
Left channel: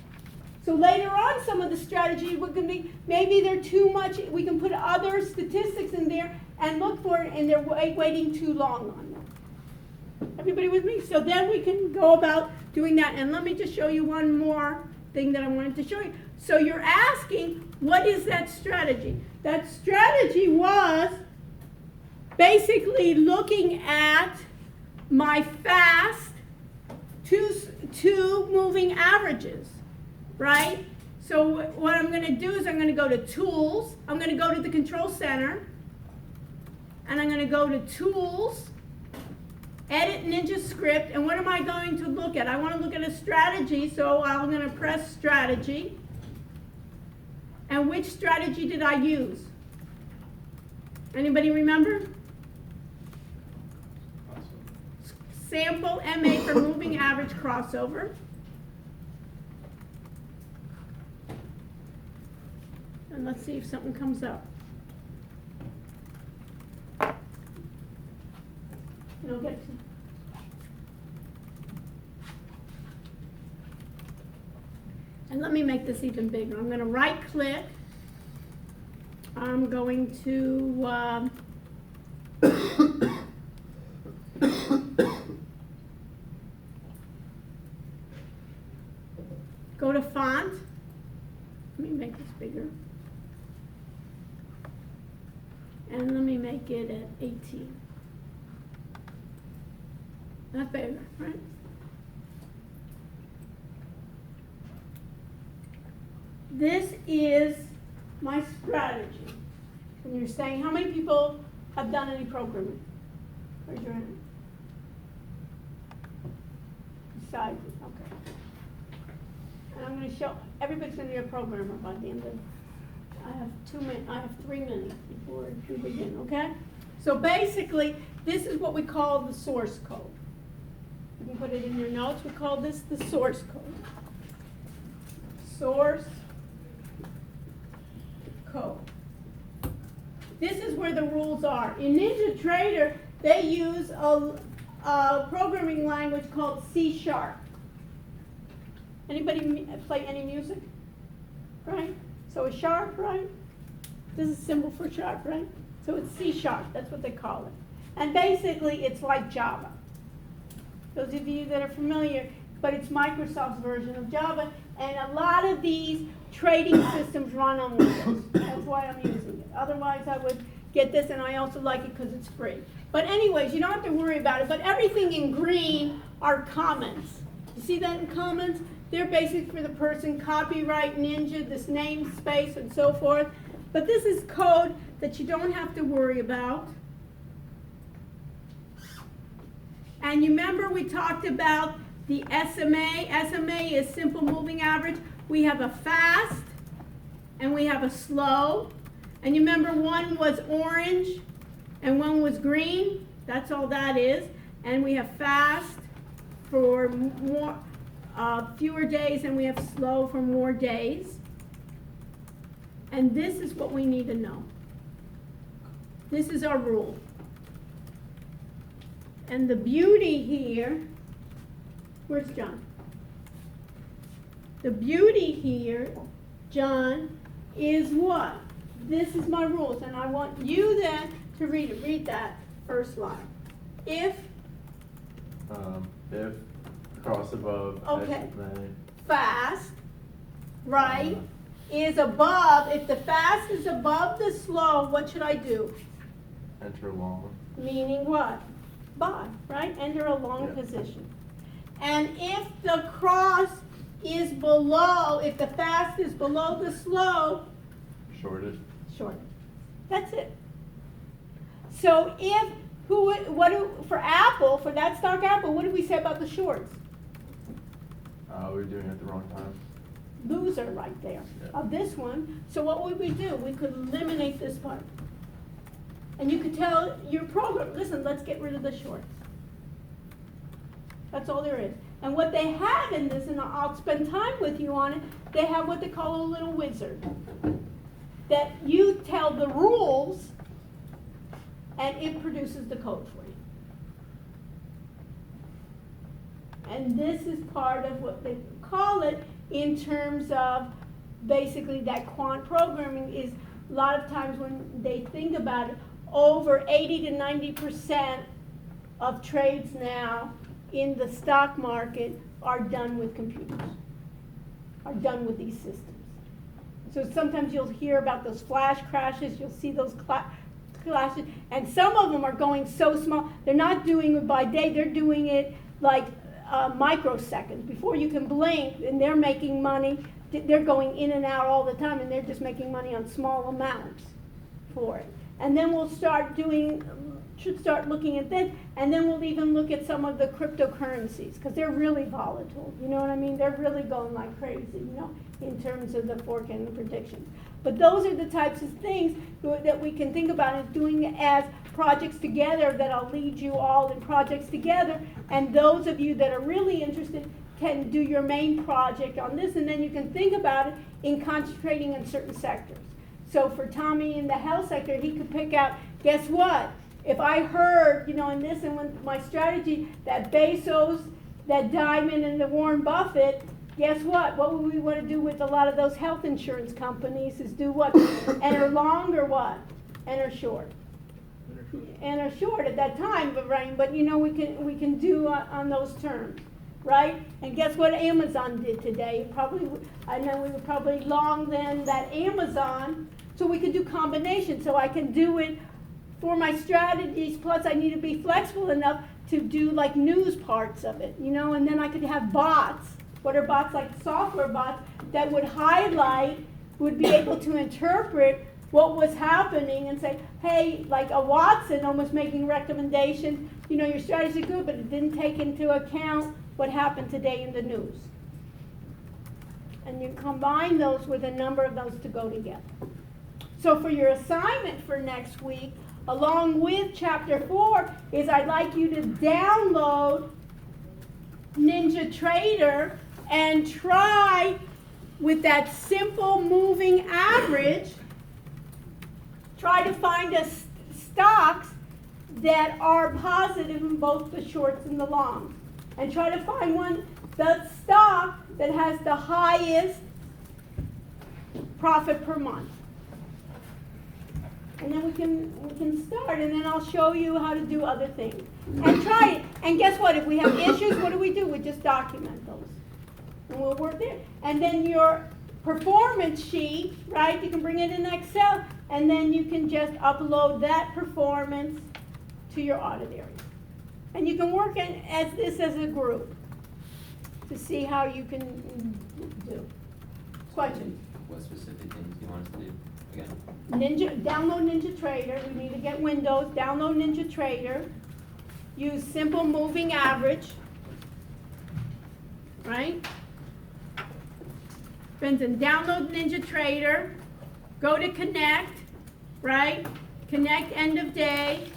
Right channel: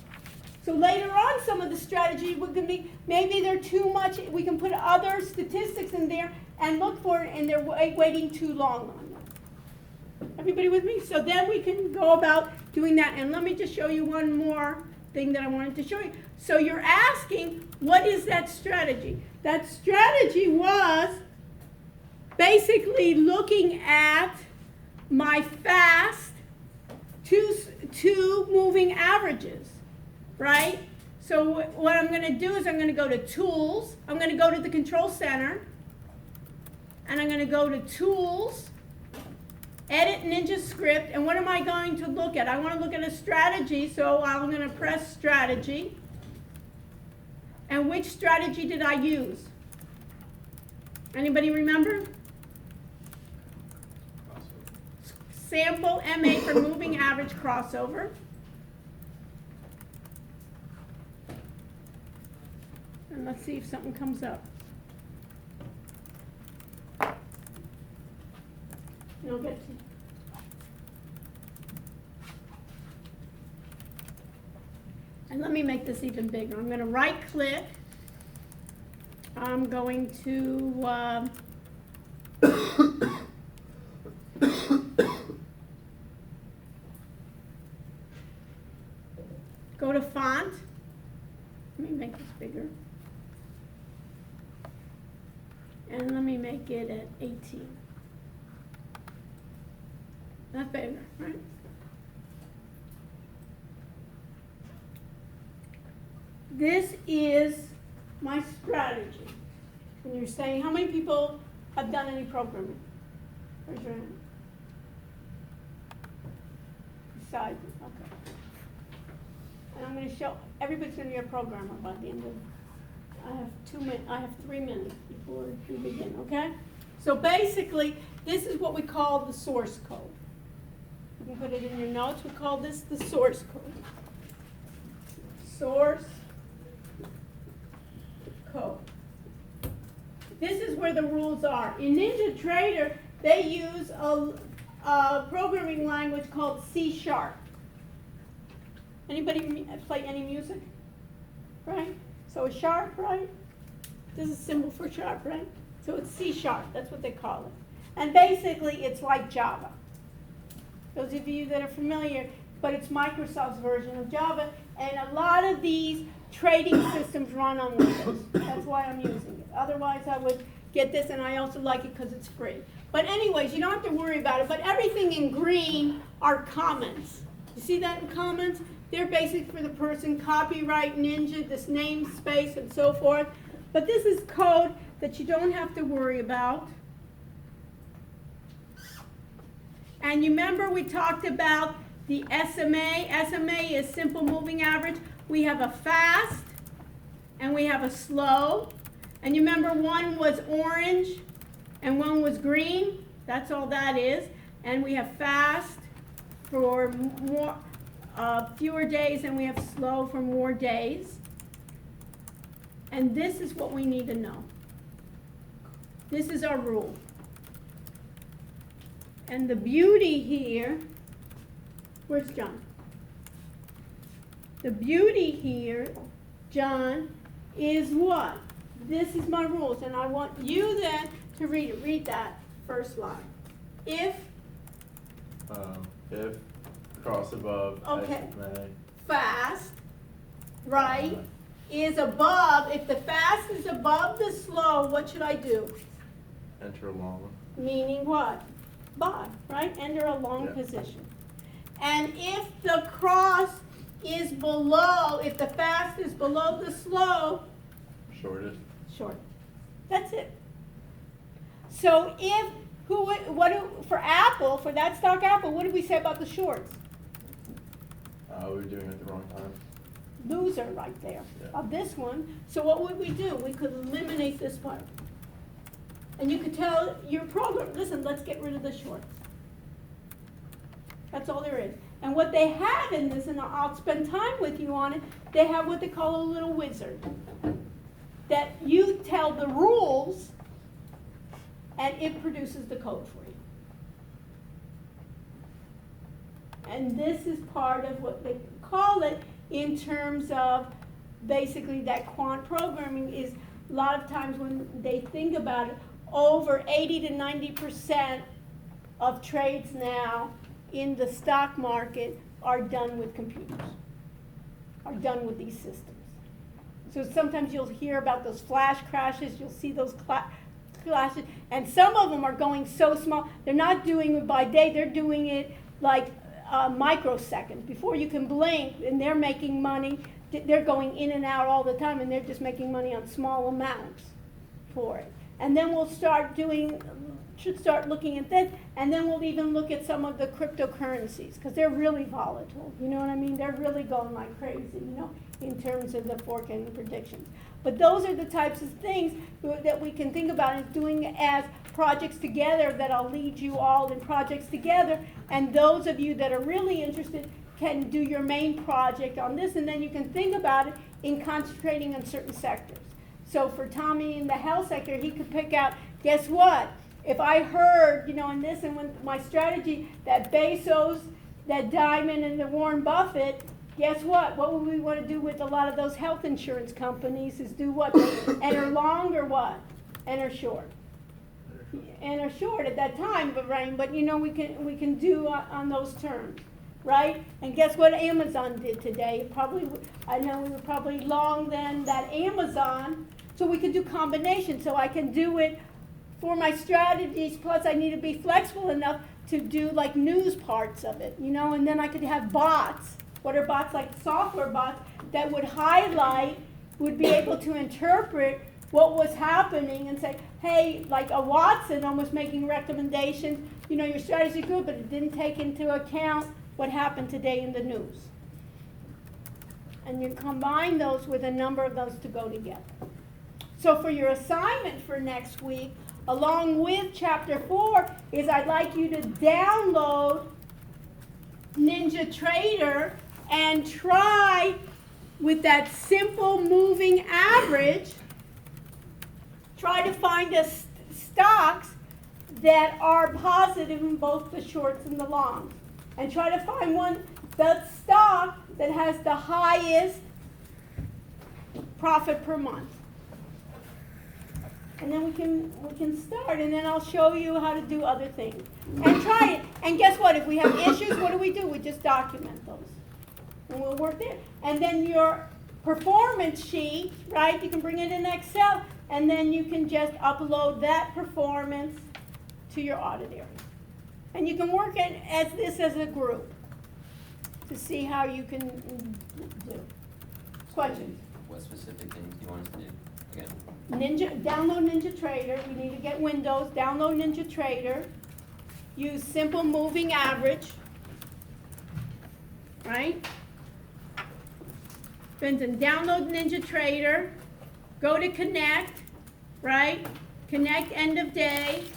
So later on, some of the strategies would be, maybe they're too much. We can put other statistics in there and look for it, and they're waiting too long on them. Everybody with me? So then we can go about doing that. And let me just show you one more thing that I wanted to show you. So you're asking, what is that strategy? That strategy was basically looking at my fast two moving averages, right? So what I'm going to do is I'm going to go to Tools. I'm going to go to the Control Center. And I'm going to go to Tools, Edit Ninja Script. And what am I going to look at? I want to look at a strategy, so I'm going to press Strategy. And which strategy did I use? Anybody remember? Sample MA for moving average crossover. And let's see if something comes up. and I'll get to. And let me make this even bigger. I'm gonna right click. I'm going to, go to font. Let me make this bigger. And let me make it at 18. Not better, right? This is my strategy. When you're saying, how many people have done any programming? Raise your hand. Besides, okay. And I'm going to show, everybody's going to be a programmer by the end of, I have 3 minutes before we begin, okay? So basically, this is what we call the source code. You can put it in your notes. We call this the source code. Source code. This is where the rules are. In NinjaTrader, they use a programming language called C#. Anybody play any music? Right? So a sharp, right? This is a symbol for sharp, right? So it's C#, that's what they call it. And basically, it's like Java. Those of you that are familiar, but it's Microsoft's version of Java, and a lot of these trading systems run on this. That's why I'm using it. Otherwise, I would get this, and I also like it because it's free. But anyways, you don't have to worry about it. But everything in green are comments. You see that in comments? They're basic for the person, copyright, Ninja, this namespace, and so forth. But this is code that you don't have to worry about. And you remember we talked about the SMA. SMA is simple moving average. We have a fast and we have a slow. And you remember one was orange and one was green. That's all that is. And we have fast for more, fewer days, and we have slow for more days. And this is what we need to know. This is our rule. And the beauty here, where's John? The beauty here, John, is what? This is my rules, and I want you then to read it. Read that first line. If cross above, okay, SMA, fast, right, is above, if the fast is above the slow, what should I do? enter long. Meaning what? Buy, right? Enter a long position. And if the cross is below, if the fast is below the slow, Shorted. short. That's it. So if, for Apple, for that stock Apple, what did we say about the shorts? We were doing it at the wrong time. Loser right there of this one. So what would we do? We could eliminate this part. And you could tell your program, listen, let's get rid of the shorts. That's all there is. And what they have in this, and I'll spend time with you on it, they have what they call a little wizard. That you tell the rules, and it produces the code for you. And this is part of what they call it in terms of basically that quant programming is a lot of times when they think about it, over 80 to 90% of trades now in the stock market are done with computers, are done with these systems. So sometimes you'll hear about those flash crashes, you'll see those crashes, and some of them are going so small, they're not doing it by day, they're doing it like microseconds. Before you can blink, and they're making money, they're going in and out all the time, and they're just making money on small amounts for it. And then we'll should start looking at this, and then we'll even look at some of the cryptocurrencies, because they're really volatile, you know what I mean? They're really going like crazy, you know, in terms of the forecast and the predictions. But those are the types of things that we can think about as doing as projects together, that I'll lead you all in projects together, and those of you that are really interested can do your main project on this, and then you can think about it in concentrating on certain sectors. So for Tommy in the health sector, he could pick out, guess what? if I heard, you know, in this and when my strategy, that Bezos, that Diamond, and the Warren Buffett, guess what? What would we want to do with a lot of those health insurance companies is do what? Enter long or what? Enter short. Enter short at that time, but you know, we can do on those terms, right? And guess what Amazon did today? Probably, I know we were probably long then that Amazon, so we could do combinations. So I can do it for my strategies, plus I need to be flexible enough to do like news parts of it, you know, and then I could have bots. What are bots? Like software bots that would highlight, would be able to interpret what was happening and say, hey, like a Watson almost making recommendations, you know, your strategy good, but it didn't take into account what happened today in the news. And you combine those with a number of those to go together. So for your assignment for next week, along with chapter 4, is I'd like you to download NinjaTrader and try with that simple moving average, try to find stocks that are positive in both the shorts and the longs. And try to find the stock that has the highest profit per month. And then we can start, and then I'll show you how to do other things. And try it. And guess what? If we have issues, what do? We just document those. And we'll work there. And then your performance sheet, right? You can bring it in Excel, and then you can just upload that performance to your audit area. And you can work as a group to see how you can do. Questions? What specific things do you want us to do again? Download NinjaTrader. We need to get Windows. Download NinjaTrader. Use simple moving average. Right? Benson, download NinjaTrader. Go to Connect. Right? Connect end of day.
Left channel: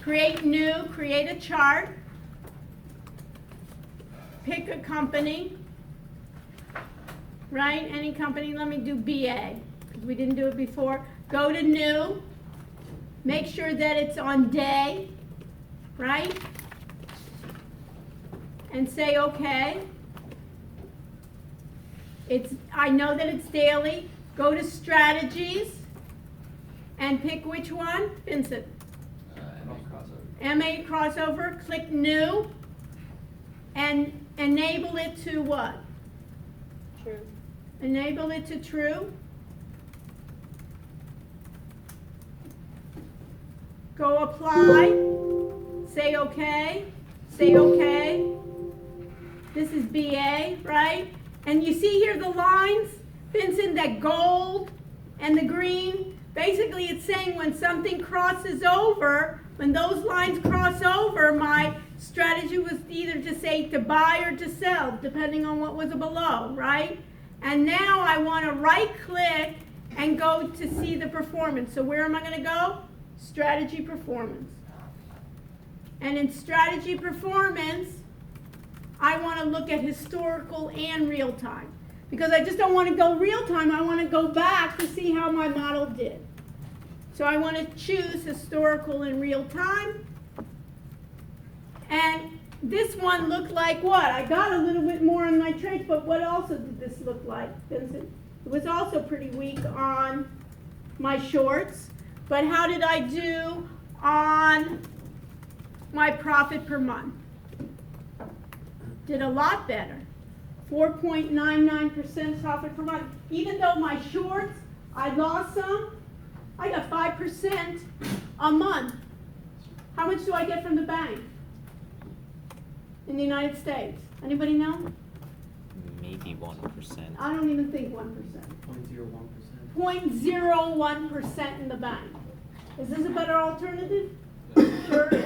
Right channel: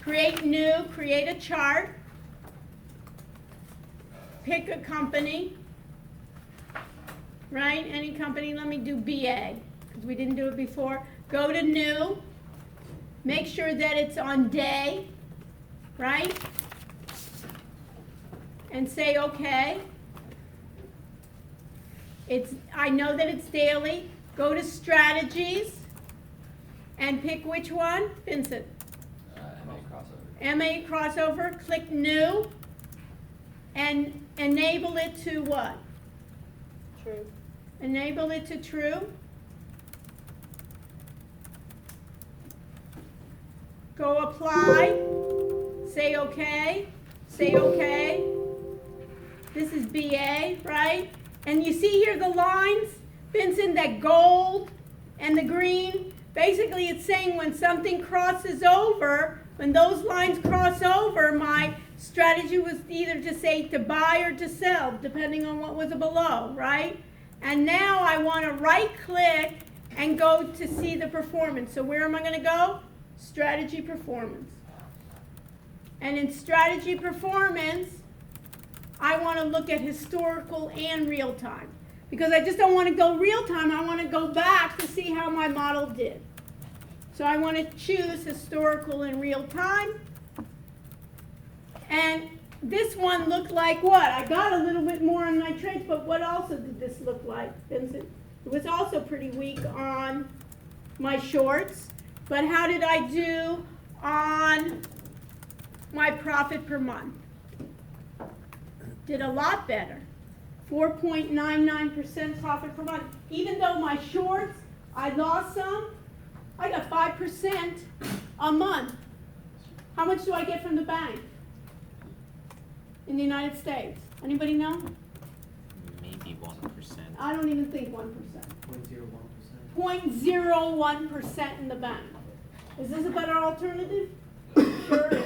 Create new. Create a chart. Pick a company. Right? Any company. Let me do BA. We didn't do it before. Go to new. Make sure that it's on day, right? And say okay. I know that it's daily. Go to strategies and pick which one? Vincent. MA crossover. Click new and enable it to what? True. Enable it to true. Go apply, say okay, This is BA, right? And you see here the lines, Vincent, that gold and the green. Basically it's saying when something crosses over, when those lines cross over, my strategy was either to say to buy or to sell, depending on what was below, right? And now I want to right click and go to see the performance. So where am I going to go? Strategy performance. And in strategy performance, I want to look at historical and real time. Because I just don't want to go real time, I want to go back to see how my model did. So I want to choose historical and real time. And this one looked like what? I got a little bit more on my trades, but what also did this look like, Vincent? It was also pretty weak on my shorts. But how did I do on my profit per month? Did a lot better. 4.99% profit per month. Even though my shorts, I lost some, I got 5% a month. How much do I get from the bank in the United States? Anybody know? Maybe 1%. I don't even think 1%. 0.01%. 0.01% in the bank. Is this a better alternative? Sure is.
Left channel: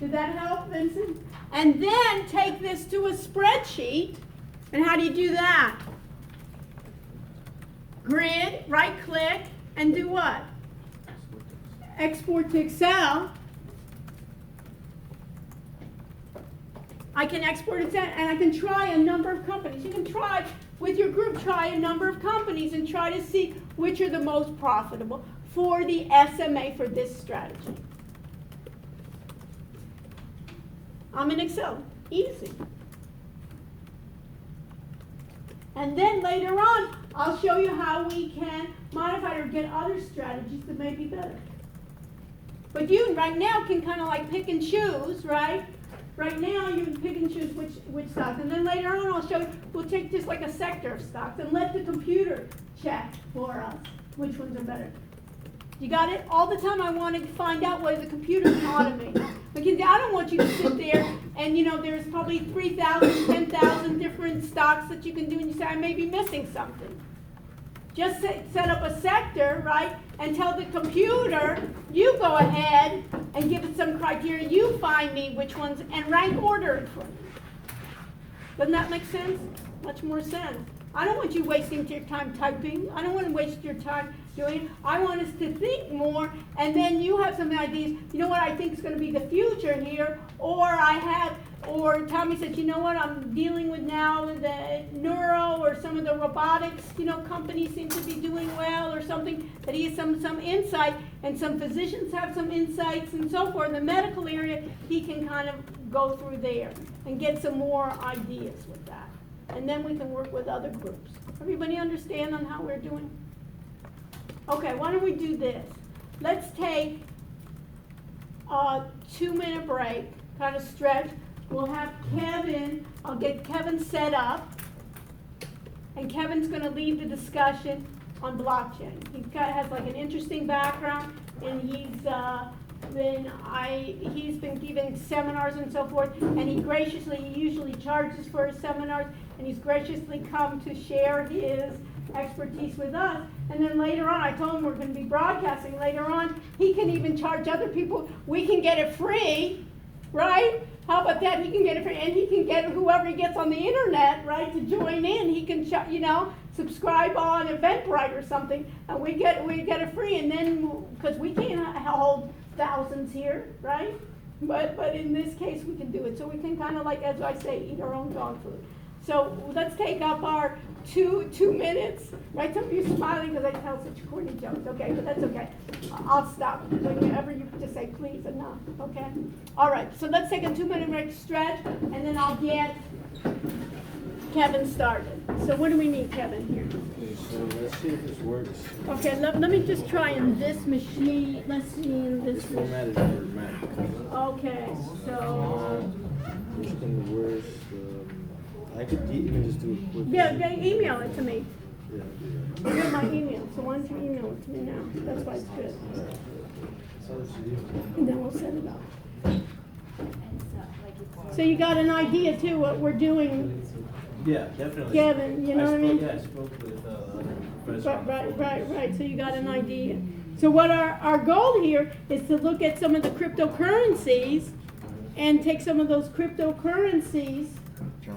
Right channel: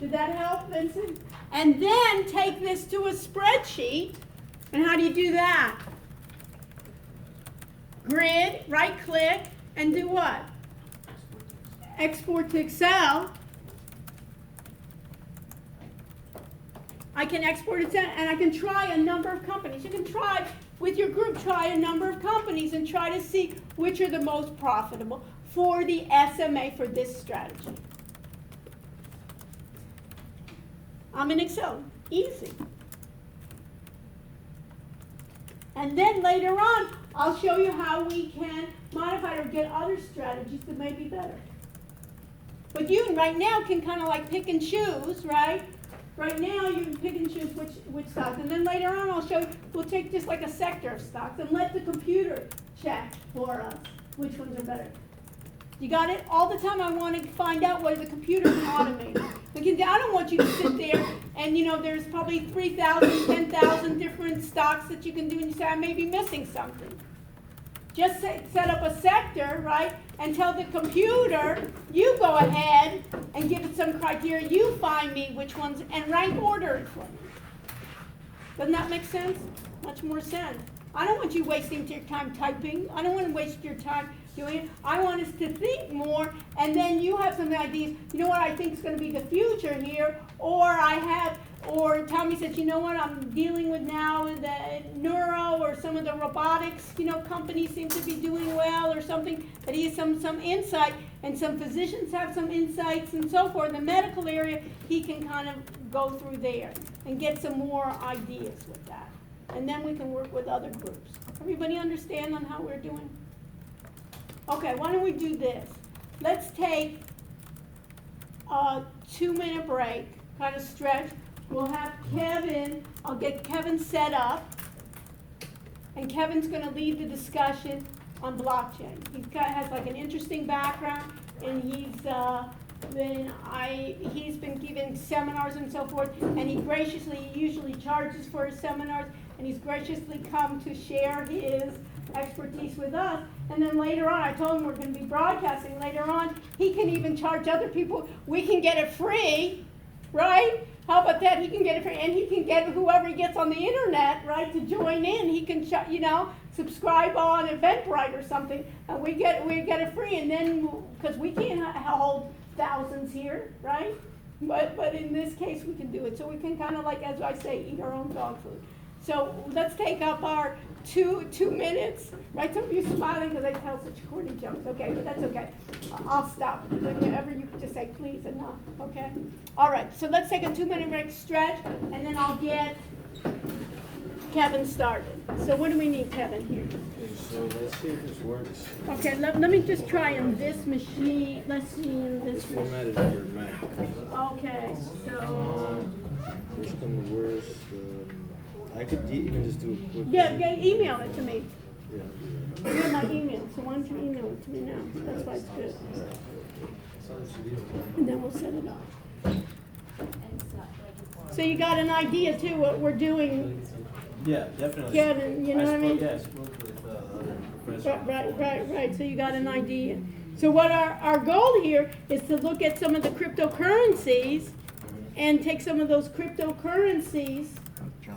Did that help, Vincent? And then take this to a spreadsheet. And how do you do that? Grid, right click, and do what? Export to Excel. I can export it and I can try a number of companies. You can try with your group, try a number of companies and try to see which are the most profitable for the SMA for this strategy. I'm in Excel, easy. And then later on, I'll show you how we can modify or get other strategies that may be better. But you right now can kind of like pick and choose, right? Right now you can pick and choose which stocks. And then later on I'll show you, we'll take just like a sector of stocks and let the computer check for us which ones are better. You got it? All the time I want to find out whether the computer's automated. Because I don't want you to sit there and, you know, there's probably 3,000, 10,000 different stocks that you can do and you say, I may be missing something. Just set up a sector, right, and tell the computer, you go ahead and give it some criteria, you find me which ones, and rank order it for me. Doesn't that make sense? Much more sense. I don't want you wasting your time typing. I don't want to waste your time doing it. I want us to think more, and then you have some ideas. You know what I think is going to be the future here, or Tommy says, you know what, I'm dealing with now the neuro or some of the robotics, you know, companies seem to be doing well or something, that he has some insight, and some physicians have some insights and so forth. In the medical area, he can kind of go through there and get some more ideas with that. And then we can work with other groups. Everybody understand on how we're doing? Okay, why don't we do this? Let's take a 2-minute break, kind of stretch. We'll have Kevin, I'll get Kevin set up, and Kevin's going to lead the discussion on blockchain. Has like an interesting background, and he's been giving seminars and so forth, and he usually charges for his seminars, and he's graciously come to share his expertise with us. And then later on, I told him we're going to be broadcasting later on, he can even charge other people. We can get it free, right? How about that? He can get it free, and he can get whoever he gets on the internet, right, to join in. He can, subscribe on Eventbrite or something, and we get it free. And then, because we can't hold thousands here, right? But in this case, we can do it. So we can kind of like, as I say, eat our own dog food. So let's take up our two minutes, right? Some of you smiling because I tell such corny jokes, okay, but that's okay. I'll stop whenever you just say please enough, okay? All right, so let's take a 2-minute break stretch, and then I'll get Kevin started. So what do we need, Kevin, here? So let's see if this works. Okay, let me just try on this machine. Let's see this. It's formatted for Mac. Okay, so. Which one worse? I could even just do a quick. Yeah, email it to me. Yeah, You have my email, so why don't you email it to me now? That's why it's good. And then we'll set it up. So you got an idea too what we're doing, Yeah, definitely. Kevin, you know what I mean? Yeah, I spoke with Right. So you got an idea. So what our goal here is to look at some of the cryptocurrencies and take some of those cryptocurrencies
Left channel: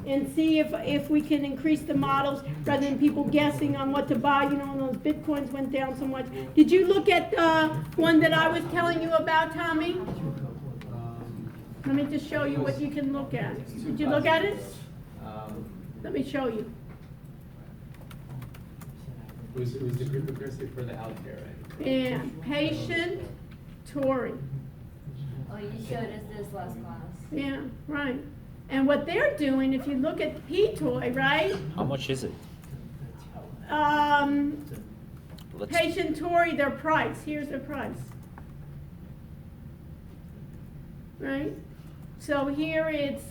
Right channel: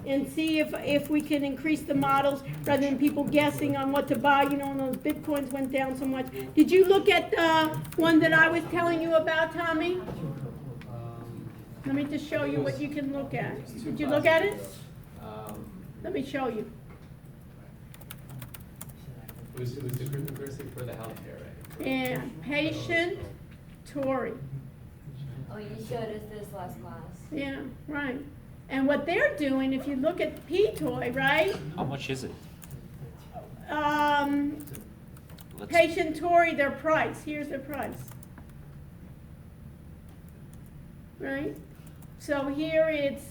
and see if we can increase the models rather than people guessing on what to buy, when those bitcoins went down so much. Did you look at the one that I was telling you about, Tommy? Let me just show you what you can look at. Did you look at it? Let me show you. It was the cryptocurrency for the healthcare, right? Yeah, patient Tory. Oh, you showed us this last class. Yeah, right. And what they're doing, if you look at P-Toy, right? How much is it? Patient Tory, their price. Here's their price. Right? So here it's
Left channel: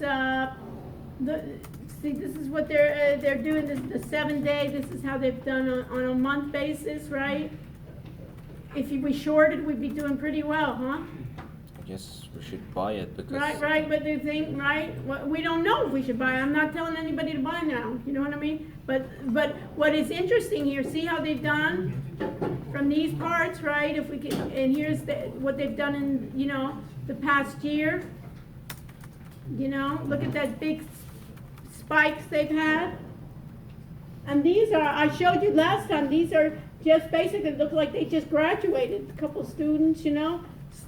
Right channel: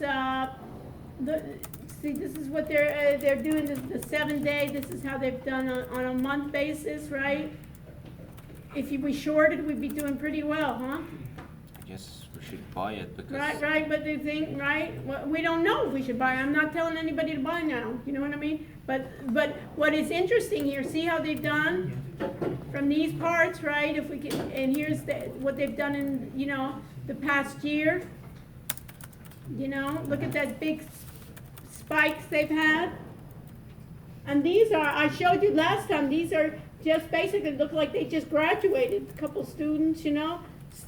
see, this is what they're doing. This is the 7-day. This is how they've done on a month basis, right? If we shorted, we'd be doing pretty well, huh? I guess we should buy it because. Right, but they think, right? Well, we don't know if we should buy. I'm not telling anybody to buy now. You know what I mean? But what is interesting here, see how they've done from these parts, right? If we can, and here's what they've done in, the past year. Look at that big spikes they've had. And these are, I showed you last time, these are just basically look like they just graduated. A couple students,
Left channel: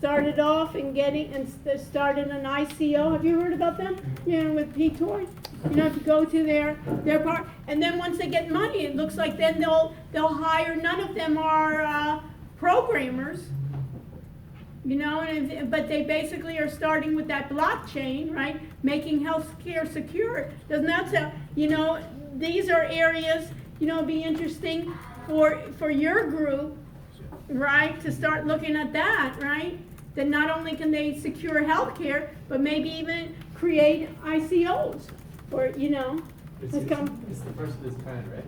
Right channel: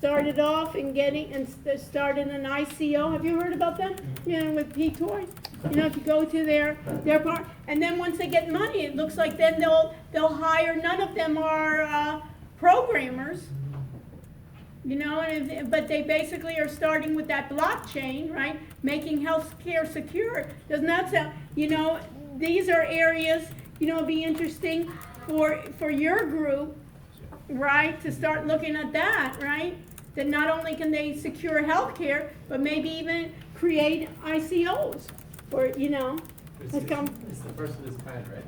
started off in getting, and started an ICO. Have you heard about them? You know, with P-Toy? You know, if you go to their part, and then once they get money, it looks like then they'll hire, none of them are programmers. You know, but they basically are starting with that blockchain, right? Making healthcare secure. Doesn't that sound, you know, these are areas, you know, be interesting for your group, right? To start looking at that, right? That not only can they secure healthcare, but maybe even create ICOs, or, you know, It's it's the first of its kind, right?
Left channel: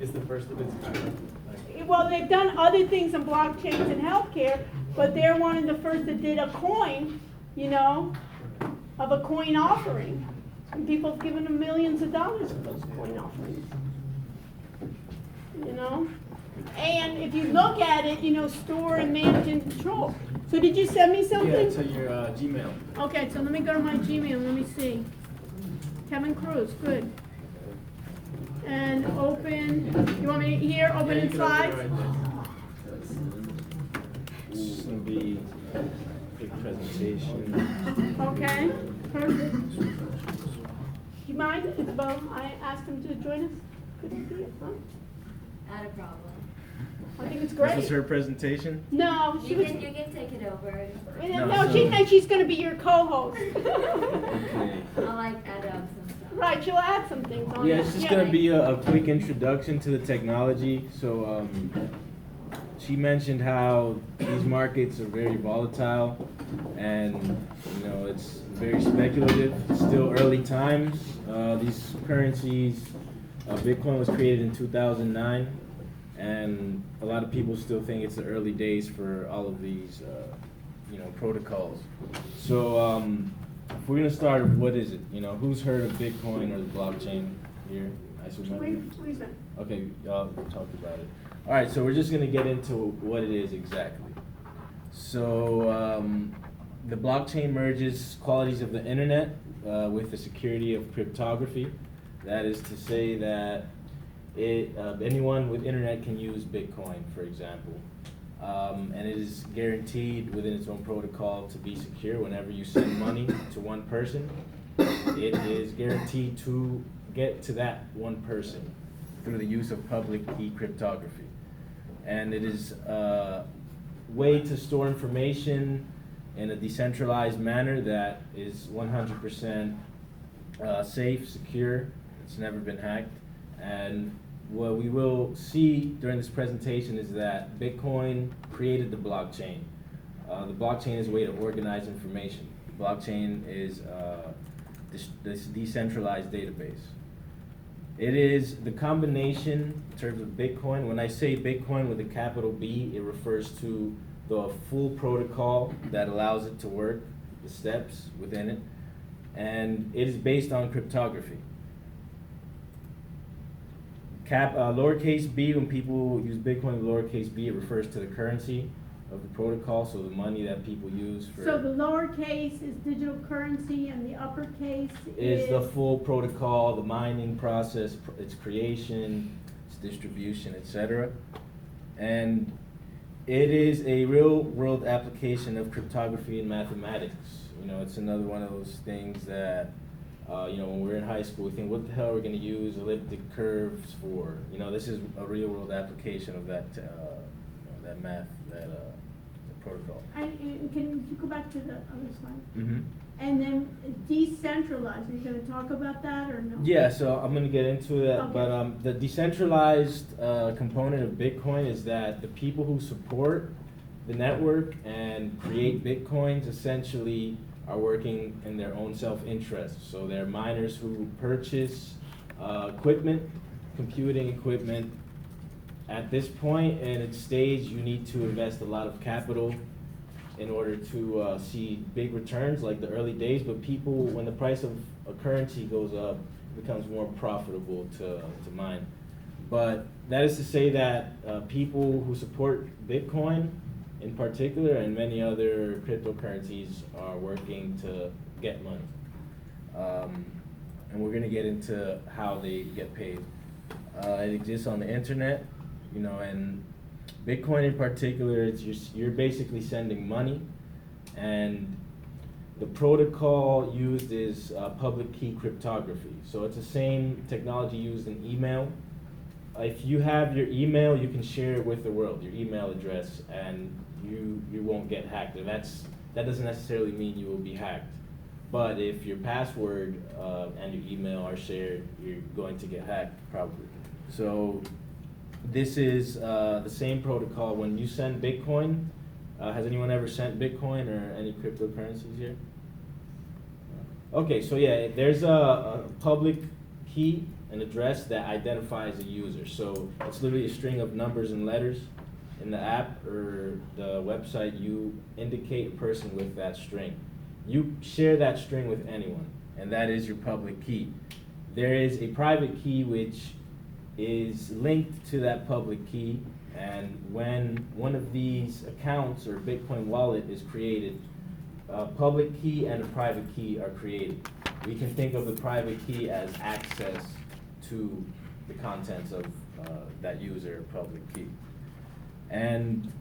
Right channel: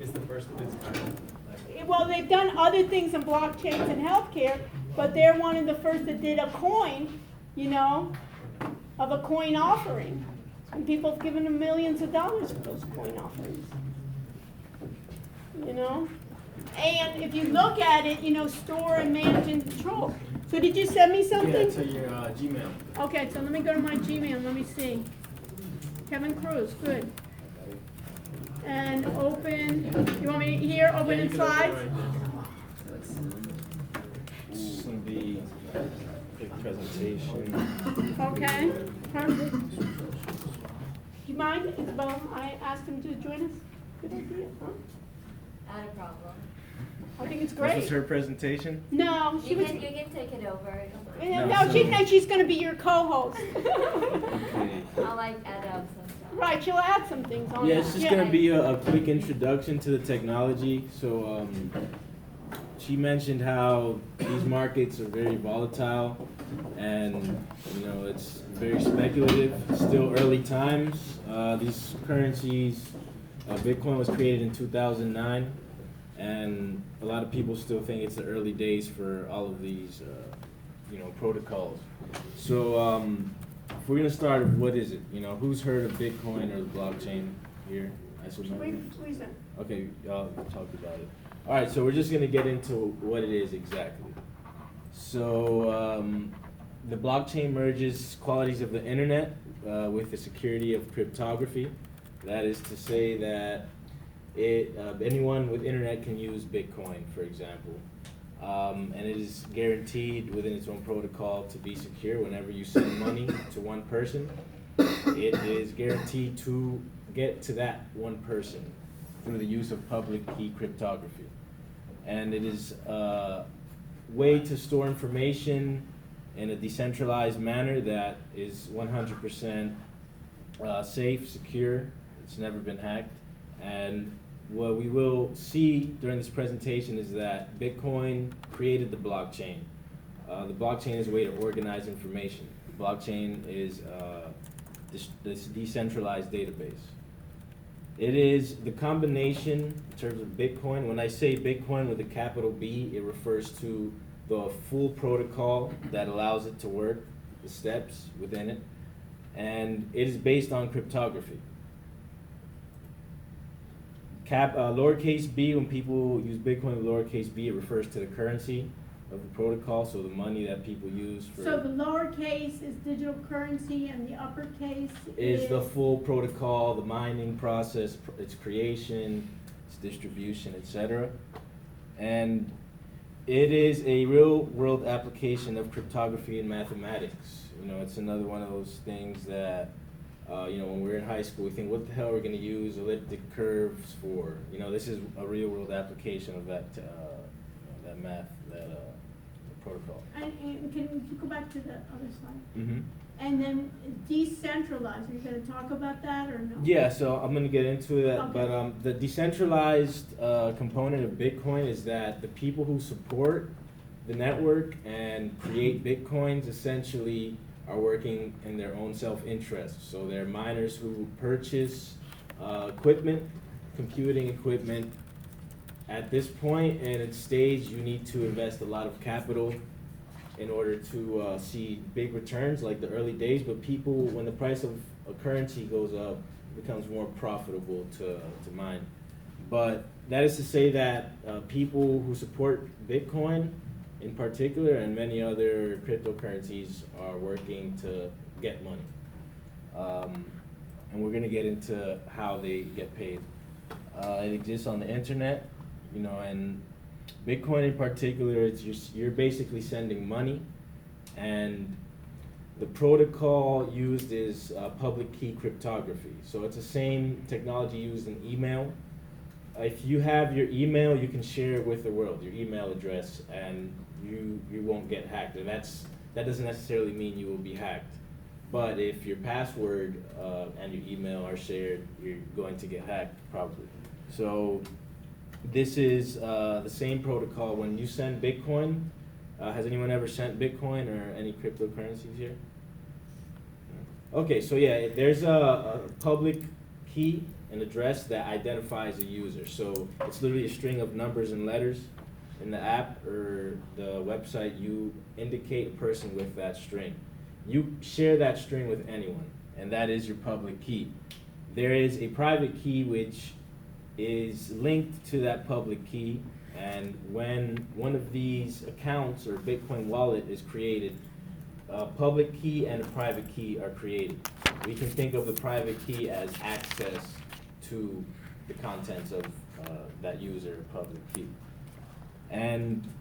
It's the first of its kind. well, they've done other things in blockchains and healthcare, but they're one of the first that did a coin, you know, of a coin offering. And people have given them millions of dollars for those coin offerings. You know? And if you look at it, you know, store and manage and control. So did you send me something? Yeah, to your Gmail. Okay, so let me go to my Gmail, let me see. Kevin Cruz, good. And open, you want me here, open in slides? It's gonna be quick presentation. Okay, perfect. Do you mind, Isabel, I asked him to join us? Good idea, huh? Not a problem. I think it's This was great. her presentation? No, she You was, can take it over. no, she's gonna be your co-host. Okay. I'll like add up some stuff. Right, she'll add some things on Yeah, that. it's just gonna be a quick introduction to the technology. So, she mentioned how these markets are very volatile, and you know it's very speculative. Still early times. These currencies, Bitcoin was created in 2009, and a lot of people still think it's the early days for all of these, you know, protocols. So, if we're gonna start, what is it? You know, who's heard of Bitcoin or the blockchain here? I suppose. Please, Okay, y'all talked about it. All right, so we're just gonna get into what it is exactly. So, the blockchain merges qualities of the internet with the security of cryptography. That is to say that anyone with internet can use Bitcoin, for example. And it is guaranteed within its own protocol to be secure. Whenever you send money to one person, it is guaranteed to get to that one person through the use of public key cryptography. And it is a way to store information in a decentralized manner that is 100% safe, secure. It's never been hacked. And what we will see during this presentation is that Bitcoin created the blockchain. The blockchain is a way to organize information. The blockchain is this decentralized database. It is the combination in terms of Bitcoin. When I say Bitcoin with a capital B, it refers to the full protocol that allows it to work, the steps within it, and it is based on cryptography. Lowercase b, when people use Bitcoin with lowercase b, it refers to the currency of the protocol, so the money that people use for... So the lowercase is digital currency and the uppercase is the full protocol, the mining process, its creation, its distribution, etc. And it is a real-world application of cryptography and mathematics. You know, it's another one of those things that you know, when we're in high school, we think, what the hell are we going to use elliptic curves for? You know, this is a real-world application of that that math, that protocol. And can you go back to the other slide? Mm-hmm. And then decentralized, are you going to talk about that or no? Yeah, so I'm going to get into that, Okay. but the decentralized component of Bitcoin is that the people who support the network and create Bitcoins essentially are working in their own self-interest. So they're miners who purchase equipment, computing equipment. At this point in its stage, you need to invest a lot of capital in order to see big returns like the early days, but people, when the price of a currency goes up, it becomes more profitable to mine. But that is to say that people who support Bitcoin in particular and many other cryptocurrencies are working to get money. And we're gonna get into how they get paid. It exists on the internet, you know, and Bitcoin in particular, you're basically sending money, and the protocol used is public key cryptography. So it's the same technology used in email. If you have your email, you can share it with the world, your email address, and you won't get hacked. And that doesn't necessarily mean you will be hacked. But if your password and your email are shared, you're going to get hacked probably. So this is the same protocol. When you send Bitcoin, has anyone ever sent Bitcoin or any cryptocurrencies here? Okay, so yeah, there's a public key, an address that identifies a user. So it's literally a string of numbers and letters. In the app or the website, you indicate a person with that string. You share that string with anyone, and that is your public key. There is a private key which is linked to that public key, and when one of these accounts or Bitcoin wallet is created, a public key and a private key are created. We can think of the private key as access to the contents of that user public key. And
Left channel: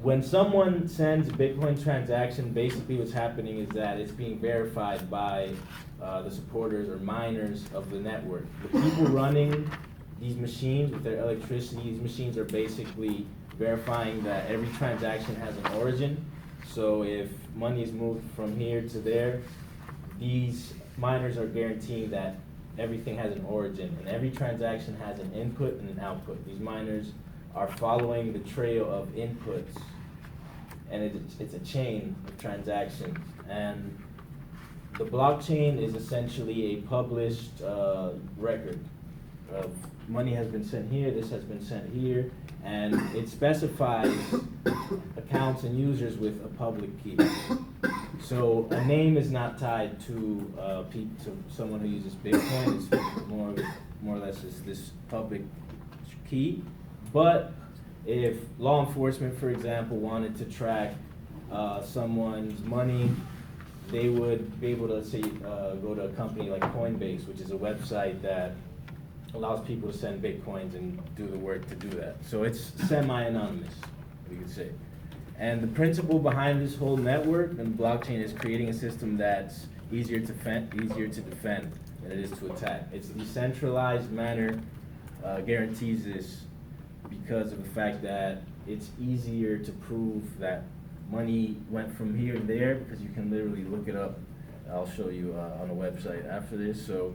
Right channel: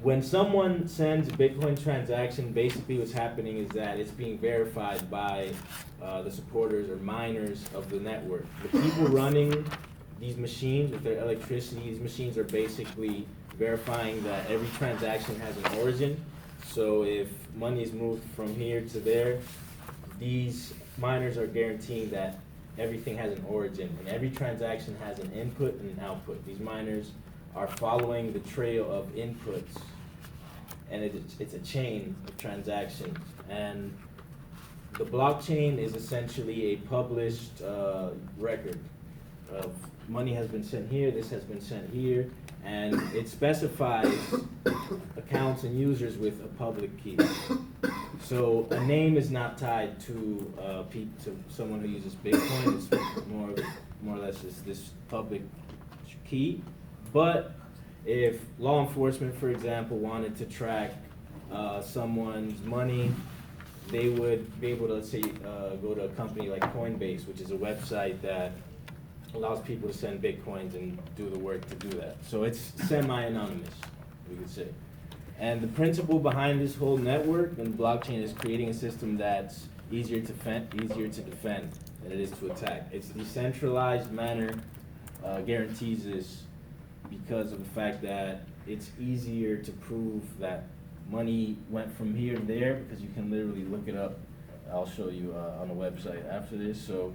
when someone sends a Bitcoin transaction, basically what's happening is that it's being verified by the supporters or miners of the network. The people running these machines with their electricity, these machines are basically verifying that every transaction has an origin. So if money is moved from here to there, these miners are guaranteeing that everything has an origin, and every transaction has an input and an output. These miners are following the trail of inputs, and it's a chain of transactions. And the blockchain is essentially a published record of money has been sent here, this has been sent here, and it specifies accounts and users with a public key. So a name is not tied to someone who uses Bitcoin. It's more or less this public key. But if law enforcement, for example, wanted to track someone's money, they would be able to say go to a company like Coinbase, which is a website that allows people to send Bitcoins and do the work to do that. So it's semi-anonymous, we could say. And the principle behind this whole network and the blockchain is creating a system that's easier to defend than it is to attack. Its decentralized manner guarantees this because of the fact that it's easier to prove that money went from here and there, because you can literally look it up. I'll show you on the website after this. So,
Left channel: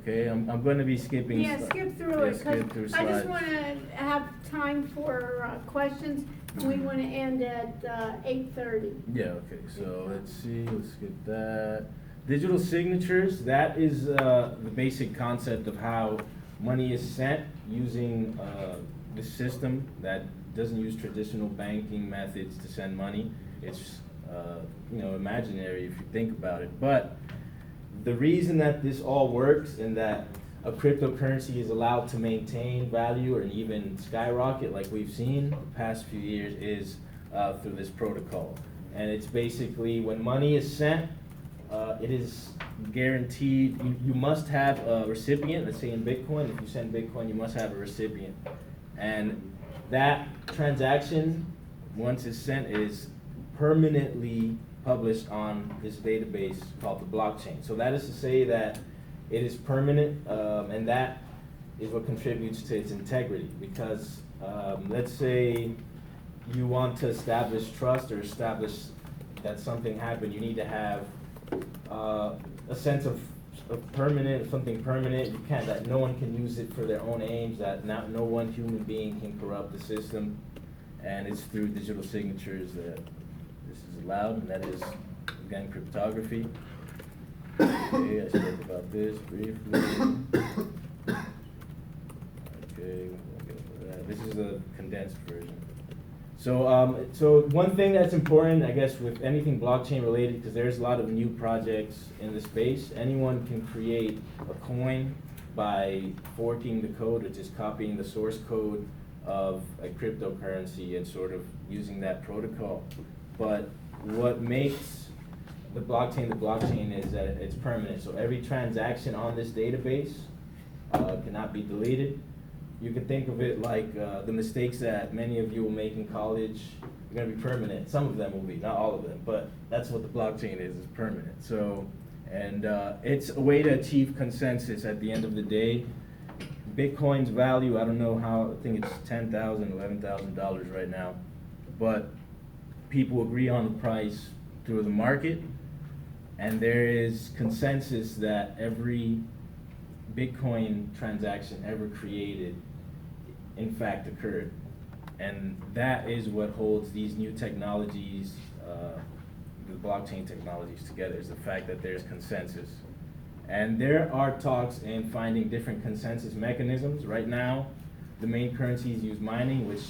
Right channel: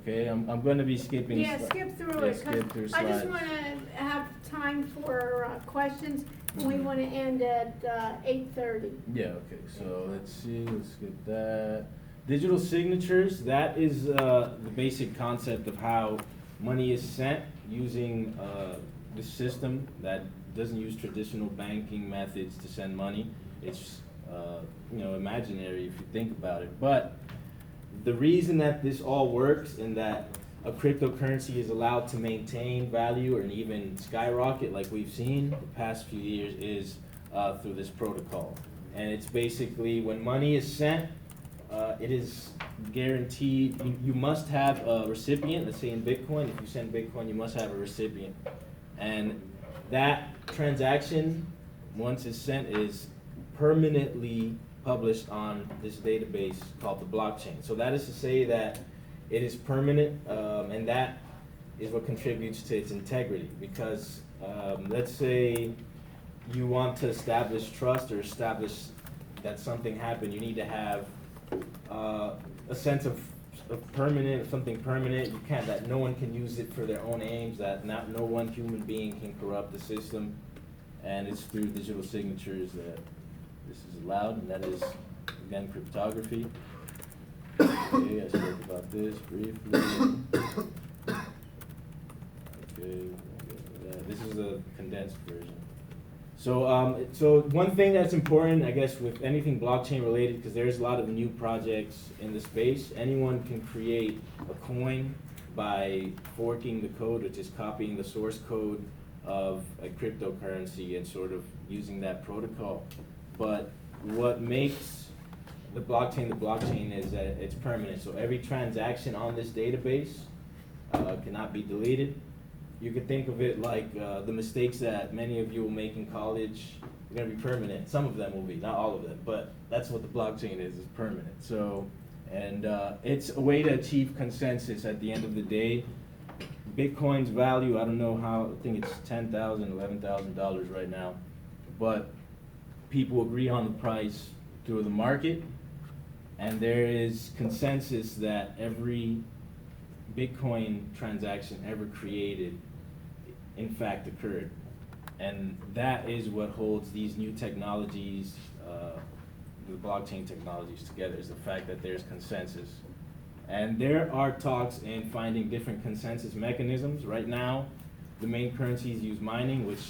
okay, I'm going to be skipping. Yeah, skip through it, because I just want to have time for questions, and we want to end at 8:30. Yeah, okay, so let's see, let's get that. Digital signatures, that is the basic concept of how money is sent using the system that doesn't use traditional banking methods to send money. It's imaginary if you think about it. But the reason that this all works and that a cryptocurrency is allowed to maintain value or even skyrocket like we've seen the past few years is through this protocol. And it's basically when money is sent, it is guaranteed, you must have a recipient. Let's say in Bitcoin, if you send Bitcoin, you must have a recipient. And that transaction, once it's sent, is permanently published on this database called the blockchain. So that is to say that it is permanent, and that is what contributes to its integrity. Because let's say you want to establish trust or establish that something happened, you need to have a sense of something permanent. You can't, that no one can use it for their own aims, that no one human being can corrupt the system. And it's through digital signatures that this is allowed, and that is, again, cryptography. Okay, I spoke about this briefly. Okay, this is a condensed version. So, so one thing that's important, I guess, with anything blockchain related, because there's a lot of new projects in the space, anyone can create a coin by forking the code, which is copying the source code of a cryptocurrency and sort of using that protocol. But what makes the blockchain is that it's permanent. So every transaction on this database cannot be deleted. you can think of it like the mistakes that many of you will make in college are going to be permanent. Some of them will be, not all of them, but that's what the blockchain is permanent. So, and it's a way to achieve consensus at the end of the day. Bitcoin's value, I don't know how, I think it's $10,000, $11,000 right now, but people agree on the price through the market, and there is consensus that every Bitcoin transaction ever created, in fact, occurred. And that is what holds these new technologies, the blockchain technologies together, is the fact that there's consensus. And there are talks in finding different consensus mechanisms. Right now, the main currencies use mining, which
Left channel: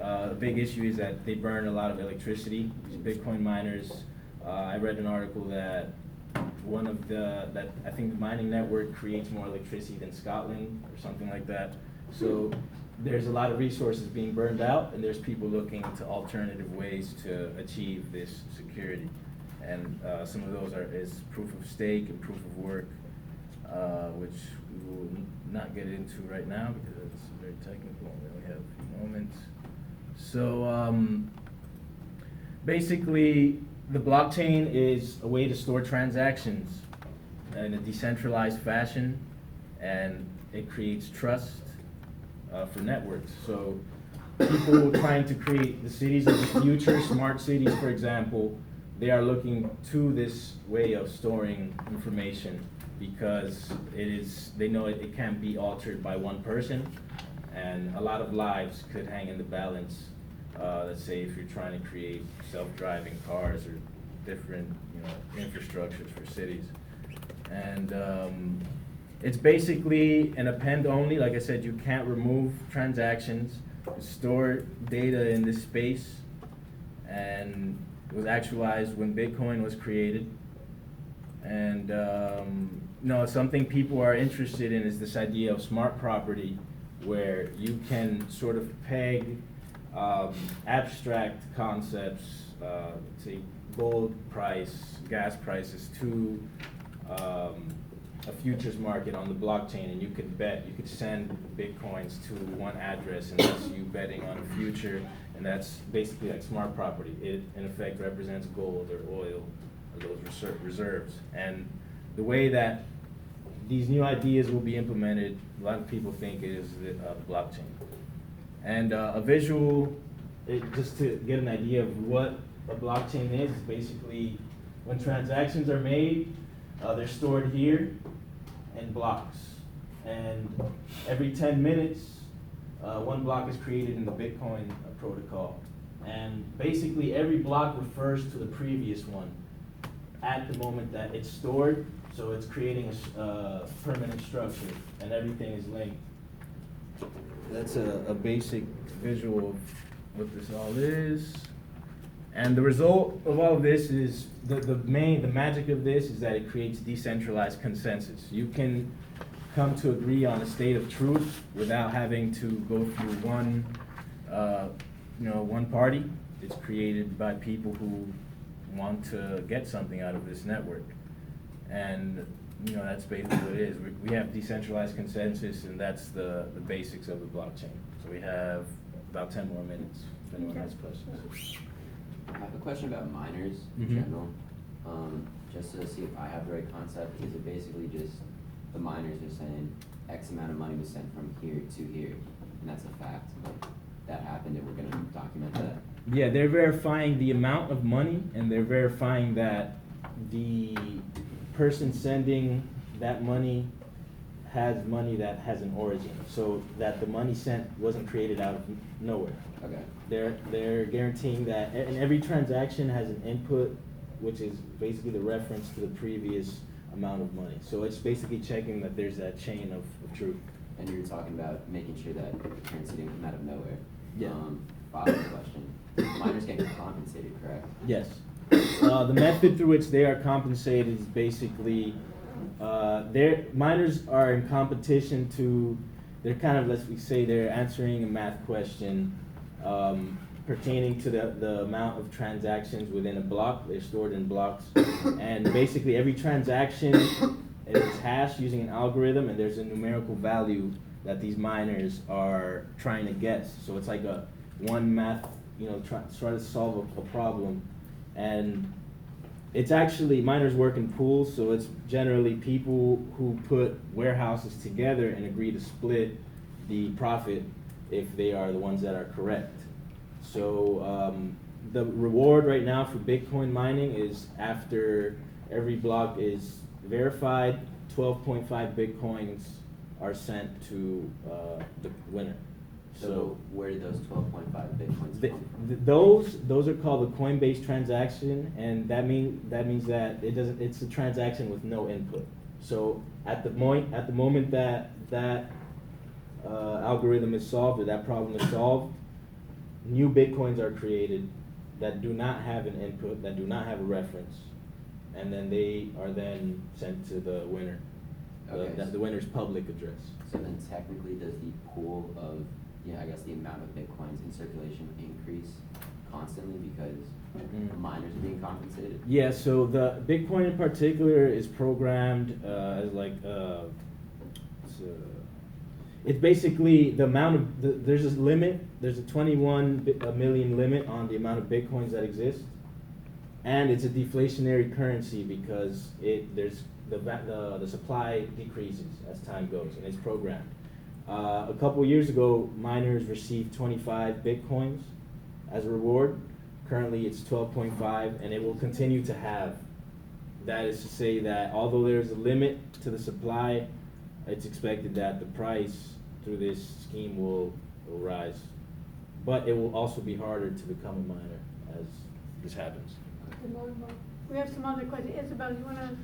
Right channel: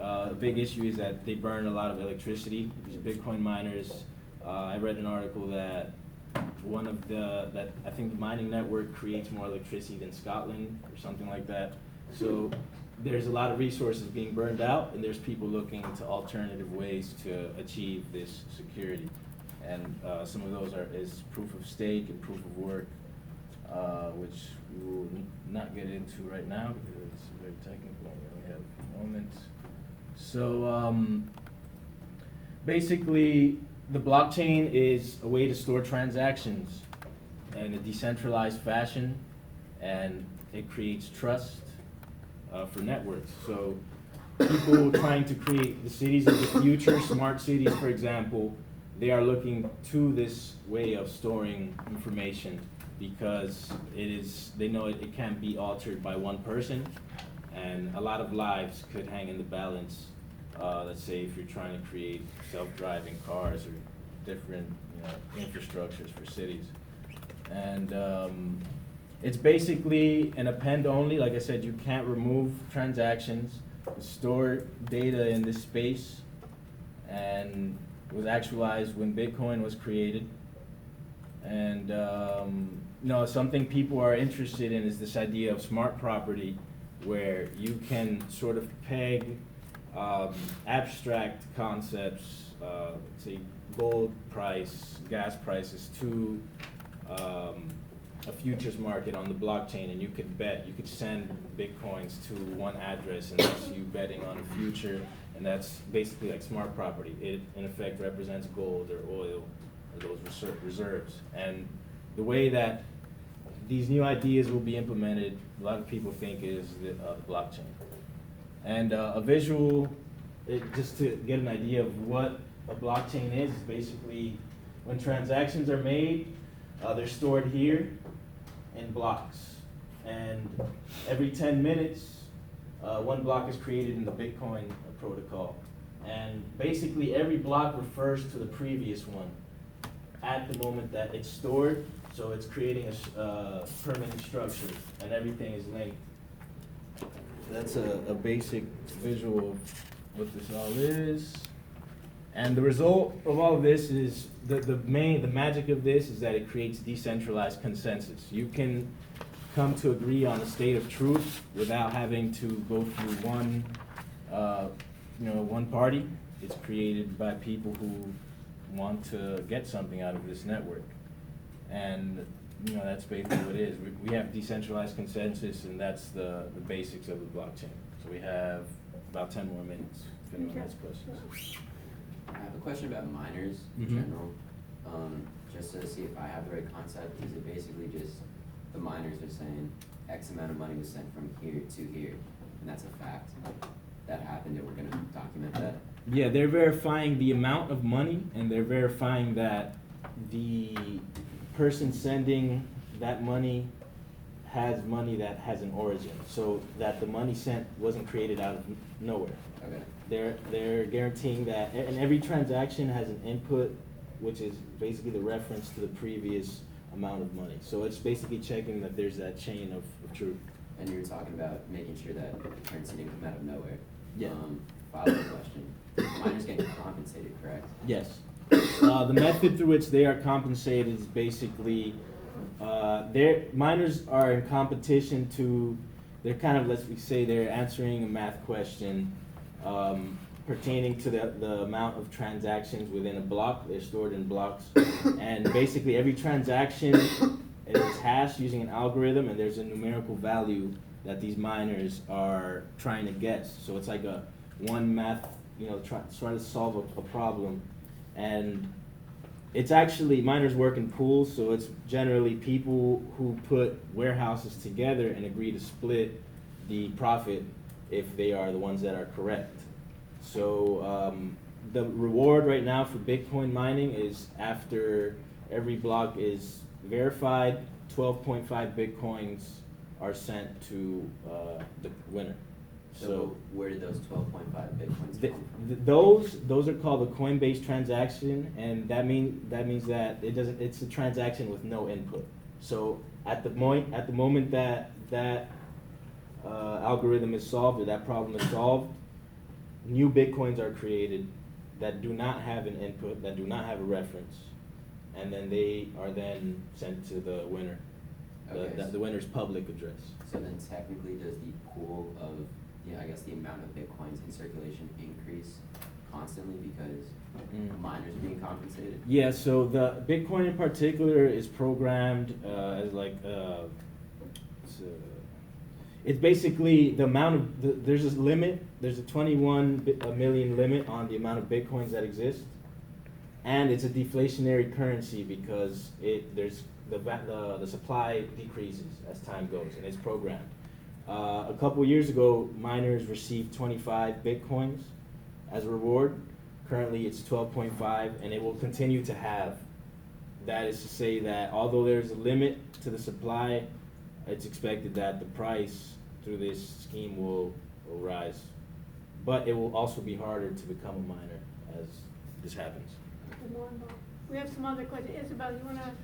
a big issue is that they burn a lot of electricity. These Bitcoin miners, I read an article that I think the mining network creates more electricity than Scotland or something like that. So there's a lot of resources being burned out, and there's people looking into alternative ways to achieve this security. And some of those is proof of stake and proof of work, which we will not get into right now because it's very technical. We only have a few moments. So basically, the blockchain is a way to store transactions in a decentralized fashion, and it creates trust for networks. So people trying to create the cities of the future, smart cities, for example, they are looking to this way of storing information because they know it can't be altered by one person, and a lot of lives could hang in the balance. Let's say if you're trying to create self-driving cars or different infrastructures for cities. And it's basically an append only. Like I said, you can't remove transactions. Store data in this space, and it was actualized when Bitcoin was created. And something people are interested in is this idea of smart property, where you can sort of peg abstract concepts, say gold price, gas prices, to a futures market on the blockchain, and you could send Bitcoins to one address, and that's you betting on a future, and that's basically like smart property. It in effect represents gold or oil, or those reserves. And the way that these new ideas will be implemented, a lot of people think is the blockchain. And a visual, just to get an idea of what a blockchain is basically when transactions are made, they're stored here in blocks. And every 10 minutes, one block is created in the Bitcoin protocol. And basically every block refers to the previous one at the moment that it's stored. So it's creating a permanent structure, and everything is linked. That's a basic visual of what this all is. And the result of all of this is, the magic of this is that it creates decentralized consensus. You can come to agree on a state of truth without having to go through one party. It's created by people who want to get something out of this network. And that's basically what it is. We have decentralized consensus, and that's the basics of the blockchain. So we have about 10 more minutes if anyone has questions. I have a question about miners in general, just to see if I have the right concept. Is it basically just the miners are saying X amount of money was sent from here to here, and that's a fact that happened, and we're going to document that? Yeah, they're verifying the amount of money, and they're verifying that the person sending that money has money that has an origin, so that the money sent wasn't created out of nowhere. Okay. They're guaranteeing that, and every transaction has an input, which is basically the reference to the previous amount of money. So it's basically checking that there's that chain of truth. And you're talking about making sure that the currency didn't come out of nowhere. Yeah. Follow-up question. Miners getting compensated, correct? Yes. The method through which they are compensated is basically, miners are in competition to, they're kind of, let's say they're answering a math question pertaining to the amount of transactions within a block. They're stored in blocks. And basically every transaction is hashed using an algorithm, and there's a numerical value that these miners are trying to guess. So it's like a one math, try to solve a problem. And it's actually, miners work in pools, so it's generally people who put warehouses together and agree to split the profit if they are the ones that are correct. So the reward right now for Bitcoin mining is after every block is verified, 12.5 Bitcoins are sent to the winner. So where did those 12.5 Bitcoins The, come from? those are called a Coinbase transaction, and that means that it's a transaction with no input. So at the moment that algorithm is solved, or that problem is solved, new Bitcoins are created that do not have an input, that do not have a reference, and then they are then sent to the winner, Okay. the winner's public address. So then technically, does the pool of, I guess the amount of Bitcoins in circulation increase constantly because miners are being compensated? Yeah, so the Bitcoin in particular is programmed as like, it's basically the amount of, there's a limit, there's a 21 million limit on the amount of Bitcoins that exist. And it's a deflationary currency because the supply decreases as time goes, and it's programmed. A couple years ago, miners received 25 Bitcoins as a reward. Currently, it's 12.5, and it will continue to have. That is to say that although there's a limit to the supply, it's expected that the price through this scheme will rise. But it will also be harder to become a miner as this happens. We have some other questions. Isabel, you wanna?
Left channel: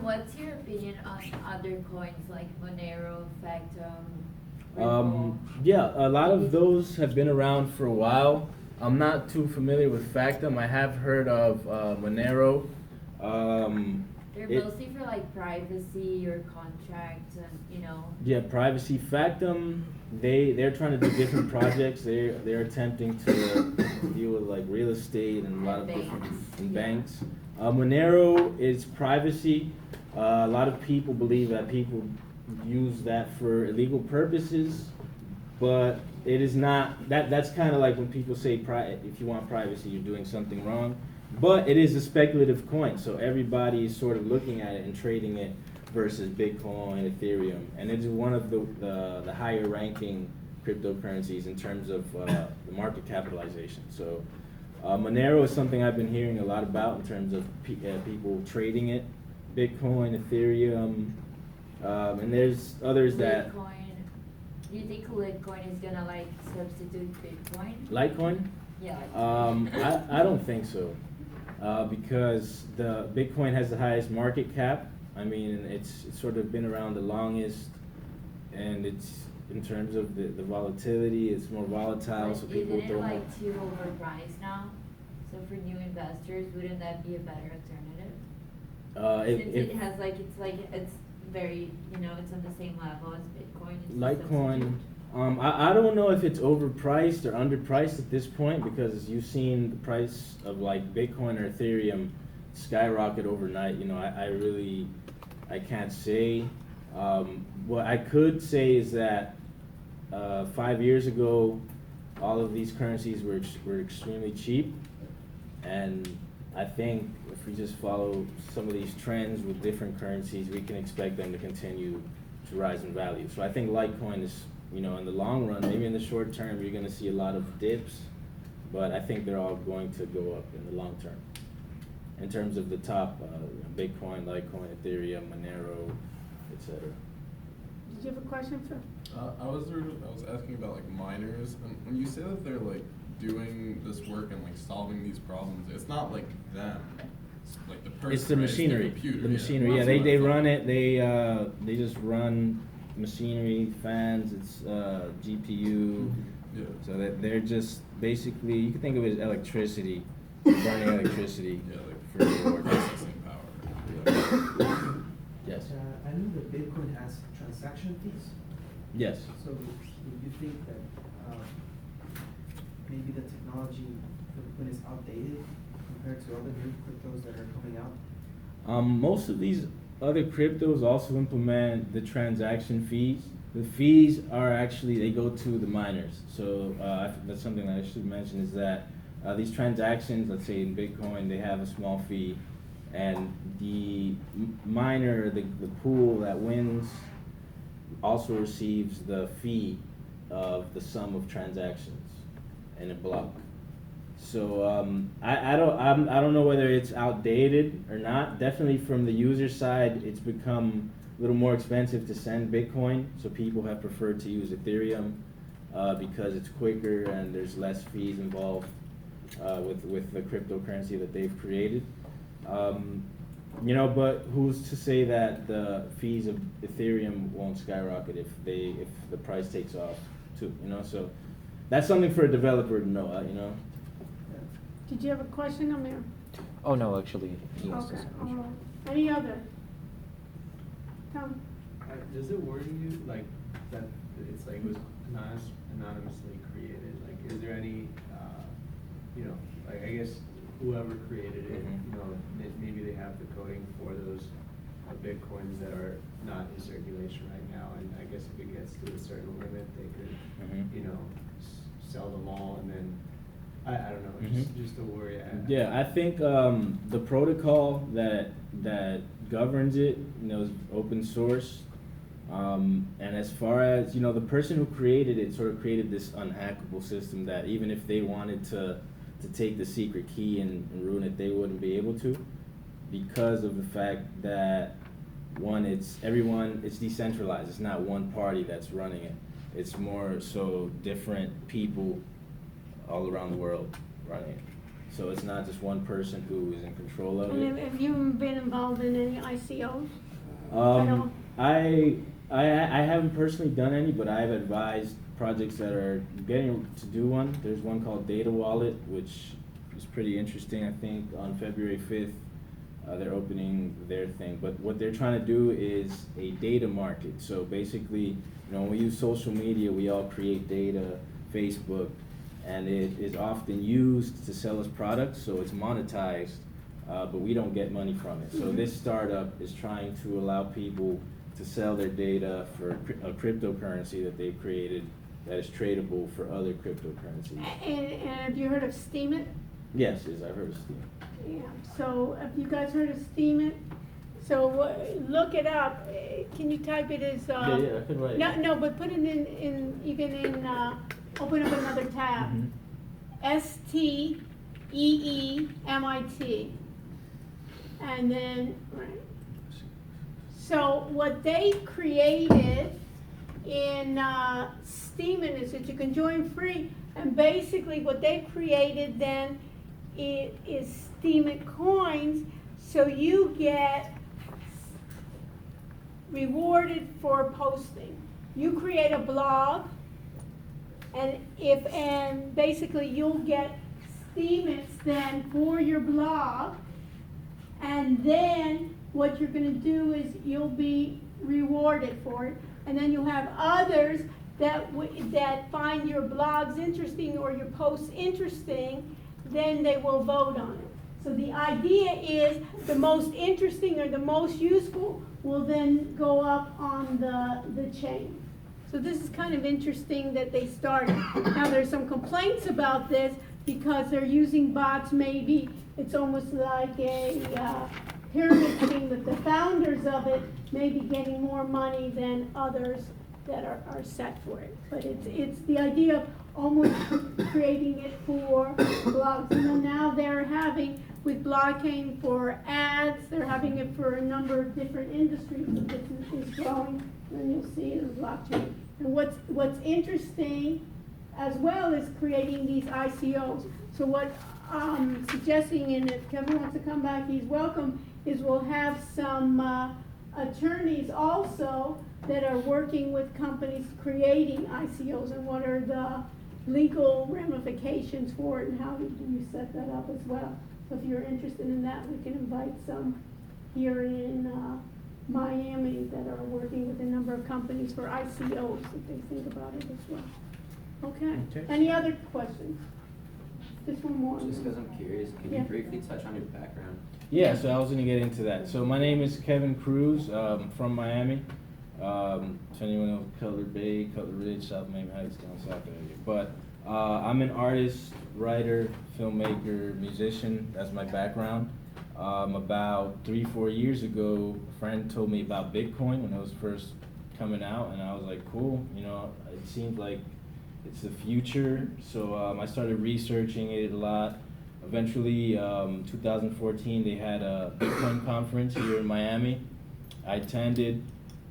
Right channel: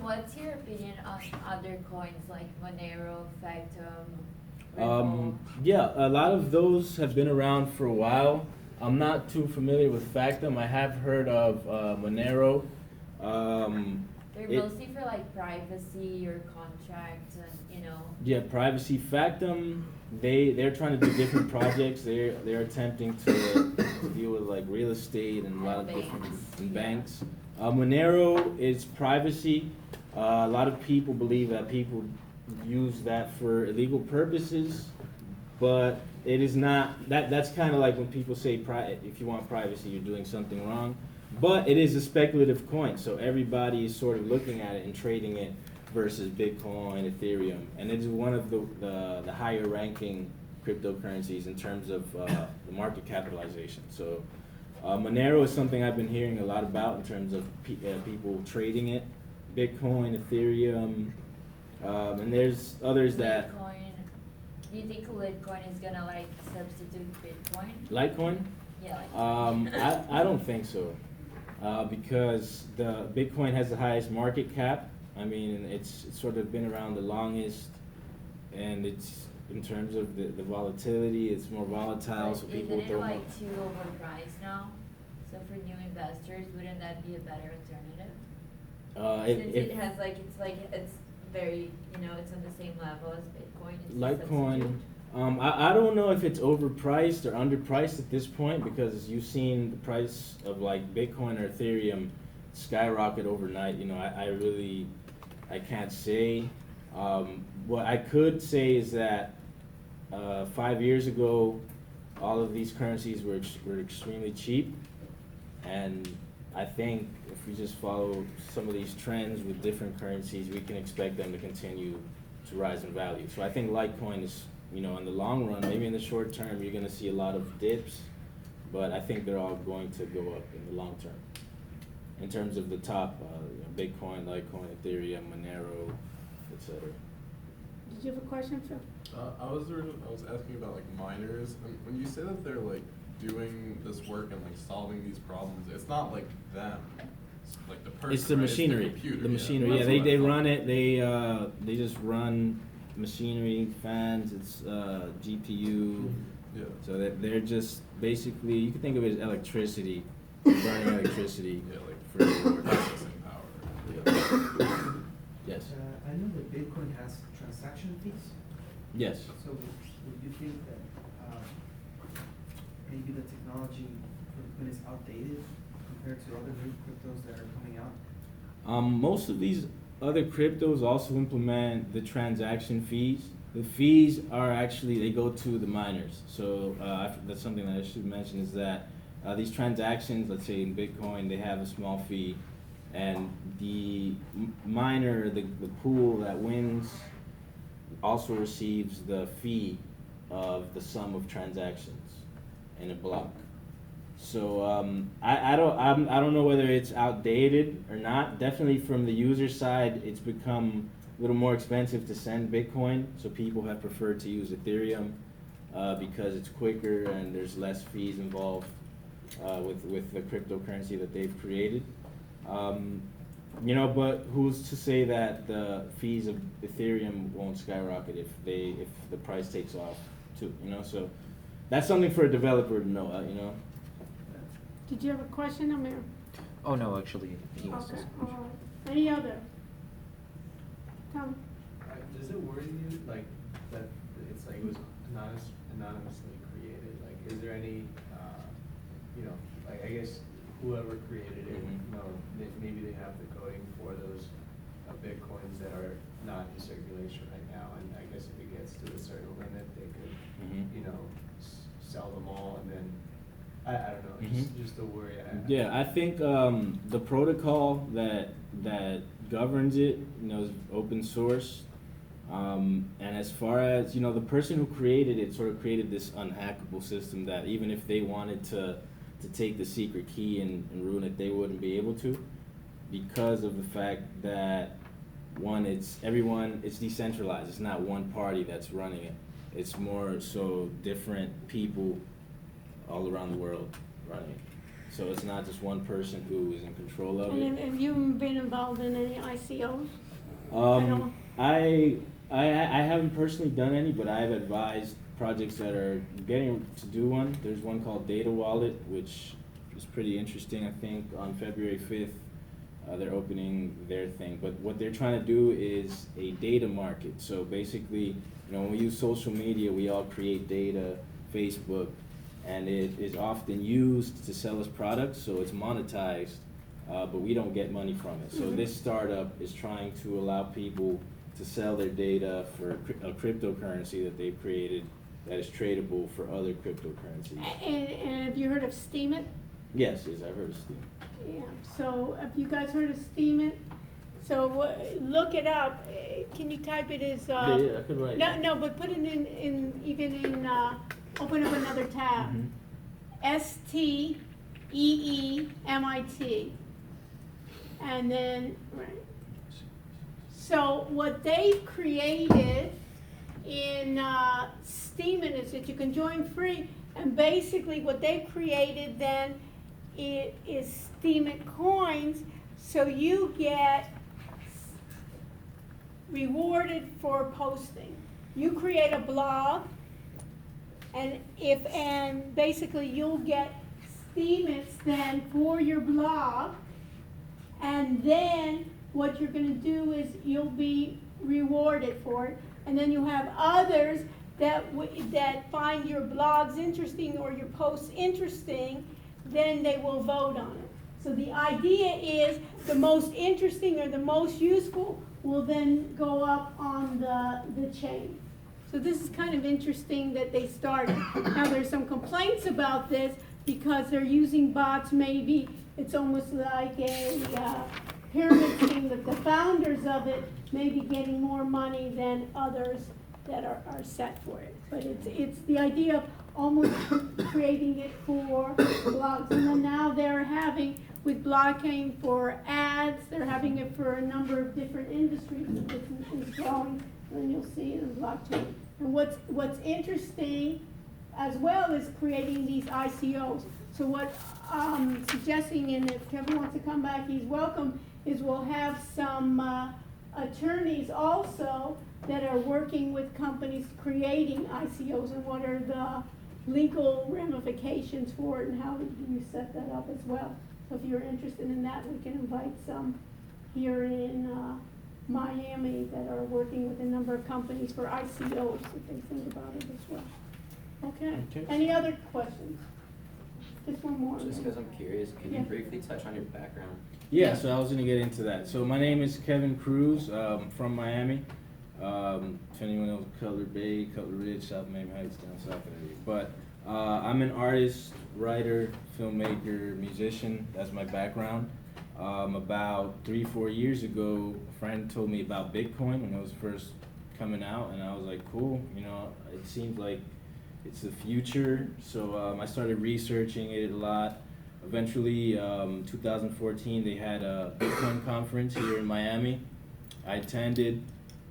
What's your opinion on other coins like Monero, Factum? Yeah, a lot of those have been around for a while. I'm not too familiar with Factum. I have heard of Monero. They're mostly for like privacy or contracts and Yeah, privacy. Factum, they're trying to do different projects. They're attempting to deal with like real estate and a lot of different banks. Monero is privacy. A lot of people believe that people use that for illegal purposes, but it is not. That's kind of like when people say if you want privacy, you're doing something wrong. But it is a speculative coin, so everybody is sort of looking at it and trading it versus Bitcoin, Ethereum, and it is one of the higher ranking cryptocurrencies in terms of the market capitalization. So Monero is something I've been hearing a lot about in terms of people trading it, Bitcoin, Ethereum, and there's others that. Litecoin. Do you think Litecoin is gonna like substitute Bitcoin? Litecoin? Yeah. Like I don't think so, because the Bitcoin has the highest market cap. I mean, it's sort of been around the longest, and it's in terms of the volatility, it's more volatile, so people isn't it throw more. like too overpriced now? So for new investors, wouldn't that be a better alternative? Since it has it's very it's on the same level as Bitcoin. It's a Litecoin. substitute. I don't know if it's overpriced or underpriced at this point, because you've seen the price of like Bitcoin or Ethereum skyrocket overnight. I can't say. What I could say is that 5 years ago, all of these currencies were extremely cheap, and I think if we just follow some of these trends with different currencies, we can expect them to continue to rise in value. So I think Litecoin is, in the long run, maybe in the short term, you're going to see a lot of dips, but I think they're all going to go up in the long term. In terms of the top, Bitcoin, Litecoin, Ethereum, Monero, etc. Did you have a question, Phil? I was asking about like miners, and when you say that they're like doing this work and like solving these problems, it's not like them. It's like the person. It's the right? machinery. It's the computer. The machinery. Yeah, That's what I they thought. run it. They just run machinery, fans. It's GPU. Yeah. So that they're just basically, you can think of it as electricity, burning electricity Yeah, like for reward. processing power. Yes. I know that Bitcoin has transaction fees. Yes. So would you think that maybe the technology for Bitcoin is outdated compared to other new cryptos that are coming out? Most of these other cryptos also implement the transaction fees. The fees are actually, they go to the miners. So that's something that I should mention is that these transactions, let's say in Bitcoin, they have a small fee, and the miner, the pool that wins, also receives the fee of the sum of transactions in a block. So I don't know whether it's outdated or not. Definitely from the user side, it's become a little more expensive to send Bitcoin, so people have preferred to use Ethereum because it's quicker and there's less fees involved with the cryptocurrency that they've created. You know, but who's to say that the fees of Ethereum won't skyrocket if the price takes off too? You know, so that's something for a developer to know. You know. Did you have a question, Amir? Oh, no, actually, he wants to Okay, say. all right. Any other? Tom? Does it worry you, like, that it's like it was anonymously created? Like, is there any, you know, like, I guess whoever created it, you know, maybe they have the coding for those Bitcoins that are not in circulation right now, and I guess if it gets to a certain limit, they could, you know, sell them all, and then, I don't know, just a worry. Yeah, I think the protocol that governs it, you know, is open source. And as far as, you know, the person who created it sort of created this unhackable system that even if they wanted to take the secret key and ruin it, they wouldn't be able to, because of the fact that, one, it's decentralized. It's not one party that's running it. It's more so different people all around the world running it. So it's not just one person who is in control of it. And have you been involved in any ICOs? I haven't personally done any, but I've advised projects that are getting to do one. There's one called Data Wallet, which is pretty interesting. I think on February 5th, they're opening their thing. But what they're trying to do is a data market. So basically, you know, when we use social media, we all create data, Facebook, and it is often used to sell us products, so it's monetized, but we don't get money from it. So this startup is trying to allow people to sell their data for a cryptocurrency that they've created that is tradable for other cryptocurrencies. And have you heard of Steemit? Yes, I've heard of Steemit. Yeah, so have you guys heard of Steemit? So look it up. Can you type it as? Yeah, I could write. No, but put it in open up another tab. STEEMIT. And then, right. So what they created in Steemit is that you can join free, and basically what they created then it is Steemit coins, so you get rewarded for posting. You create a blog, and basically you'll get Steemits then for your blog, and then what you're going to do is you'll be rewarded for it, and then you have others that find your blogs interesting or your posts interesting, then they will vote on it. So the idea is the most interesting or the most useful will then go up on the chain. So this is kind of interesting that they started. Now there's some complaints about this because they're using bots. Maybe it's almost like a pyramid scheme that the founders of it may be getting more money than others that are set for it. But it's the idea of almost creating it for blogs. And then now they're having, with blockchain for ads, they're having it for a number of different industries. The business is growing, and you'll see it in blockchain. And what's interesting as well is creating these ICOs. So what I'm suggesting, and if Kevin wants to come back, he's welcome, is we'll have some attorneys also that are working with companies creating ICOs, and what are the legal ramifications for it, and how do you set that up as well. So if you're interested in that, we can invite some here in Miami that are working with a number of companies for ICOs, if they think about it as well. Okay. Any other questions? Just one more. Just because I'm curious, can you briefly touch on your background? Yeah, so I was going to get into that. So my name is Kevin Cruz, from Miami. If anyone knows Cutler Bay, Cutler Ridge, South Miami Heights, down south area. But I'm an artist, writer, filmmaker, musician. That's my background. About 3-4 years ago, a friend told me about Bitcoin when it was first coming out, and I was like, cool, you know, it seemed like it's the future. So I started researching it a lot. Eventually, 2014, they had a Bitcoin conference here in Miami. I attended,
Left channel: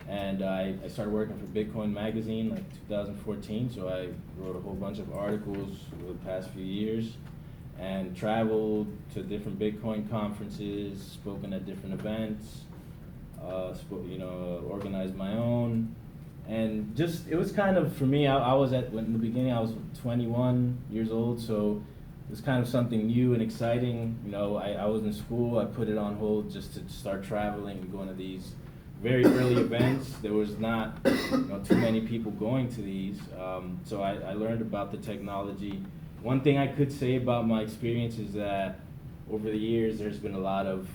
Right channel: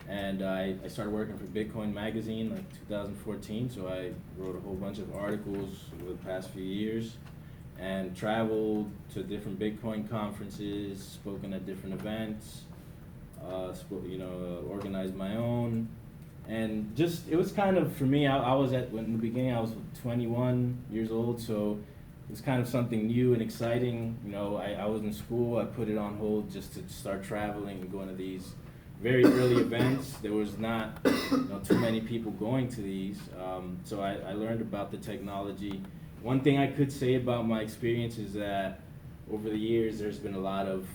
and I started working for Bitcoin Magazine like 2014, so I wrote a whole bunch of articles over the past few years and traveled to different Bitcoin conferences, spoken at different events, organized my own. And just, it was kind of, for me, I was in the beginning, I was 21 years old, so it was kind of something new and exciting. You know, I was in school, I put it on hold just to start traveling and going to these very early events. There was not too many people going to these, so I learned about the technology. One thing I could say about my experience is that over the years there's been a lot of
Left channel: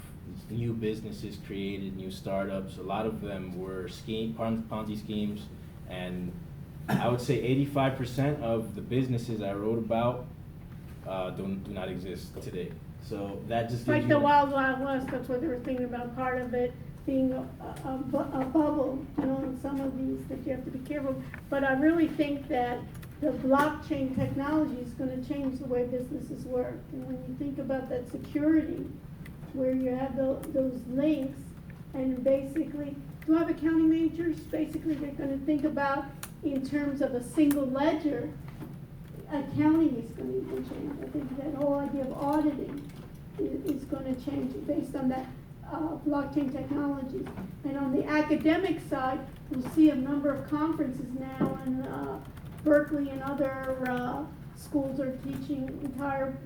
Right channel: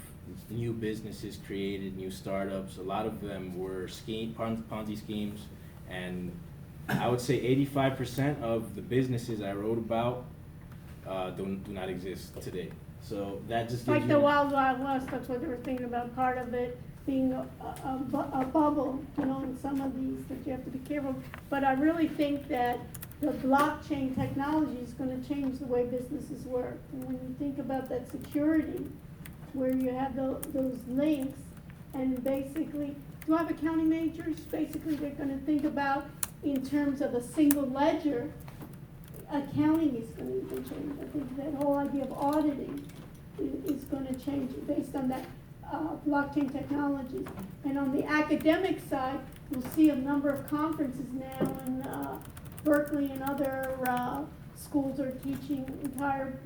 new businesses created, new startups. A lot of them were Ponzi schemes, and I would say 85% of the businesses I wrote about do not exist today. So that just gives Like you the Wild Wild West, that's what they were thinking about, part of it being a bubble, in some of these that you have to be careful. But I really think that the blockchain technology is going to change the way businesses work. And when you think about that security, where you have those links, and basically, a lot of accounting majors, basically they're going to think about in terms of a single ledger. Accounting is going to even change. I think that whole idea of auditing is going to change based on that blockchain technology. And on the academic side, you'll see a number of conferences now, and Berkeley and other schools are teaching entire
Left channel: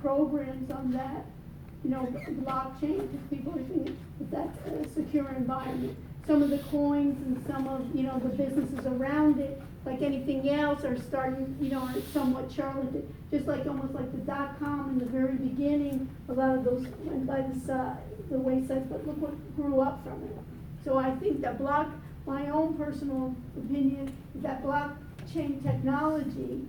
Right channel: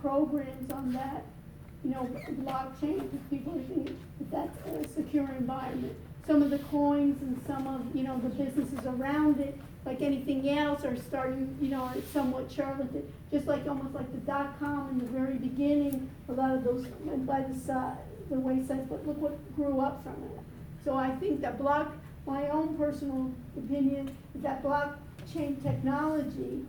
programs on that. Blockchain, because people are thinking that that's a secure environment. Some of the coins and some of the businesses around it, like anything else, are starting, are somewhat charlatan. Just like almost like the .com in the very beginning, a lot of those went by the wayside, but look what grew up from it. So I think that my own personal opinion is that blockchain technology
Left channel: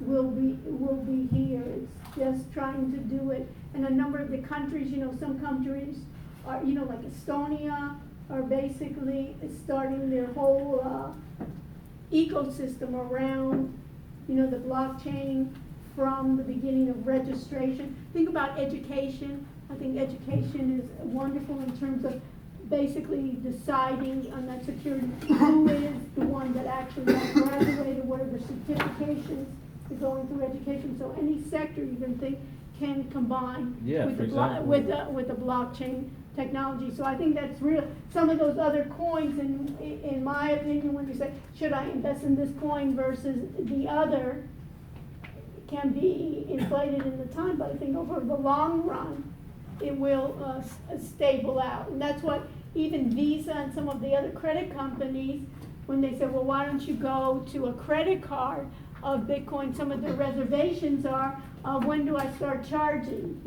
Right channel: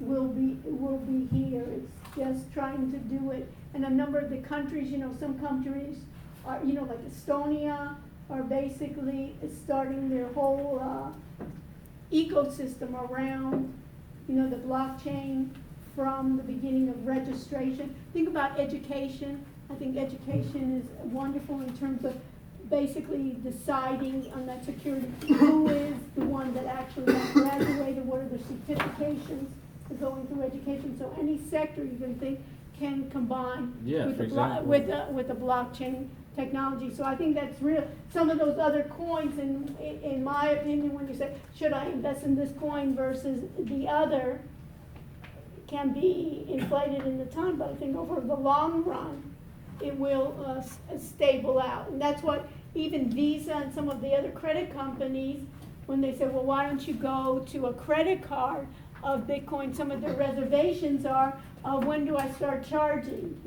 will be here. It's just trying to do it. And a number of the countries, some countries are, like Estonia, are basically starting their whole ecosystem around, the blockchain from the beginning of registration. Think about education. I think education is wonderful in terms of basically deciding on that security. Who is the one that actually graduated? What are the certifications for going through education? So any sector you can think can combine with the blockchain technology. So I think that's real. Some of those other coins, in my opinion, when you say, should I invest in this coin versus the other, can be inflated in the time, but I think over the long run, it will stable out. And that's what even Visa and some of the other credit companies, when they say, well, why don't you go to a credit card of Bitcoin, some of their reservations are, when do I start charging,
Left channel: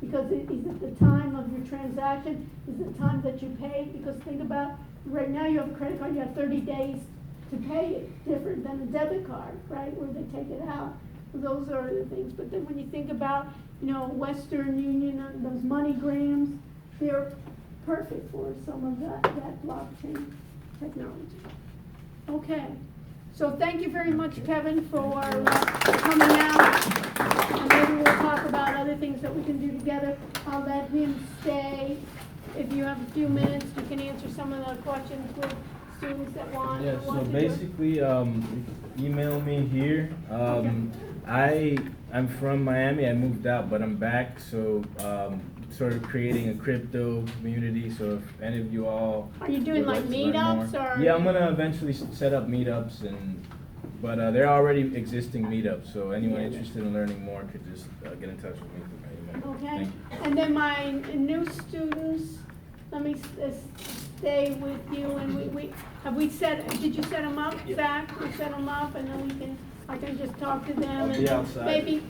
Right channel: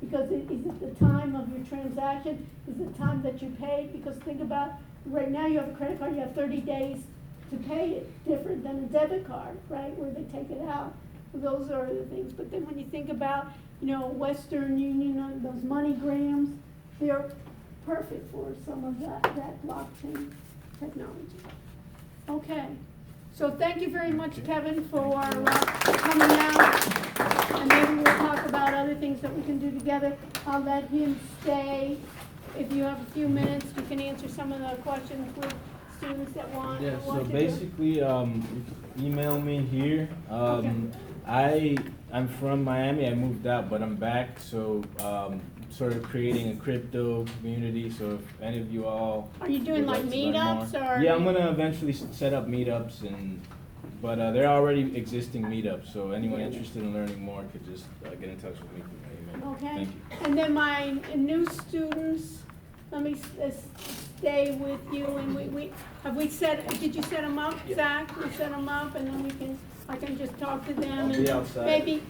because is it the time of your transaction? Is it the time that you pay? Because think about, right now you have a credit card, you have 30 days to pay it, different than a debit card, right, where they take it out. Those are the things. But then when you think about, Western Union, those MoneyGrams, they're perfect for some of that blockchain technology. Okay. So thank you very much, Kevin, for coming out, and maybe we'll talk about other things that we can do together. I'll let him stay. If you have a few minutes, you can answer some of the questions with students that want. Yeah, so want to basically, you can email me here. I'm from Miami. I moved out, but I'm back, so sort of creating a crypto community. So if any of you all Are you doing like meetups or? Yeah, I'm gonna eventually set up meetups, but they're already existing meetups. So anyone interested in learning more could just get in touch with me through my email. Okay. Thank you. And then my new students, let me stay with you, and did you set them up, Zach? We set them up, and then I can just talk to them. I'll be outside. Maybe,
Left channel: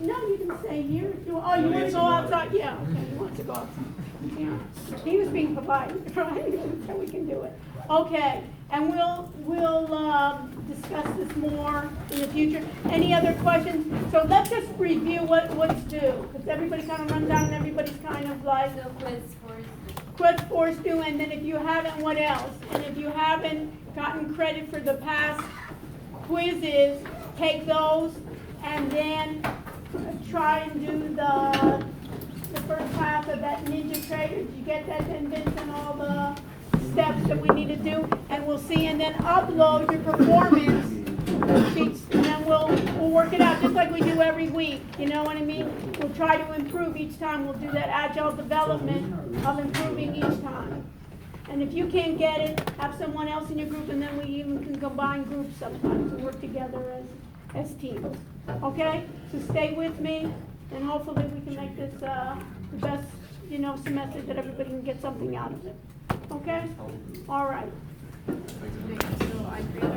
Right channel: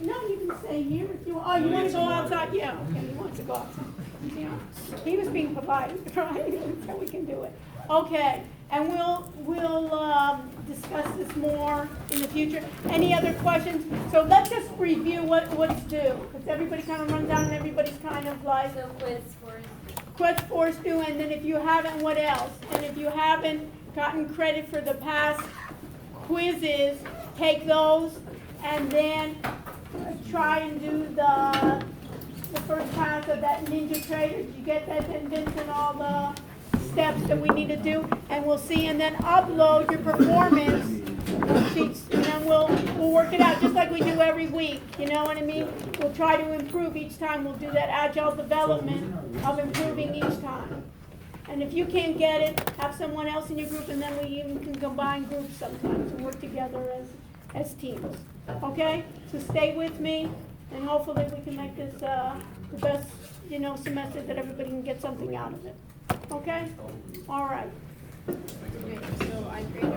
no, you can stay here. You want to go outside? Yeah, okay, he wants to go outside. Yeah. He was being polite, right? So we can do it. Okay, and we'll discuss this more in the future. Any other questions? So let's just review what's due, because everybody kind of runs down and everybody's kind of like. So Quiz force due, and then if you haven't, what else? And if you haven't gotten credit for the past quizzes, take those and then try and do the first pass of that Ninja Trader. Did you get that, Vince, and all the steps that we need to do? And we'll see, and then upload your performance sheets, and then we'll work it out just like we do every week. You know what I mean? We'll try to improve each time. We'll do that agile development of improving each time. And if you can't get it, have someone else in your group, and then we even can combine groups sometimes and work together as teams. Okay? So stay with me, and hopefully we can make this the best, semester that everybody can get something out of it. Okay? All right. Thanks.